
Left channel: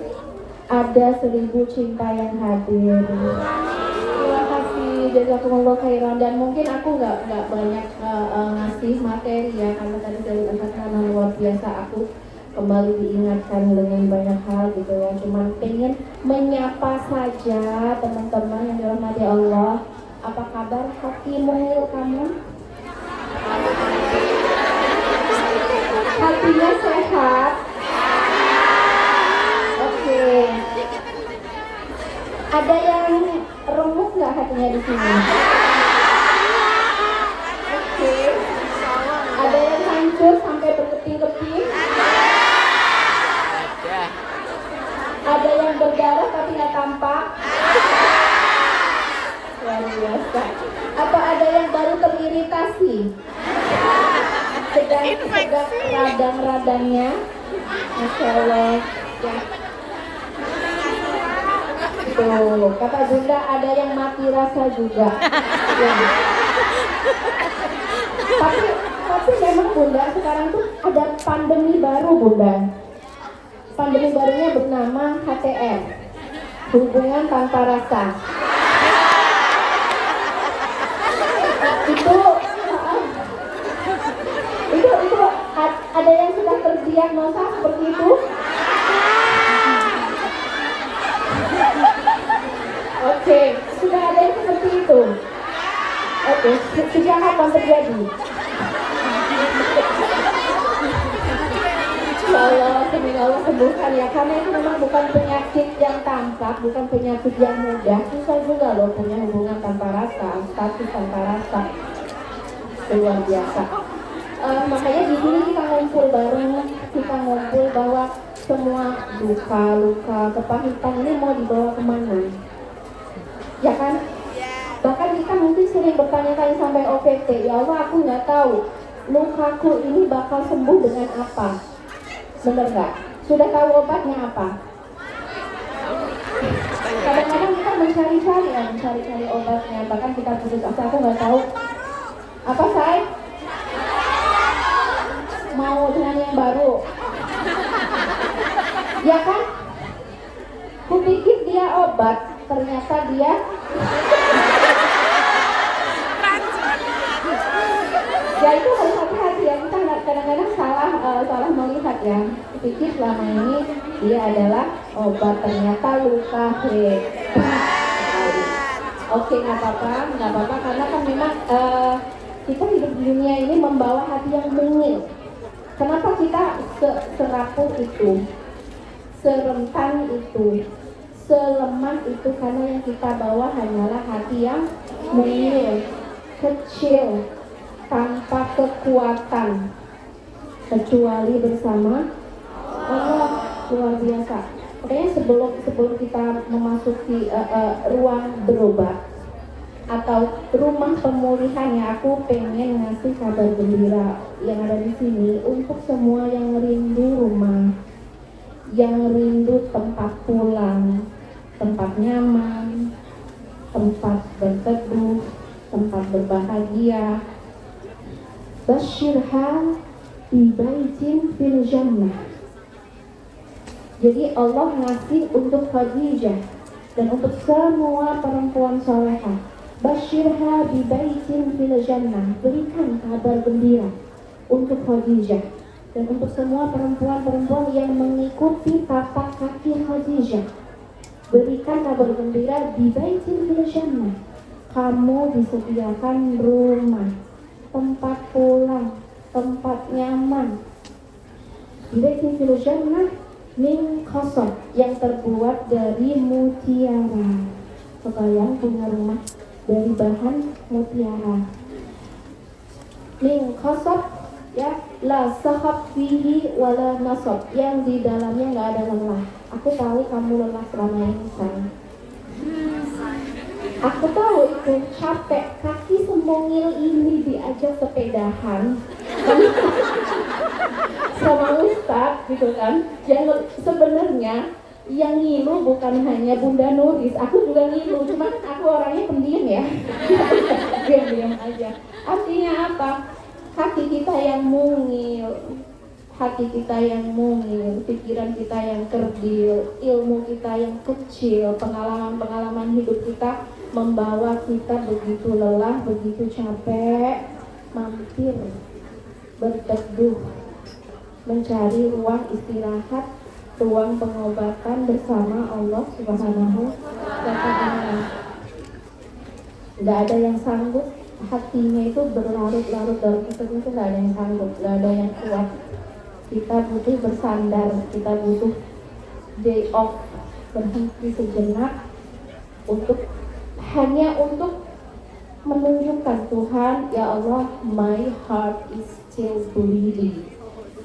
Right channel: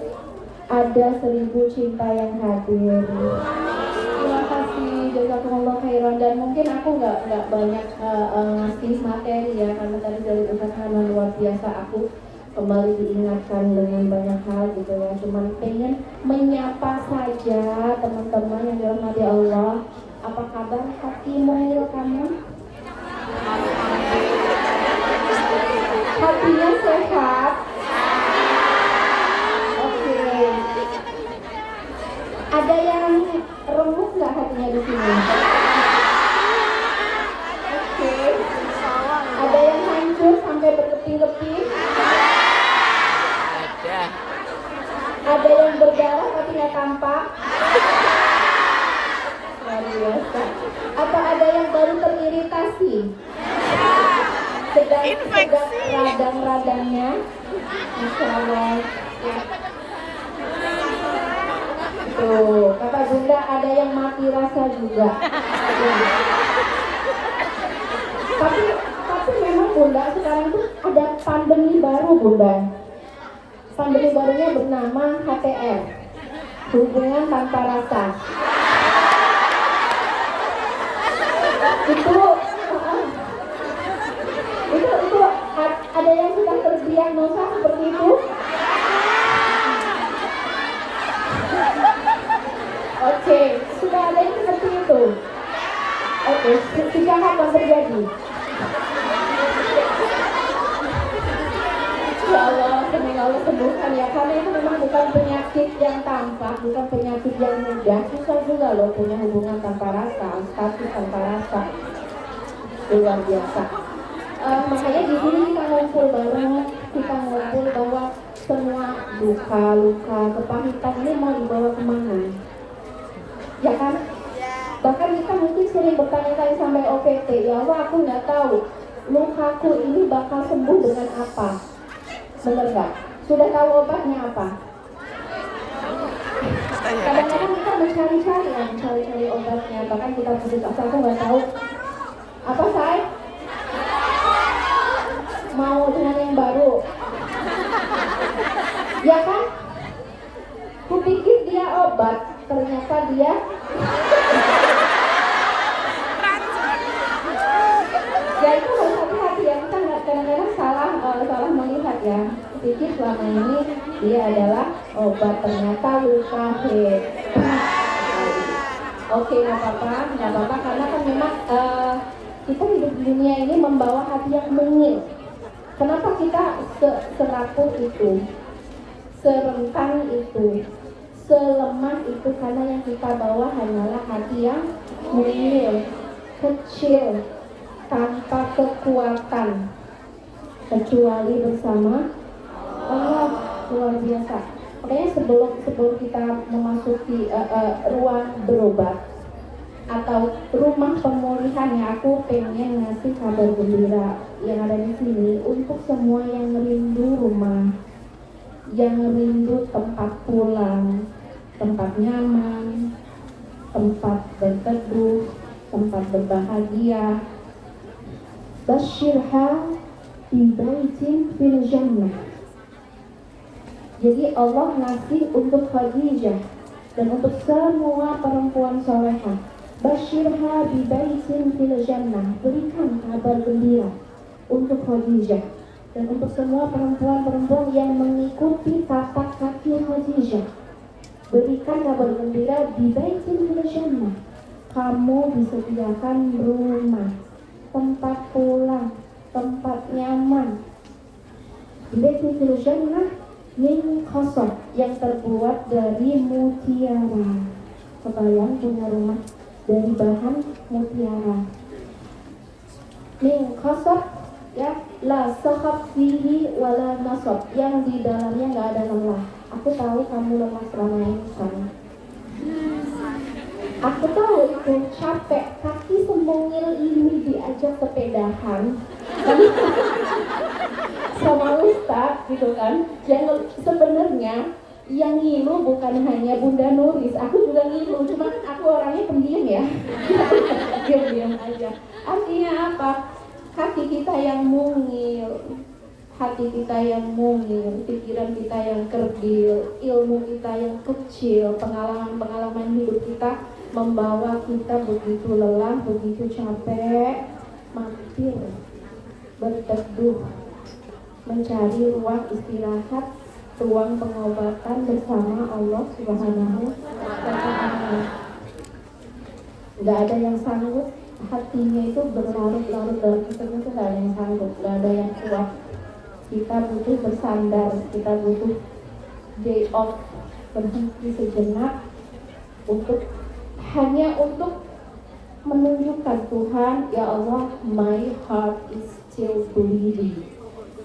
Ada 1000 cinta yang hadir. Terima kasih, jazakumullah khairan. Dan mungkin aku nggak banyak ngasih materi ya, karena tadi dari karena luar biasa aku kembali diingatkan dengan banyak hal gitu ya. Cuman pengen menyapa saja teman-teman yang dirahmati Allah. Apa kabar hatimu kamu? Hatinya sehat? Oke. Ada yang remuk nggak hatinya di sini? Oke. Ada yang hancur sampai berlepih-lepih? Ada. Ada yang berdarah tapi nggak tampak? Luar biasa. Atau ada yang baru teriritasi? Sedang radang-radangnya? Masya Allah. Tuh, kata Bunda ada yang mati rasa juga. Tapi memang Bunda sekarang tuh ada pandemi baru Bunda. Pandemi barunya bernama HTR, hubungan tanpa rasa. Itu ada yang sudah terdiagnosa seperti itu? Oke, sudah ada yang seperti itu. Oke, sejak kapan terjadi? Ya Allah, semoga Allah sembuhkan ya. Karena itu memang bukan penyakit yang tampak, bukan penyakit yang mudah. Susah juga loh punya hubungan tanpa rasa, status tanpa rasa. Luar biasa. Makanya di sini kita ngumpul bareng, kita ngumpul bahwa semua duka, luka, kepahitan ini mau dibawa kemana? Ya kan? Bahkan kita mungkin sering bertanya-tanya sampai OPT, ya Allah aku nggak tahu lukaku ini bakal sembuh dengan apa? Bener nggak? Sudah tahu obatnya apa? Kadang-kadang kita mencari-cari obatnya, bahkan kita putus asa, aku nggak tahu apa saya mau dengan yang baru, ya kan? Kupikir dia obat, ternyata dia ya itu harus hati-hati ya, kita kadang-kadang salah melihat ya. Kupikir selama ini dia adalah obat, ternyata luka hebat. Oke, nggak apa-apa karena kan memang kita hidup di dunia ini membawa hati yang mungil. Kenapa kita serapuh itu, serentan itu, selemah itu? Karena yang kita bawa hanyalah hati yang mungil, kecil, tanpa kekuatan, kecuali bersama Allah. Luar biasa. Makanya sebelum kita memasuki ruang berobat atau rumah pemulihan ya, aku pengen ngasih kabar gembira yang ada di sini untuk semua yang rindu rumah, yang rindu tempat pulang, tempat nyaman, tempat berteduh, tempat berbahagia. Basyirha bi baitin fil jannah. Jadi Allah ngasih untuk Khadijah dan untuk semua perempuan salehah. Basyirha bi baitin fil jannah, berikan kabar gembira untuk Khadijah dan untuk semua perempuan-perempuan yang mengikuti tapak kaki Khadijah. Berikan kabar gembira di baitin fil jannah, kamu disediakan rumah, tempat pulang, tempat nyaman. Di baitin fil jannah min khasab, yang terbuat dari mutiara. Kebayang punya rumah dari bahan mutiara. Min khasab ya, la sahab fihi wala nasab, yang di dalamnya nggak ada lelah. Aku tahu kamu lelah selama ini sayang. Aku tahu itu capek, kaki semongil ini diajak sepedahan sama Ustaz gitu kan. Yang sebenarnya yang ngilu bukan hanya Bunda Nuris, aku juga ngilu, cuma aku orangnya pendiam ya. diam-diam aja. Artinya apa? Hati kita yang mungil, pikiran kita yang kerdil, ilmu kita yang kecil, pengalaman hidup kita membawa kita begitu lelah, begitu capek, mampir berteduh, mencari ruang istirahat, ruang pengobatan bersama Allah Subhanahu wa Ta'ala. Gak ada yang sanggup, hatinya itu berlarut-larut dalam kesenangan itu gak ada yang sanggup, gak ada yang kuat. Kita butuh bersandar, kita butuh day off, berhenti sejenak hanya untuk menunjukkan Tuhan, ya Allah, my heart is still bleeding.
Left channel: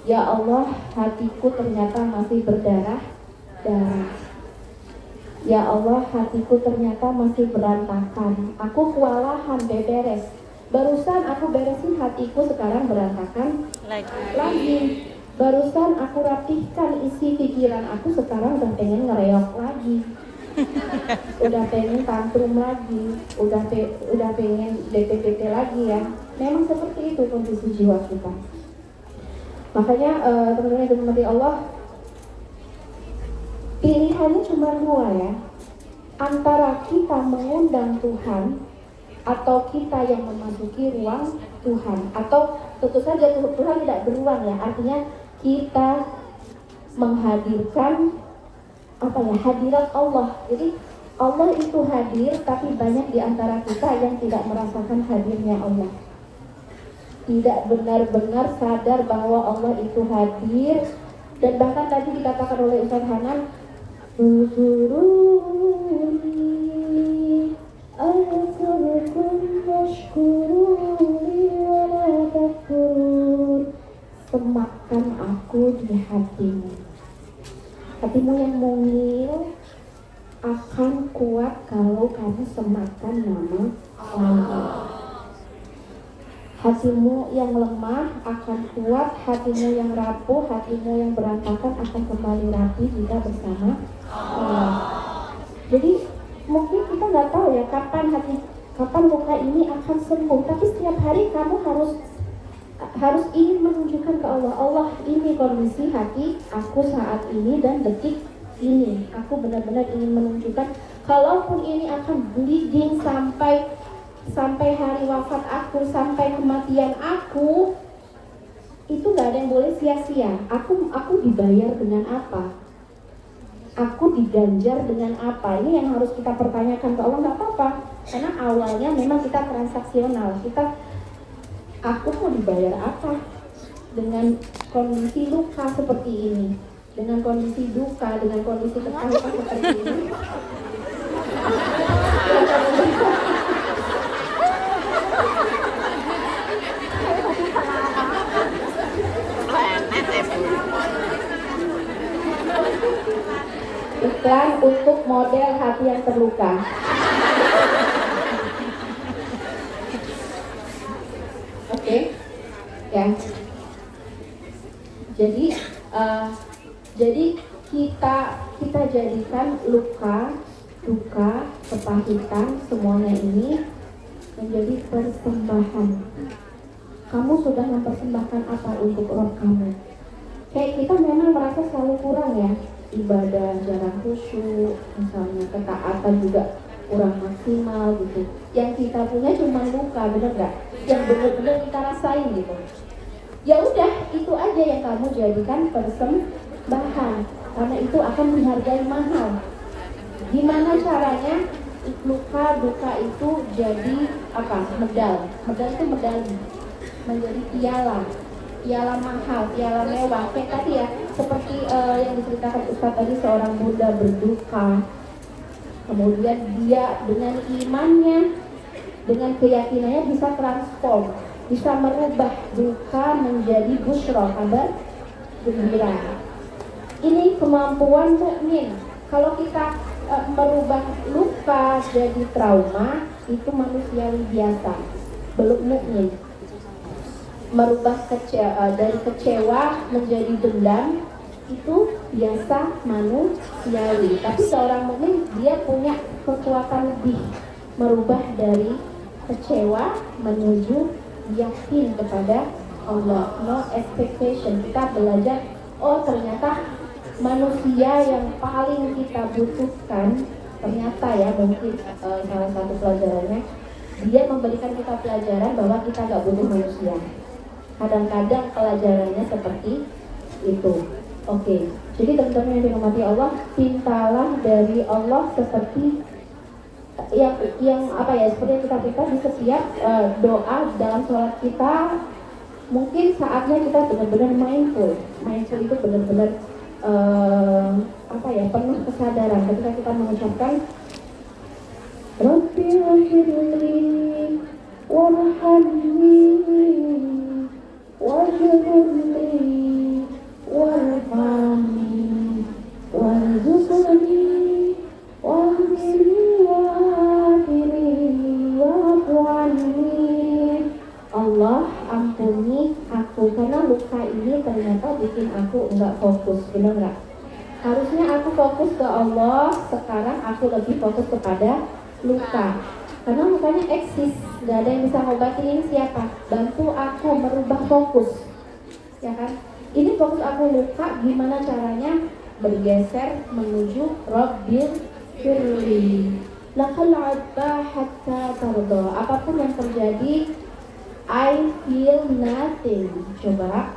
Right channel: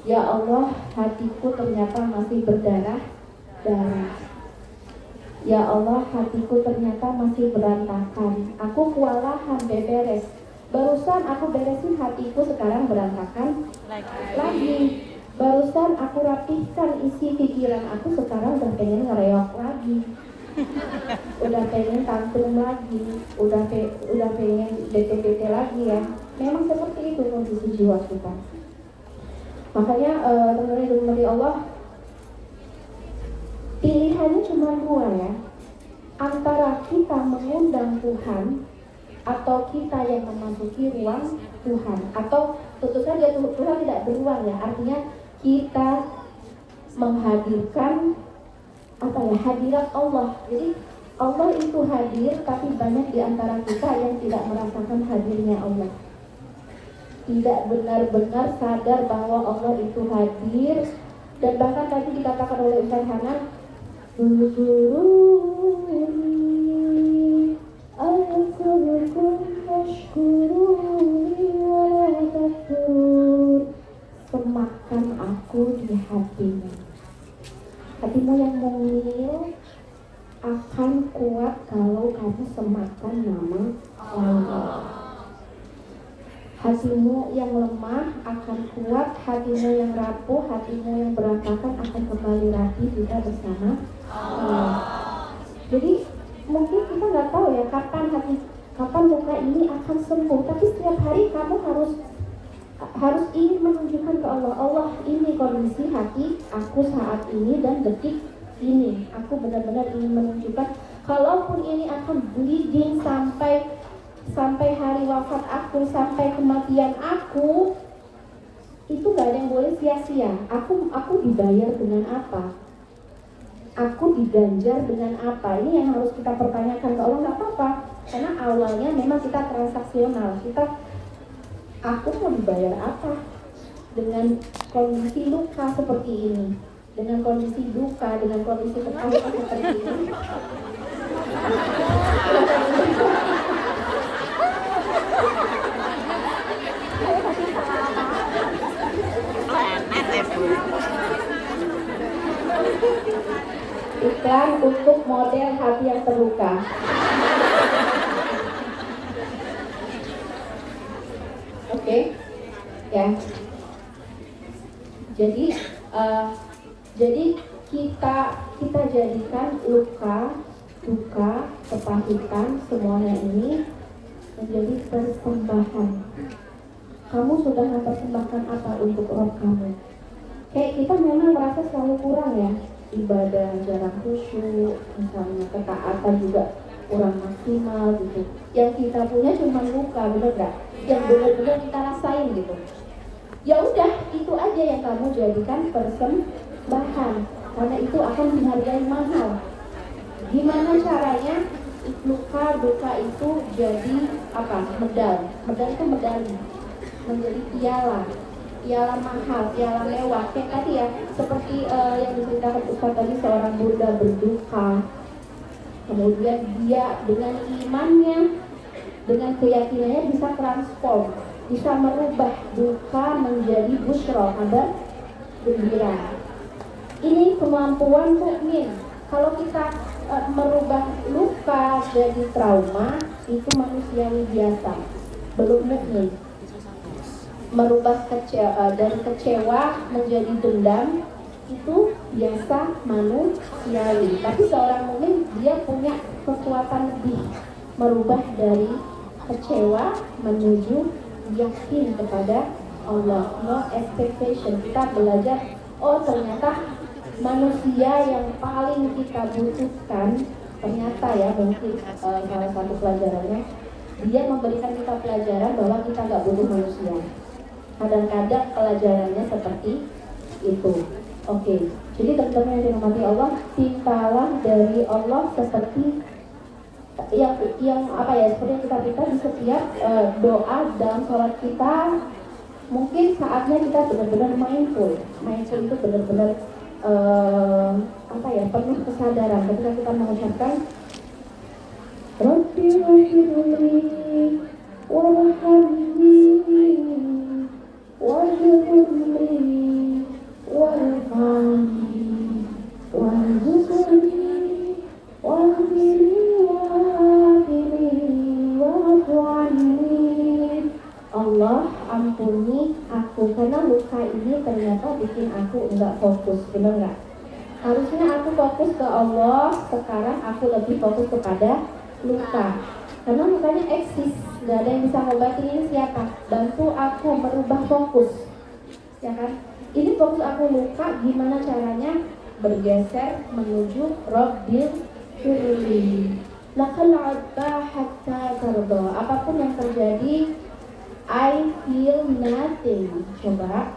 Ya Allah, hatiku ternyata masih berdarah-darah. Ya Allah, hatiku ternyata masih berantakan. Aku kewalahan beberes. Barusan aku beresin hatiku, sekarang berantakan lagi. Barusan aku rapihkan isi pikiran aku, sekarang udah pengen ngereok lagi. Udah pengen tantrum lagi, udah pengen DP lagi ya. Memang seperti itu kondisi jiwa kita. Makanya teman-teman yang dimiliki Allah, pilihannya cuma dua ya, antara kita mengundang Tuhan atau kita yang memasuki ruang Tuhan. Atau tentu saja Tuhan tidak beruang ya, artinya kita menghadirkan hadirat Allah. Jadi Allah itu hadir, tapi banyak di antara kita yang tidak merasakan hadirnya Allah, tidak benar-benar sadar bahwa Allah itu hadir. Dan bahkan tadi dikatakan oleh Ustaz Hanan, semakan aku di hatimu. Hatimu yang mungil akan kuat kalau kamu semakan nama Allah. Hatimu yang lemah akan kuat, hatimu yang rapuh, hatimu yang berantakan akan kembali rapi jika bersama Allah. Jadi mungkin kita nggak tahu ya kapan luka ini akan sembuh, tapi setiap hari kamu harus ingin menunjukkan ke Allah, Allah, ini kondisi hati aku saat ini dan detik ini. Aku benar-benar ingin menunjukkan, kalaupun ini akan bleeding sampai hari wafat aku, sampai kematian aku, itu gak ada yang boleh sia-sia. Aku dibayar dengan apa? Aku diganjar dengan apa? Ini yang harus kita pertanyakan ke Allah. Gak apa-apa, karena awalnya memang kita transaksional. Aku mau dibayar apa? Dengan kondisi luka seperti ini, dengan kondisi duka, dengan kondisi kekayaan seperti ini. Iklan untuk model hati yang terluka. Oke, ya. Jadi kita jadikan luka, duka, kepahitan, semuanya ini menjadi persembahan. Kamu sudah mempersembahkan apa untuk Roh kamu? Kayak kita memang merasa selalu kurang ya, ibadah jarang khusyuk, misalnya ketaatan juga kurang maksimal gitu. Yang kita punya cuma luka, bener gak? Yang benar-benar kita rasain gitu. Ya udah, itu aja yang kamu jadikan persembahan, karena itu akan dihargai mahal. Gimana caranya luka duka itu jadi apa? Medal itu medali, menjadi piala mahal, piala mewah. Kayak tadi ya, seperti yang diceritakan Ustaz tadi, seorang bunda berduka, kemudian dia dengan imannya, dengan keyakinannya bisa transform, bisa merubah duka menjadi busyra, kabar gembira. Ini kemampuan mukmin. Kalau kita merubah luka jadi trauma, itu manusiawi biasa, belum mukmin. Merubah dari kecewa menjadi dendam, itu biasa manusiawi. Tapi seorang mukmin dia punya kekuatan lebih, merubah dari kecewa menuju yakin kepada Allah. No expectation. Kita belajar, oh ternyata manusia yang paling kita butuhkan, ternyata ya mungkin salah satu pelajarannya, dia memberikan kita pelajaran bahwa kita nggak butuh manusia. Kadang-kadang pelajarannya seperti itu. Oke, jadi teman-teman yang dirahmati Allah, pintalah dari Allah seperti yang apa ya, seperti kita di setiap doa dalam sholat kita. Mungkin saatnya kita benar-benar mindful itu benar-benar apa ya, penuh kesadaran ketika kita mengucapkan Rabbi wafirli warhamni warhamni warhamni warzuqni warhamni warhamni. Allah ampuni aku karena luka ini ternyata bikin aku enggak fokus, benar enggak? Harusnya aku fokus ke Allah, sekarang aku lebih fokus kepada luka. Karena lukanya eksis, nggak ada yang bisa ngobatin. Ini siapa? Bantu aku merubah fokus, ya kan? Ini fokus aku luka, gimana caranya bergeser menuju Rabbil firli lakal adba hatta tarda. Apapun yang terjadi, I feel nothing. Coba,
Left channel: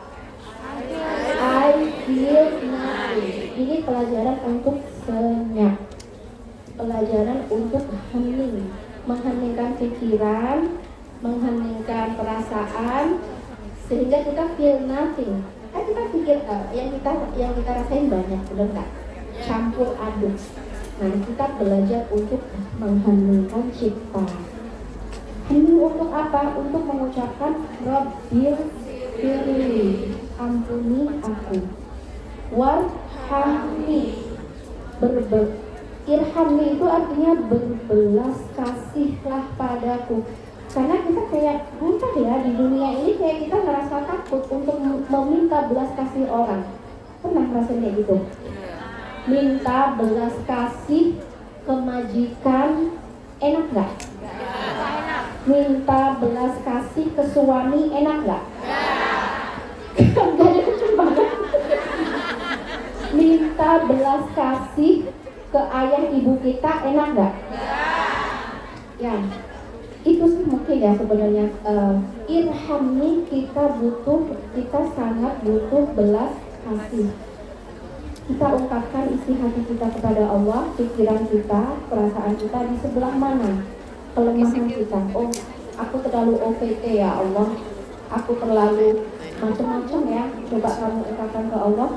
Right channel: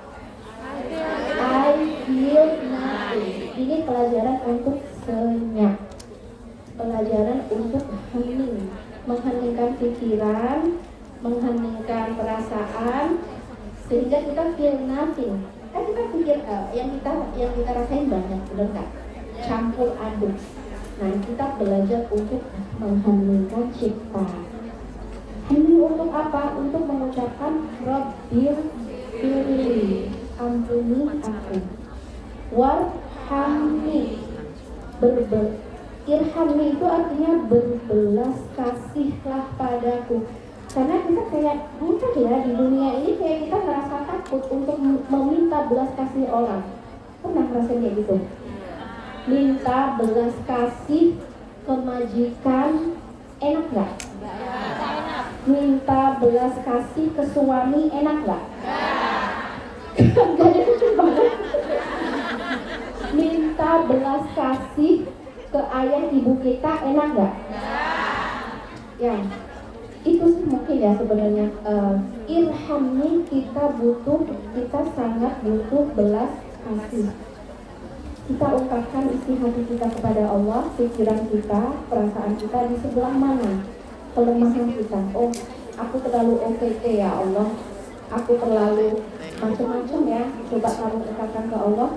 I feel nothing. Ini pelajaran untuk senyap, pelajaran untuk hening, mengheningkan pikiran, mengheningkan perasaan, sehingga kita feel nothing. Kita pikir yang kita rasain banyak, belum nggak? Campur aduk. Nah, kita belajar untuk mengheningkan cipta. Hening untuk apa? Untuk mengucapkan Rabbil firli, ampuni aku. Warhamni, irhamni itu artinya berbelas kasihlah padaku. Karena kita kayak mudah ya di dunia ini, kayak kita ngerasa takut untuk meminta belas kasih orang. Pernah ngerasain kayak gitu? Minta belas kasih ke majikan, enak nggak? Minta belas kasih ke suami, enak nggak? Nggak ada lucu banget. Minta belas kasih ke ayah ibu kita, enak nggak? Ya, itu sih mungkin ya sebenarnya. Irhamni, kita sangat butuh belas kasih. Kita ungkapkan isi hati kita kepada Allah, pikiran kita, perasaan kita di sebelah mana kelemahan kita. Oh, aku terlalu OPT ya Allah, aku terlalu macam-macam ya. Coba kamu ungkapkan ke Allah,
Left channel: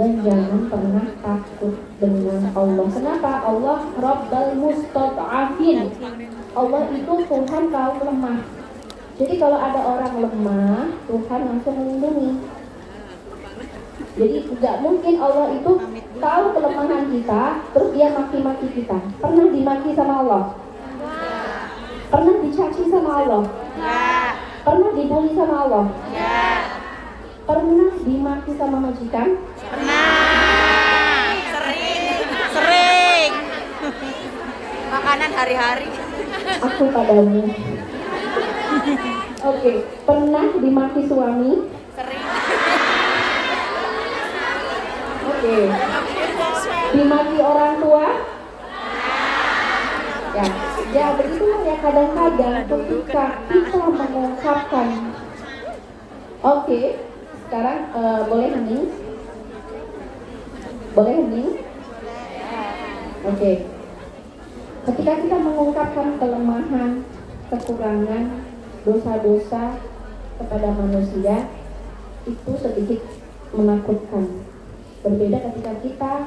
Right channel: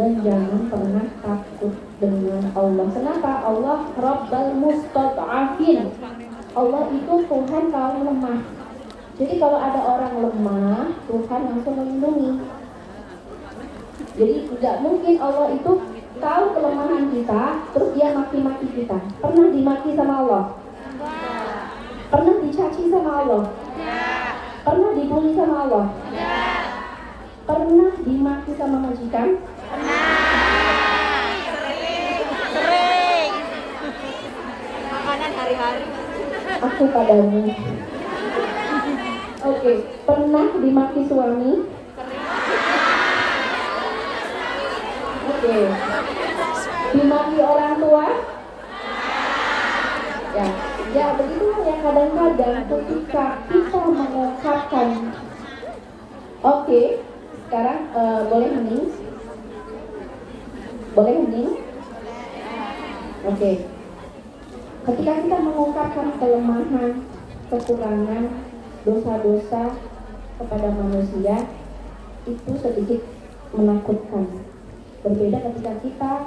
dan jangan pernah takut dengan Allah. Kenapa? Allah Rabbal Mustad'afin. Allah itu Tuhan kaum lemah. Jadi kalau ada orang lemah, Tuhan langsung melindungi. Jadi tidak mungkin Allah itu tahu kelemahan kita, terus dia maki-maki kita. Pernah dimaki sama Allah? Pernah dicaci sama Allah? Pernah dibully sama Allah? Pernah dimaki sama majikan? Sering. Makanan hari-hari. Aku padamu. Oke, pernah dimaki suami? Oke. Dimaki orang tua? Ya begitulah ya, kadang-kadang ketika kita mengungkapkan. Oke, sekarang boleh hening? Boleh hening? Oke. Ketika kita mengungkapkan kelemahan, kekurangan, dosa-dosa kepada manusia, itu sedikit menakutkan. Berbeda ketika kita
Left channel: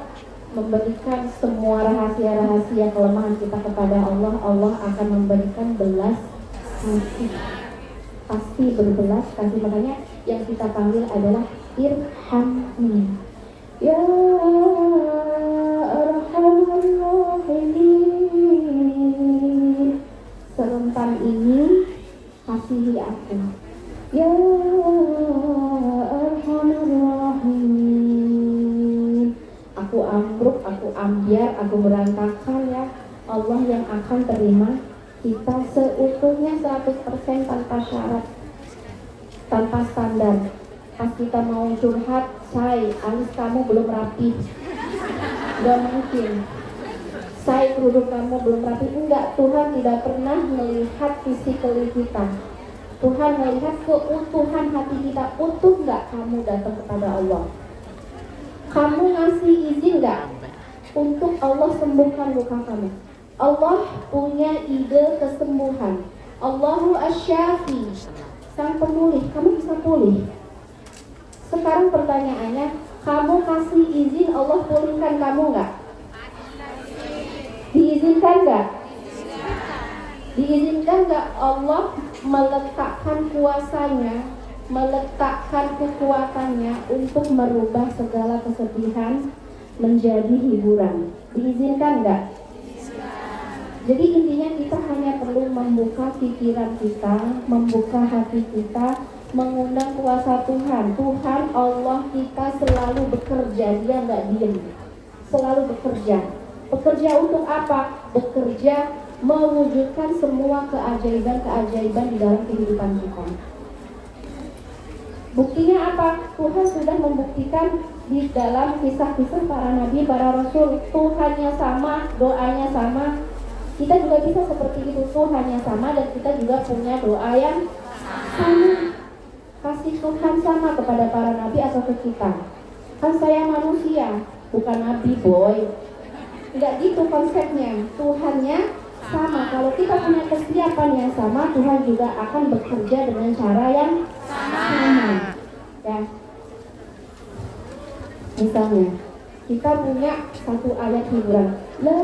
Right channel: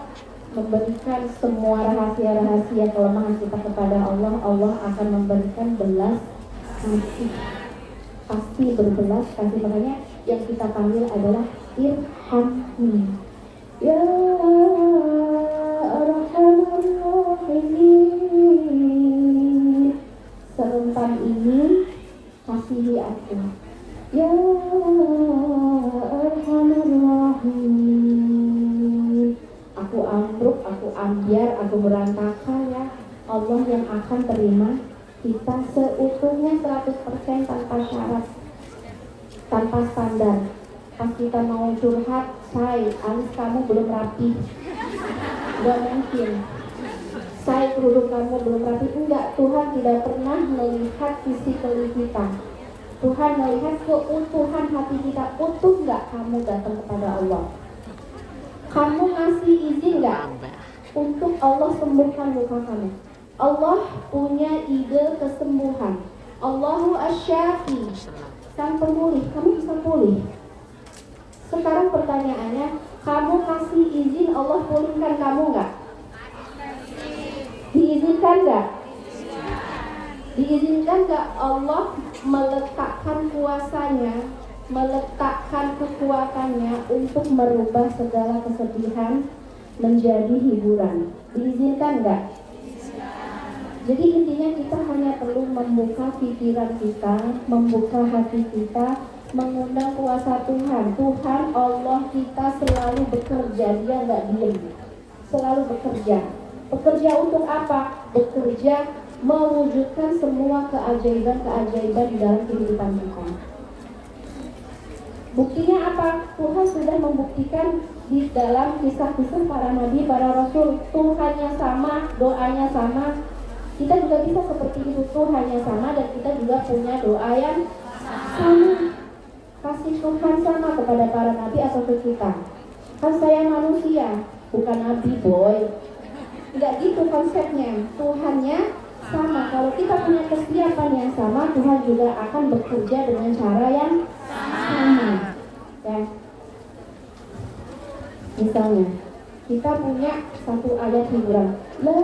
memberikan semua rahasia-rahasia kelemahan kita kepada Allah, Allah akan memberikan belas kasih. Pasti berbelas kasih. Makanya yang kita panggil adalah irhamni. Ya Arhamar Rahimin. Serentak ini kasihi aku. Ya Arhamar Rahimin. Aku ambruk, aku ambiar, aku berantakan ya. Allah yang akan terima kita seutuhnya 100% tanpa syarat, tanpa standar. Pas kita mau curhat, say, alis kamu belum rapi, gak mungkin. Say, kerudung kamu belum rapi, enggak. Tuhan tidak pernah melihat fisikali kita. Tuhan melihat keutuhan hati kita. Utuh enggak kamu datang kepada Allah? Kamu ngasih izin enggak untuk Allah sembuhkan luka kamu? Allah punya ide kesembuhan. Allahu asyafi, sang pemulih. Kamu bisa pulih. Sekarang pertanyaannya, kamu kasih izin Allah pulihkan kamu enggak? Diizinkan enggak? Diizinkan enggak Allah meletakkan kuasanya, meletakkan kekuatannya untuk merubah segala kesedihan menjadi hiburan? Diizinkan enggak? Jadi intinya kita hanya perlu membuka pikiran kita, membuka hati kita, mengundang kuasa Tuhan. Tuhan Allah kita selalu bekerja, dia nggak diem, selalu bekerja. Bekerja untuk apa? Bekerja mewujudkan semua keajaiban-keajaiban di dalam kehidupan kita. Buktinya apa? Tuhan sudah membuktikan di dalam kisah-kisah para nabi, para rasul. Tuhannya sama, doanya sama. Kita juga bisa seperti itu, Tuhannya sama dan kita juga punya doa yang sama. Kasih Tuhan sama kepada para nabi atau ke kita. Kan saya manusia, bukan nabi boy. Tidak gitu konsepnya. Tuhannya sama. Kalau kita punya kesiapan yang sama, Tuhan juga akan bekerja dengan cara yang sama. Ya. Misalnya, kita punya satu ayat hiburan. La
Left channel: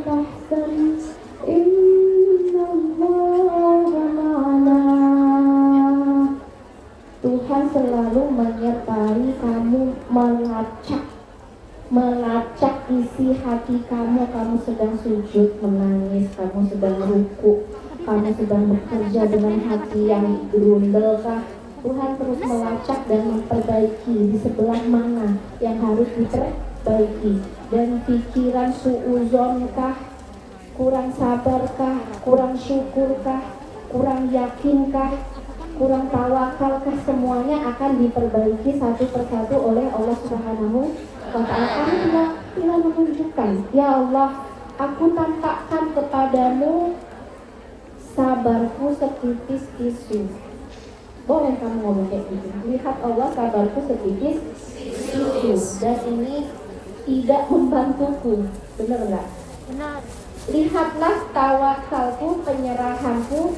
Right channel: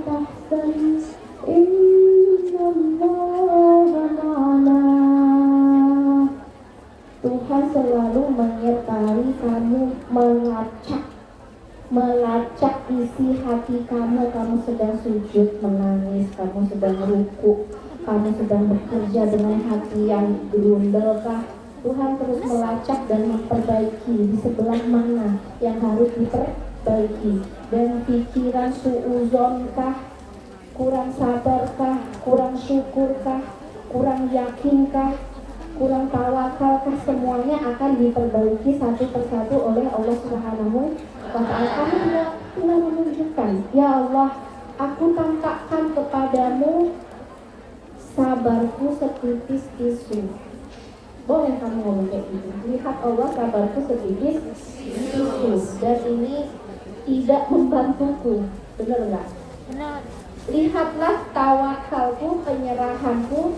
tahzan innallaha ma'ana. Tuhan selalu menyertai kamu, melacak isi hati kamu. Kamu sedang sujud menangis, kamu sedang ruku, kamu sedang bekerja dengan hati yang gerundel kah? Tuhan terus melacak dan memperbaiki di sebelah mana yang harus diperbaiki. Dan pikiran suuzon kah, kurang sabar kah, kurang syukur kah, kurang yakin kah, kurang tawakal kah, semuanya akan diperbaiki satu persatu oleh Allah Subhanahu wa Ta'ala. Kamu tinggal menunjukkan, ya Allah, aku tampakkan kepadamu sabarku setipis tisu. Boleh kamu ngomong kayak gitu. Lihat Allah, sabarku setipis tisu, dan ini tidak membantuku. Benar nggak? Benar. Lihatlah tawakalku, penyerahanku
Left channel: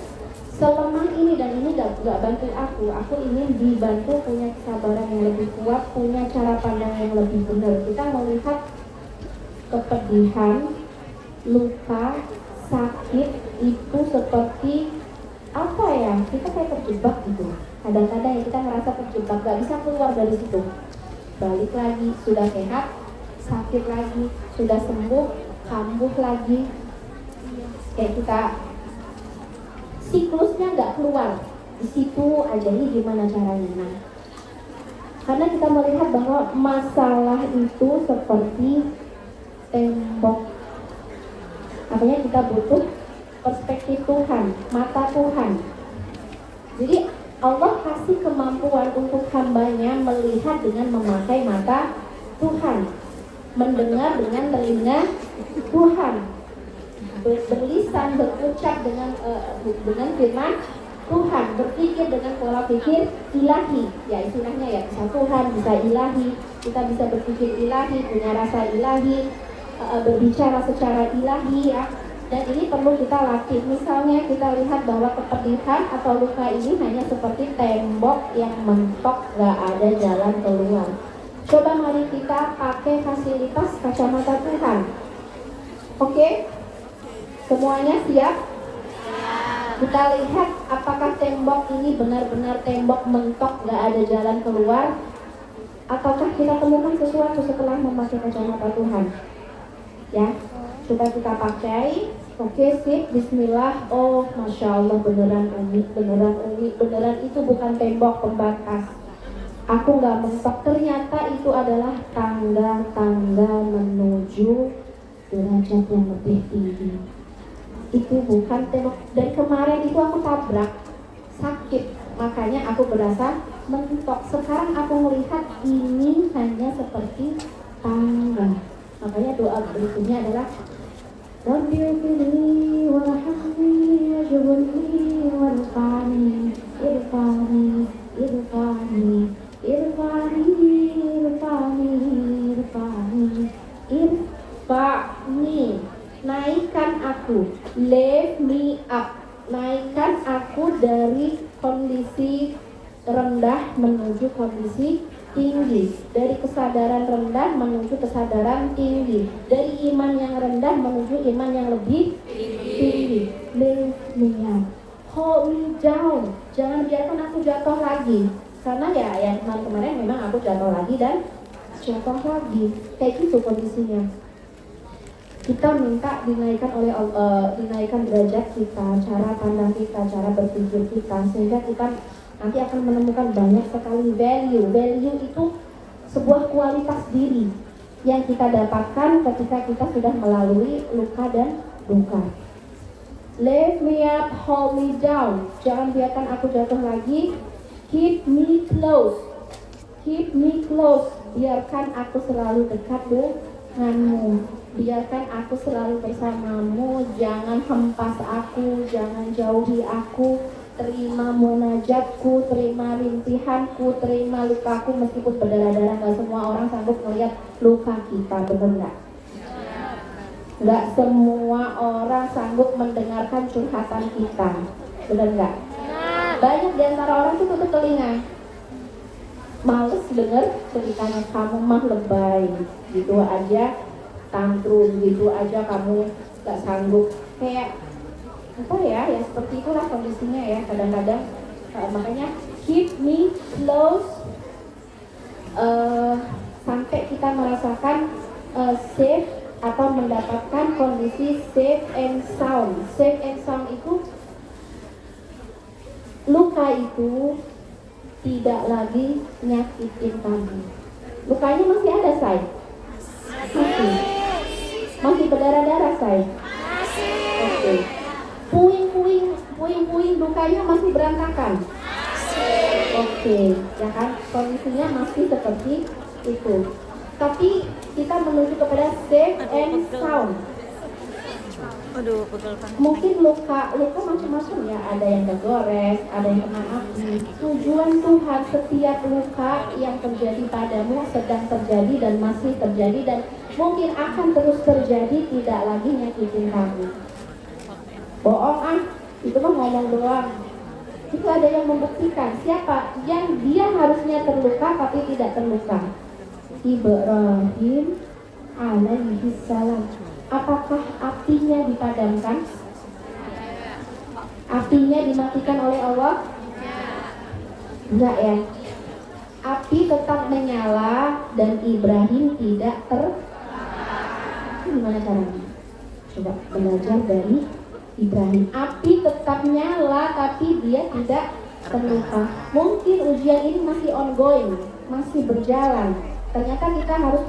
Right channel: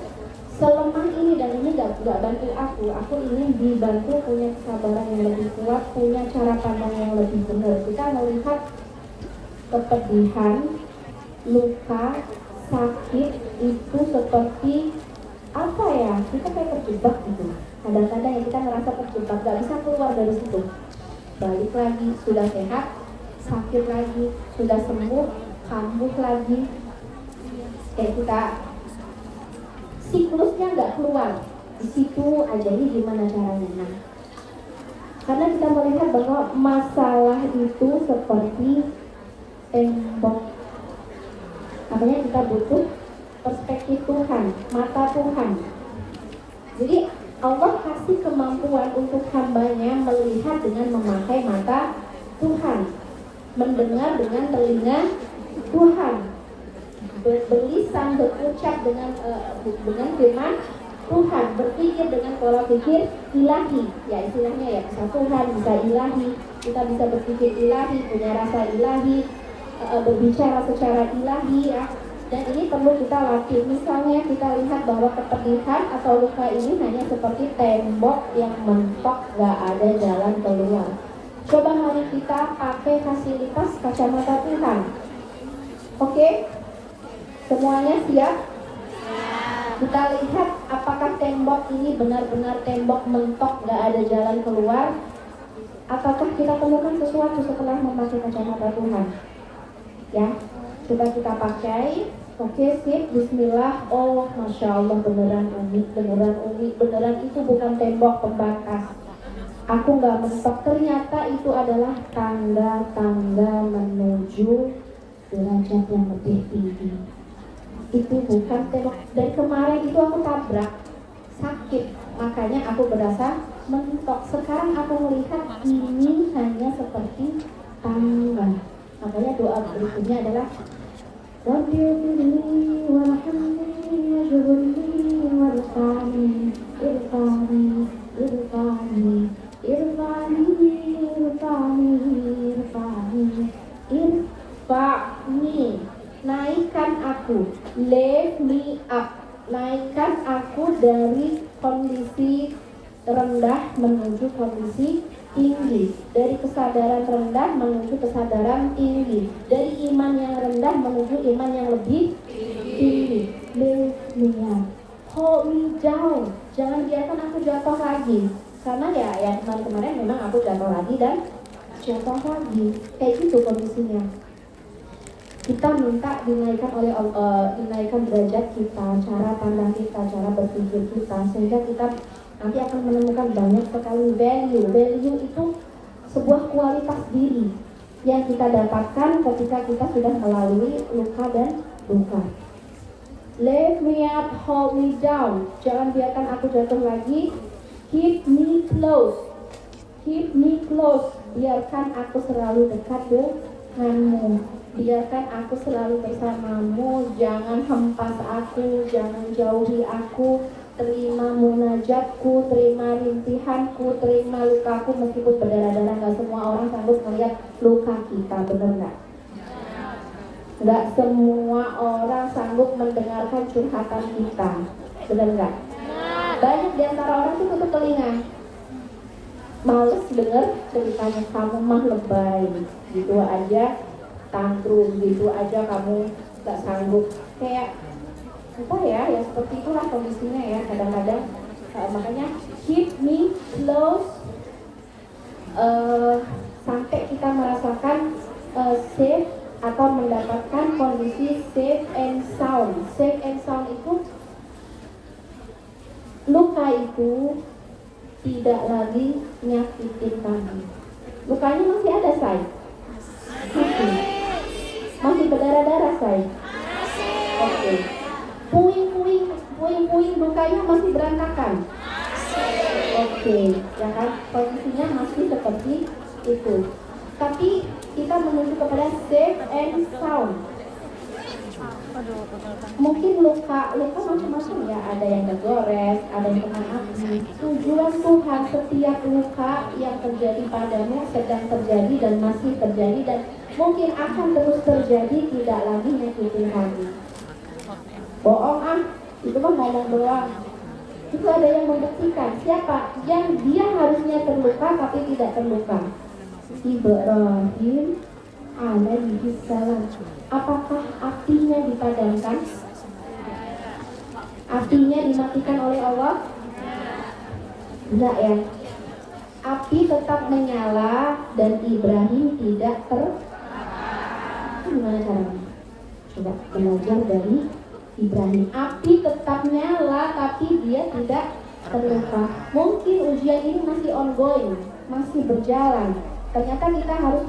selemah ini, dan ini gak bantu aku. Aku ingin dibantu, punya kesabaran yang lebih kuat, punya cara pandang yang lebih benar. Kita melihat kepedihan, luka, sakit itu seperti apa ya? Kita kayak terjebak gitu. Kadang-kadang ya kita ngerasa terjebak, gak bisa keluar dari situ. Balik lagi, sudah sehat, sakit lagi, sudah sembuh, kambuh lagi. Kayak kita siklusnya nggak keluar, di situ aja. Ini gimana caranya? Nah, karena kita melihat bahwa masalah itu seperti tembok. Makanya kita butuh perspektif Tuhan, mata Tuhan. Jadi Allah kasih kemampuan untuk hambanya melihat dengan memakai mata Tuhan, mendengar dengan telinga Tuhan, berlisan, berucap dengan firman Tuhan, berpikir dengan pola pikir ilahi. Ya istilahnya ya, bisa Tuhan, bisa ilahi. Kita bisa berpikir ilahi, punya rasa ilahi, berbicara secara ilahi ya. Dan ini perlu kita latih. Misalnya kita lihat bahwa kepedihan atau luka ini hanya seperti tembok yang mentok, gak ada jalan keluar. Coba mari kita pakai fasilitas kacamata Tuhan. Oke? Semuanya siap? Kita lihat apakah tembok ini benar-benar tembok mentok, gak ada jalan keluar, ataukah kita temukan sesuatu setelah memakai kacamata Tuhan. Ya, coba kita pakai. Oke, sip, bismillah. Oh, Masya Allah, beneran umi, beneran itu bukan tembok pembatas. Aku gak mentok, ternyata itu adalah tangga-tangga menuju derajat yang lebih tinggi. itu bukan tembok. Dan kemarin itu aku tabrak, sakit, makanya aku berasa mentok. Sekarang aku melihat ini hanya seperti tangga. Makanya doa berikutnya adalah Rabbi firli warhamni waj'alni warfa'ni irfa'ni irfa'ni irfa'ni irfa'ni irfa'ni irfa'ni, naikkan aku, lift me up, naikkan aku dari kondisi rendah menuju kondisi tinggi, dari kesadaran rendah menuju kesadaran tinggi, dari iman yang rendah menuju iman yang lebih tinggi. Lift me up, hold me down, jangan biarkan aku jatuh lagi. Karena ya kemarin memang aku jatuh lagi dan jatuh lagi, kayak gitu kondisinya. Kita minta dinaikkan oleh dinaikkan derajat kita, cara pandang kita, cara berpikir kita, sehingga kita nanti akan menemukan banyak sekali value. Value itu sebuah kualitas diri yang kita dapatkan ketika kita sudah melalui luka dan duka. Lift me up, hold me down, jangan biarkan aku jatuh lagi. Keep me close, keep me close, biarkan aku selalu dekat denganmu, biarkan aku selalu bersamamu, jangan hempas aku, jangan jauhi aku. Terima munajatku, terima rintihanku, terima lukaku meskipun berdarah-darah. Gak semua orang sanggup melihat luka kita, benar nggak? Gak semua orang sanggup mendengarkan curhatan kita, benar nggak? Banyak di antara orang itu tutup telinga, males denger ceritanya. Kamu mah lebay, gitu aja tantrum, gitu aja kamu gak sanggup. Kayak apa ya seperti itulah kondisinya ya kadang-kadang. Makanya keep me close, sampai kita merasakan safe atau mendapatkan kondisi safe and sound. Safe and sound itu luka itu tidak lagi nyakitin kamu. Lukanya masih ada, say? Masih berdarah-darah, say? Oke. Puing-puing lukanya masih berantakan. Oke, ya kan? Kondisinya masih seperti itu. Tapi kita menuju kepada safe and sound. Mungkin luka macam-macam ya, ada yang tergores, ada yang kena api. Tujuan Tuhan, setiap luka yang terjadi padamu sedang terjadi dan masih terjadi dan mungkin akan terus terjadi, tidak lagi nyakitin kamu. Bohong itu mah ngomong doang. Itu ada yang membuktikan. Siapa yang dia harusnya terluka tapi tidak terluka? Ibrahim alaihi salam. Apakah apinya dipadamkan? Apinya dimatikan oleh Allah? Enggak ya. Api tetap menyala dan Ibrahim tidak Gimana caranya? Coba belajar dari Ibrahim. Api tetap nyala tapi dia tidak terluka. Mungkin ujian ini masih ongoing, masih berjalan. Ternyata kita harus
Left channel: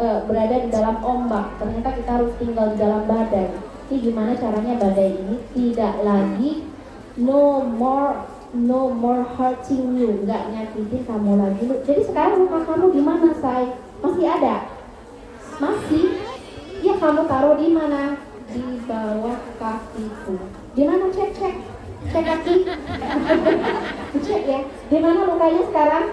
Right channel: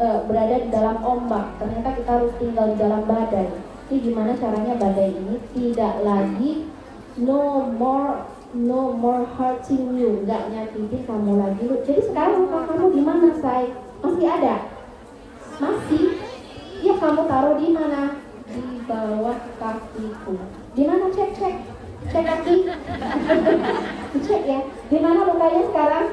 berada di dalam ombak. Ternyata kita harus tinggal di dalam badai. Ini gimana caranya badai ini tidak lagi no more hurting you, nggak nyakitin kamu lagi. Jadi sekarang luka kamu di mana, say? Masih ada? Masih? Ya kamu taruh di mana? Di bawah kakiku. Di mana? Cek kaki. Cek ya. Di mana lukanya sekarang?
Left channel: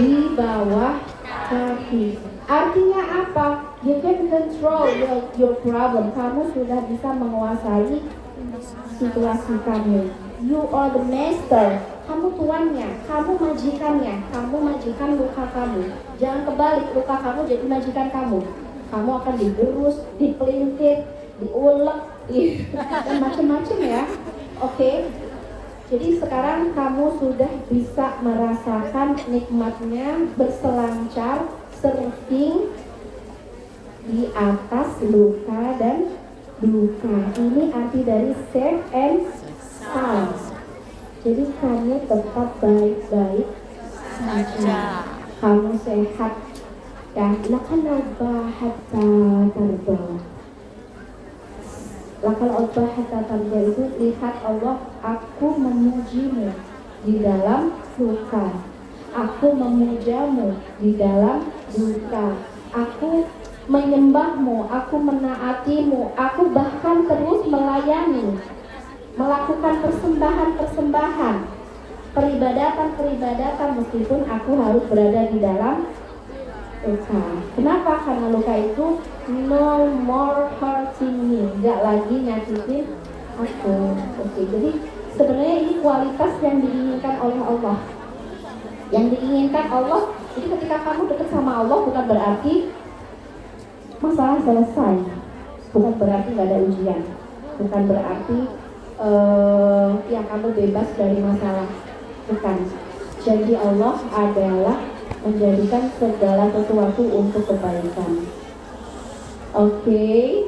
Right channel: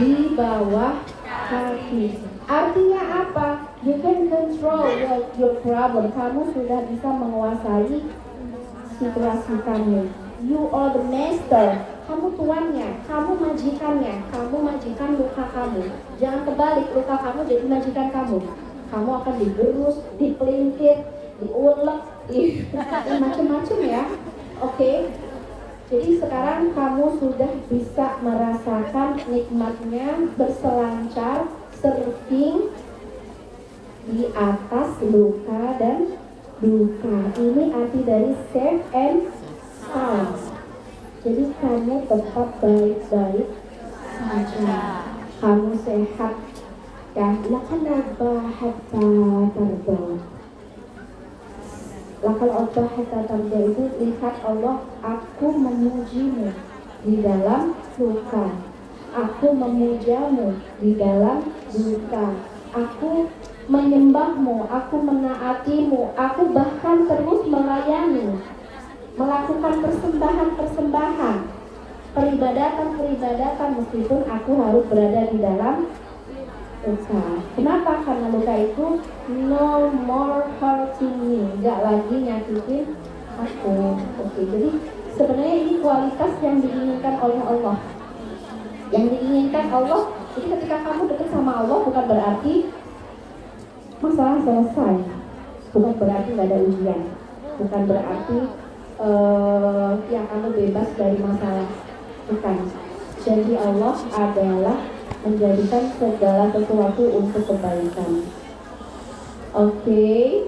Di bawah kaki. Artinya apa? You can control your problem. Kamu sudah bisa menguasai situasi kamu. You are the master. Kamu tuannya, kamu majikannya. Kamu majikan luka kamu. Jangan kebalik, luka kamu jadi majikan kamu. Kamu akan digerus, dipelintir, diulek, dan macam-macam ya. Oke. Jadi sekarang kamu sudah bisa merasakan nikmatnya berselancar, surfing di atas luka dan duka. Ini arti dari safe and sound. Jadi kamu tetap baik-baik saja. Kamu sehat. Ya, lakan hatta terbawa. Lakal kata tarja itu lihat Allah, aku memujimu di dalam suka, aku memujamu di dalam duka, aku menyembahmu, aku menaatimu, aku bahkan terus melayani, melakukan persembahan-persembahan, peribadatan meskipun aku harus berada di dalam luka. Kenapa? Karena luka itu no more hurting me, nggak lagi nyakitin aku. Oke, jadi sebenarnya ini kualitas yang diinginkan oleh Allah. Yang diinginkan Allah, jadi ketika kamu dekat sama Allah bukan berarti masalah selesai, bukan berarti nggak ada ujian, bukan berarti yang kamu bebas dari masalah, bukan. Janji Allah adalah menjadikan segala sesuatu untuk kebaikan. Oke.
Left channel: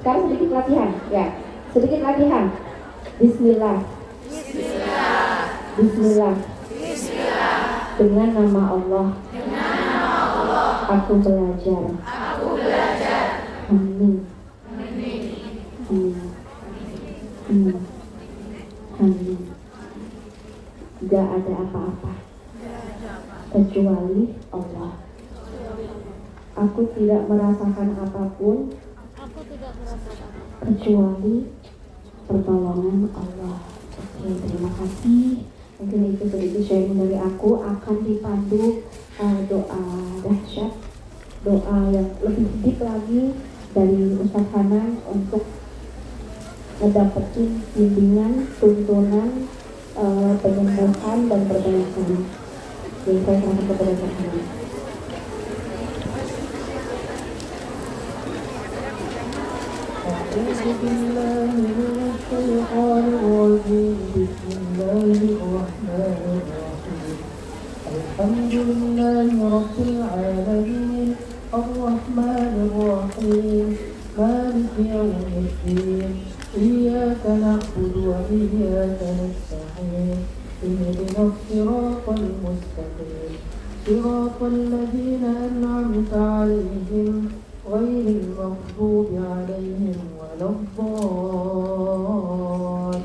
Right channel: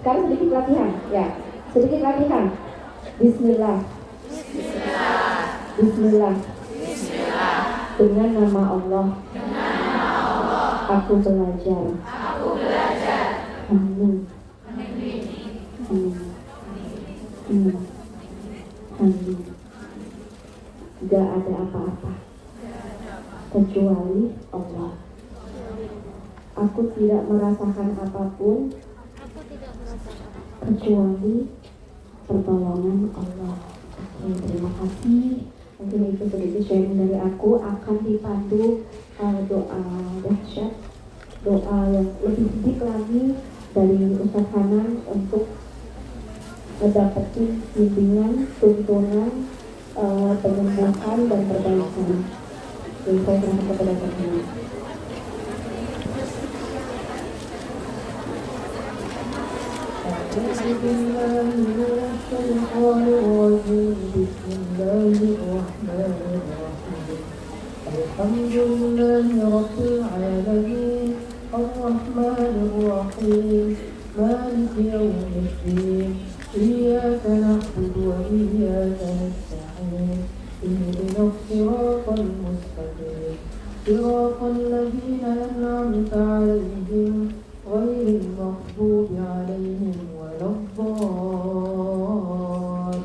Sekarang sedikit latihan, ya. Sedikit latihan. Bismillah. Dengan nama Allah. Aku belajar. Amin. Amin. Tidak ada apa-apa kecuali Allah. Aku tidak merasakan apapun kecuali pertolongan Allah. Oke, terima kasih. Mungkin itu sedikit sharing dari aku. Akan dipandu doa dahsyat, doa yang lebih deep lagi dari Ustaz Hanan untuk mendapatkan bimbingan, tuntunan, penyembuhan dan perbaikan. Jadi saya serahkan kepada Ustaz Hanan. Alhamdulillahi Rabbil Alamin, Ar-Rahmanir Rahim, Maliki Yawmiddin, Iyyaka na'budu wa iyyaka nasta'in, Ihdinas siratal mustaqim, siratal ladzina an'amta 'alaihim ghairil maghdubi 'alaihim waladdallin.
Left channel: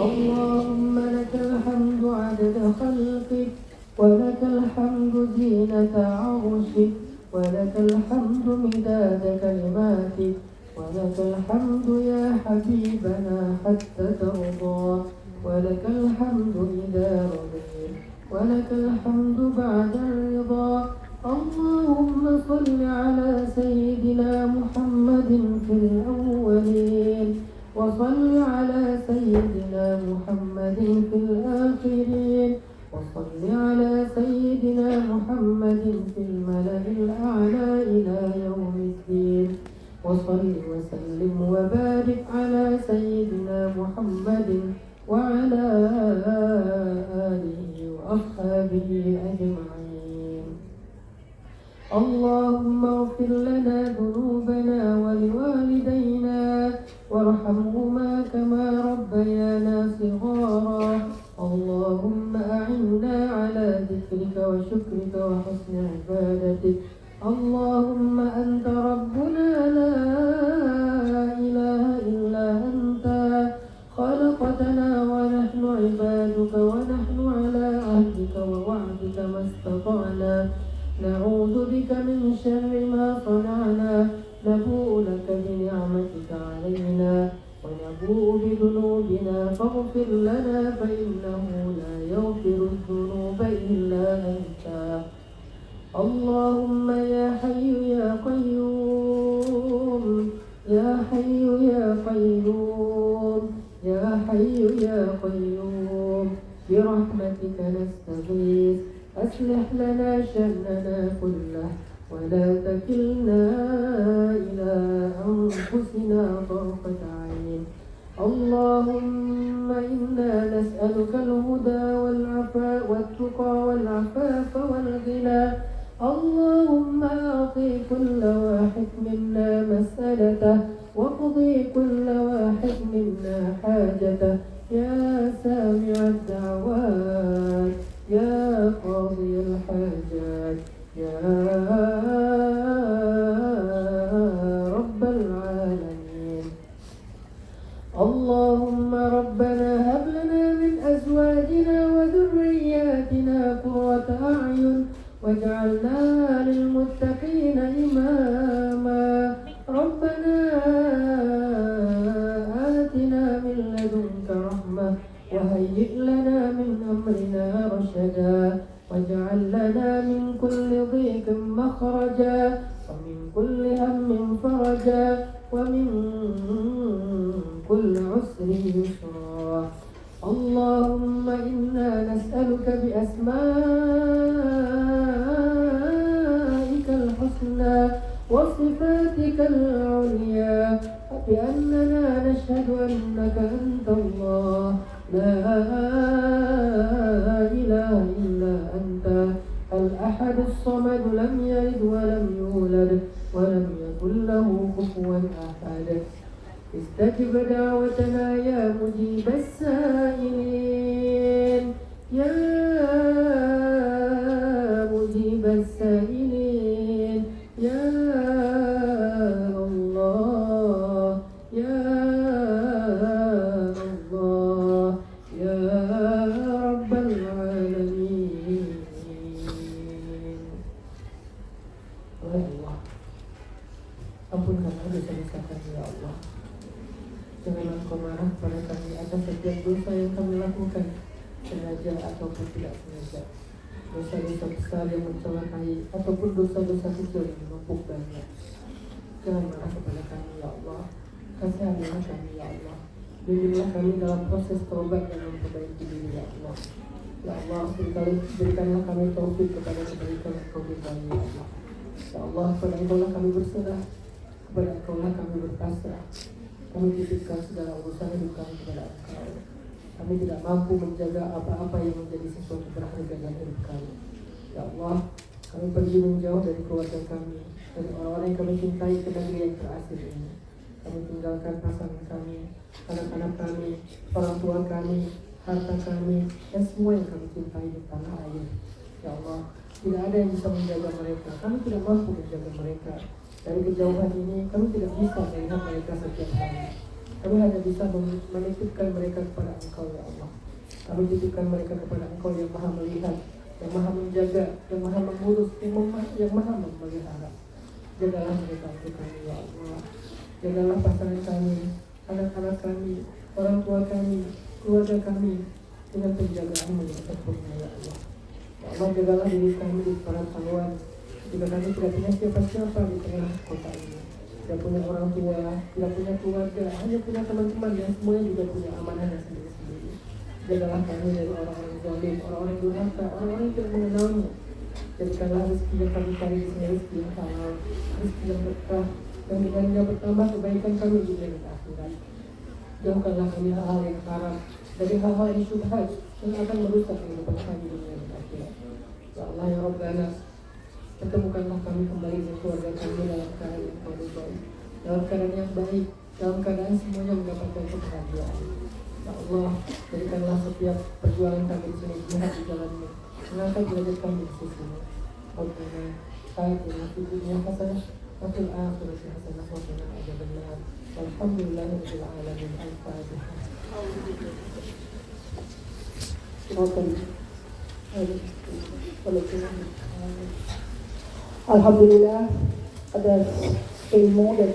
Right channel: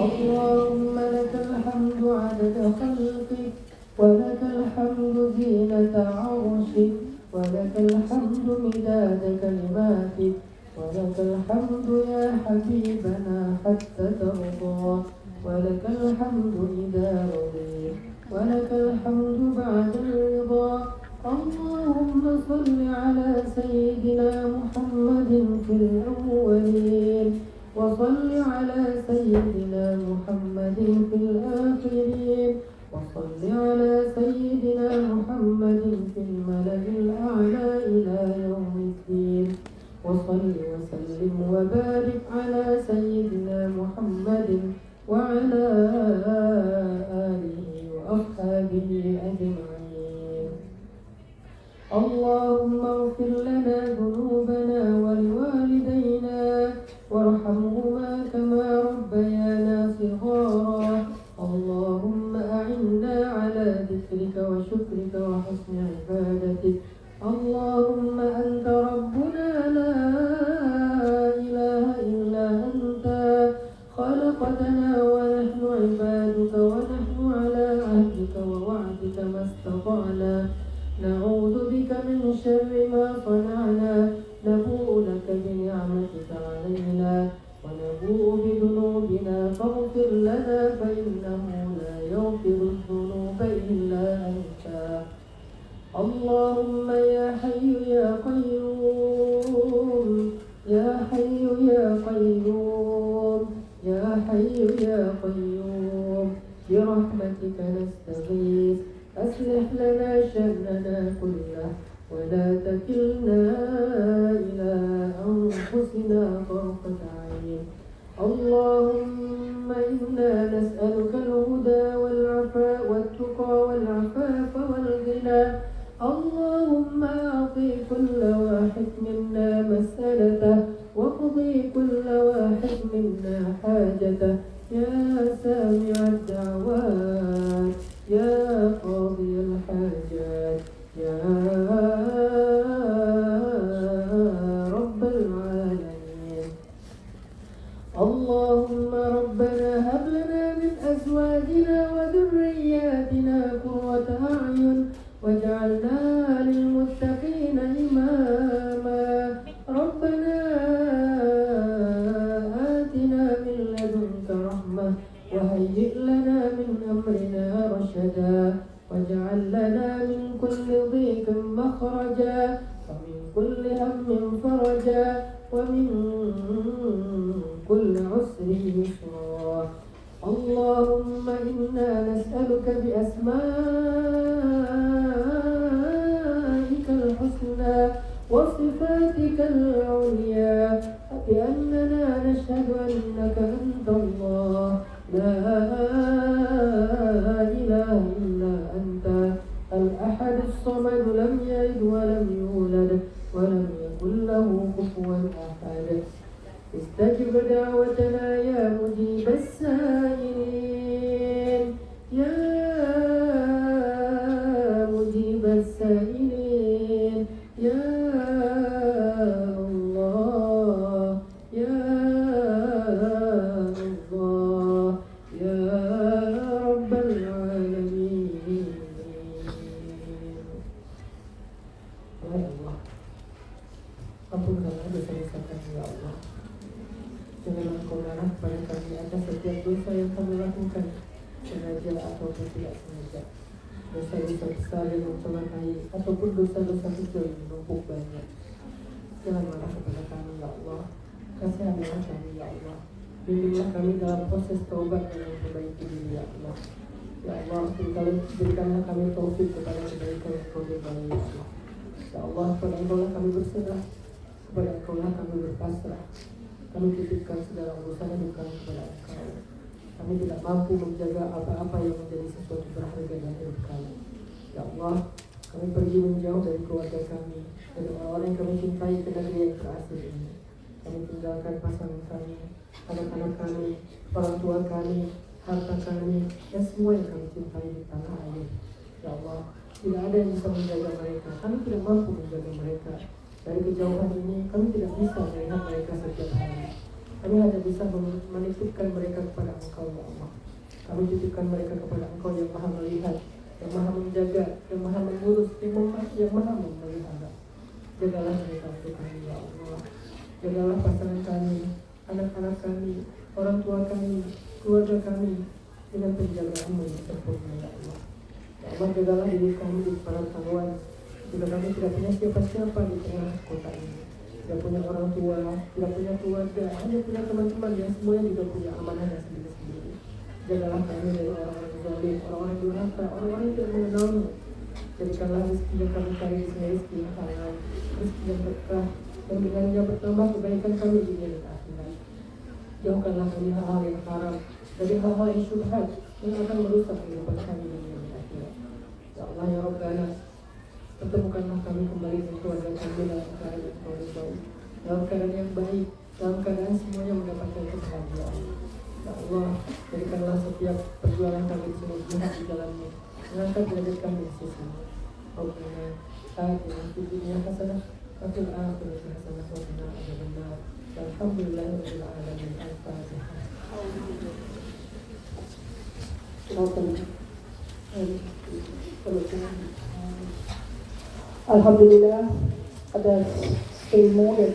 Allahumma lakal hamdu 'adada khalqik wa lakal hamdu zinata 'arshik wa lakal hamdu midada kalimatik wa lakal hamdu ya habibana hatta tarda wa lakal hamdu idza radit wa lakal hamdu ba'da ridha. Allahumma salli ala sayyidina Muhammadin fil awwalin wa salli ala sayyidina Muhammadin fil akhirin wa salli ala sayyidina Muhammadin fil mala'il a'la ila yaumiddin wa salli wa sallim wa barik ala sayyidina Muhammadin wa ala alihi wa ashabihi ajma'in. Allahumma ighfir lana dhunubana wa liwalidayna warhamhuma kama rabbayana shighara. Allahumma a'inna ala dhikrika wa syukrika wa husni ibadatik. Allahumma anta rabbuna la ilaha illa anta khalaqtana wa nahnu ibaduka wa nahnu ala ahdika wa wa'dika mastata'na. Na'udzu bika min syarri ma sana'na. Nabu'u laka bi ni'matika 'alaina wa nabu'u bi dhunubina faghfir lana fa innahu la yaghfiru dhunuba illa anta. Allahumma ya hayyu ya qayyum, ya hayyu ya qayyum, ya hayyu ya qayyum, bi rahmatika nastaghith, aslih lana sha'nana kullahu wa la takilna ila anfusina tarfata 'ain. Allahumma inna nas'aluka al-huda wal-'afafa wat-tuqa wal-'afafa wal-ghina. Allahumma a'ti kulla wahid minna mas'alatahu wa qdi kulla wahid minna hajatahu ya sami'ad da'wat ya qadiyal hajat ya ومن كل عسر يسرا اللهم إنا نسألك بأسمائك الحسنى وصفاتك العليا بأننا نشهد أنك أنت الله لا إله إلا أنت الأحد الصمد لم يلد ولم يولد ولم يكن له كفوا أحد استجب دعوتنا يا مجيب السائلين يا مجيب السائلين يا الله يا الله يا رب العالمين. Ya Allah, ampunkanlah dosa-dosa kami ya Allah. Janganlah Engkau marah pada kami atas setiap dosa yang kami lakukan, sengaja ataupun tidak sengaja. Dosa-dosa besar yang mencelakai ataupun dosa-dosa kecil yang menumpuk banyak. Jangan marah kepada kami ya Allah. Kasihanilah kami ya Allah. Bimbinglah kami dalam proses taubat dan memperbaiki diri ya Allah. Ya Allah, berikanlah kami taufik kepada kebaikan yang Kau ridhai ya Allah. Ya Allah, kepada Engkau-lah kami berserah, kepada Engkau-lah kami berpasrah. Kami titipkan segala urusan hidup kami kepada Engkau. Kami tidak mampu menjaga apa-apa yang menjadi sesuatu berharga dalam hidup kami. Ya Allah, kami pergi menjauh dari keluarga kami, dari orang-orang yang kami cintai ke negeri yang terasing ini. Kami tinggalkan pasangan kami, anak-anak kami, orang tua kami, harta kami, dan semua yang kami cintai di tanah air. Ya Allah, tidak ada yang bisa menjaga mereka. Kami tidak mampu menjaga mereka. Dari kejauhan ini, kami tidak bisa melihat mereka setiap hari. Kami hanya bisa menitipkan mereka kepada Engkau, ya Allah. Kami titipkan mereka kepada Engkau yang maha melihat, yang maha menjaga, yang maha mengurus, yang maha memelihara. Jagalah mereka untuk kami, ya Allah. Jagalah pasangan kami, anak-anak kami, orang tua kami, keluarga kami, dengan penjagaan-Mu yang sempurna, ya Allah. Ya Allah, jagalah diri kami di perantauan. Jika kami tidak punya siapa-siapa di tengah kota ini, tidak punya orang tua, tidak punya keluarga, hanya punya teman-teman yang semuanya juga punya amanahnya sendiri-sendiri. Jagalah kami dari orang-orang zalim, orang-orang yang durhaka, orang-orang yang tidak mengenal-Mu. Jadikanlah rezeki yang kami cari di sini rezeki yang halal, rezeki yang berkah, dan dengannya bertambah kebaikan kami di dunia dan akhirat. Jauhkanlah kami hal-hal yang haram, dari hal-hal yang syubhat yang akan merusak kehidupan kami di dunia dan akhirat. Ya Allah ya Rabbana, pertemukanlah kami kembali dengan keluarga kami dalam keadaan yang Kau ridhai, dalam keadaan yang baik, dalam keadaan semuanya mendapatkan kebahagiaan. Ya Allah, jadikanlah setiap perjuangan kami di sini jihad di jalan-Mu, mengangkat derajat kami di sisi-Mu. Rabbana atina fid dunya hasanah wa fil akhirati hasanah wa qina adzabannar. Walhamdulillahirabbil alamin. Al-Fatihah. Alhamdulillah atas ilmu dan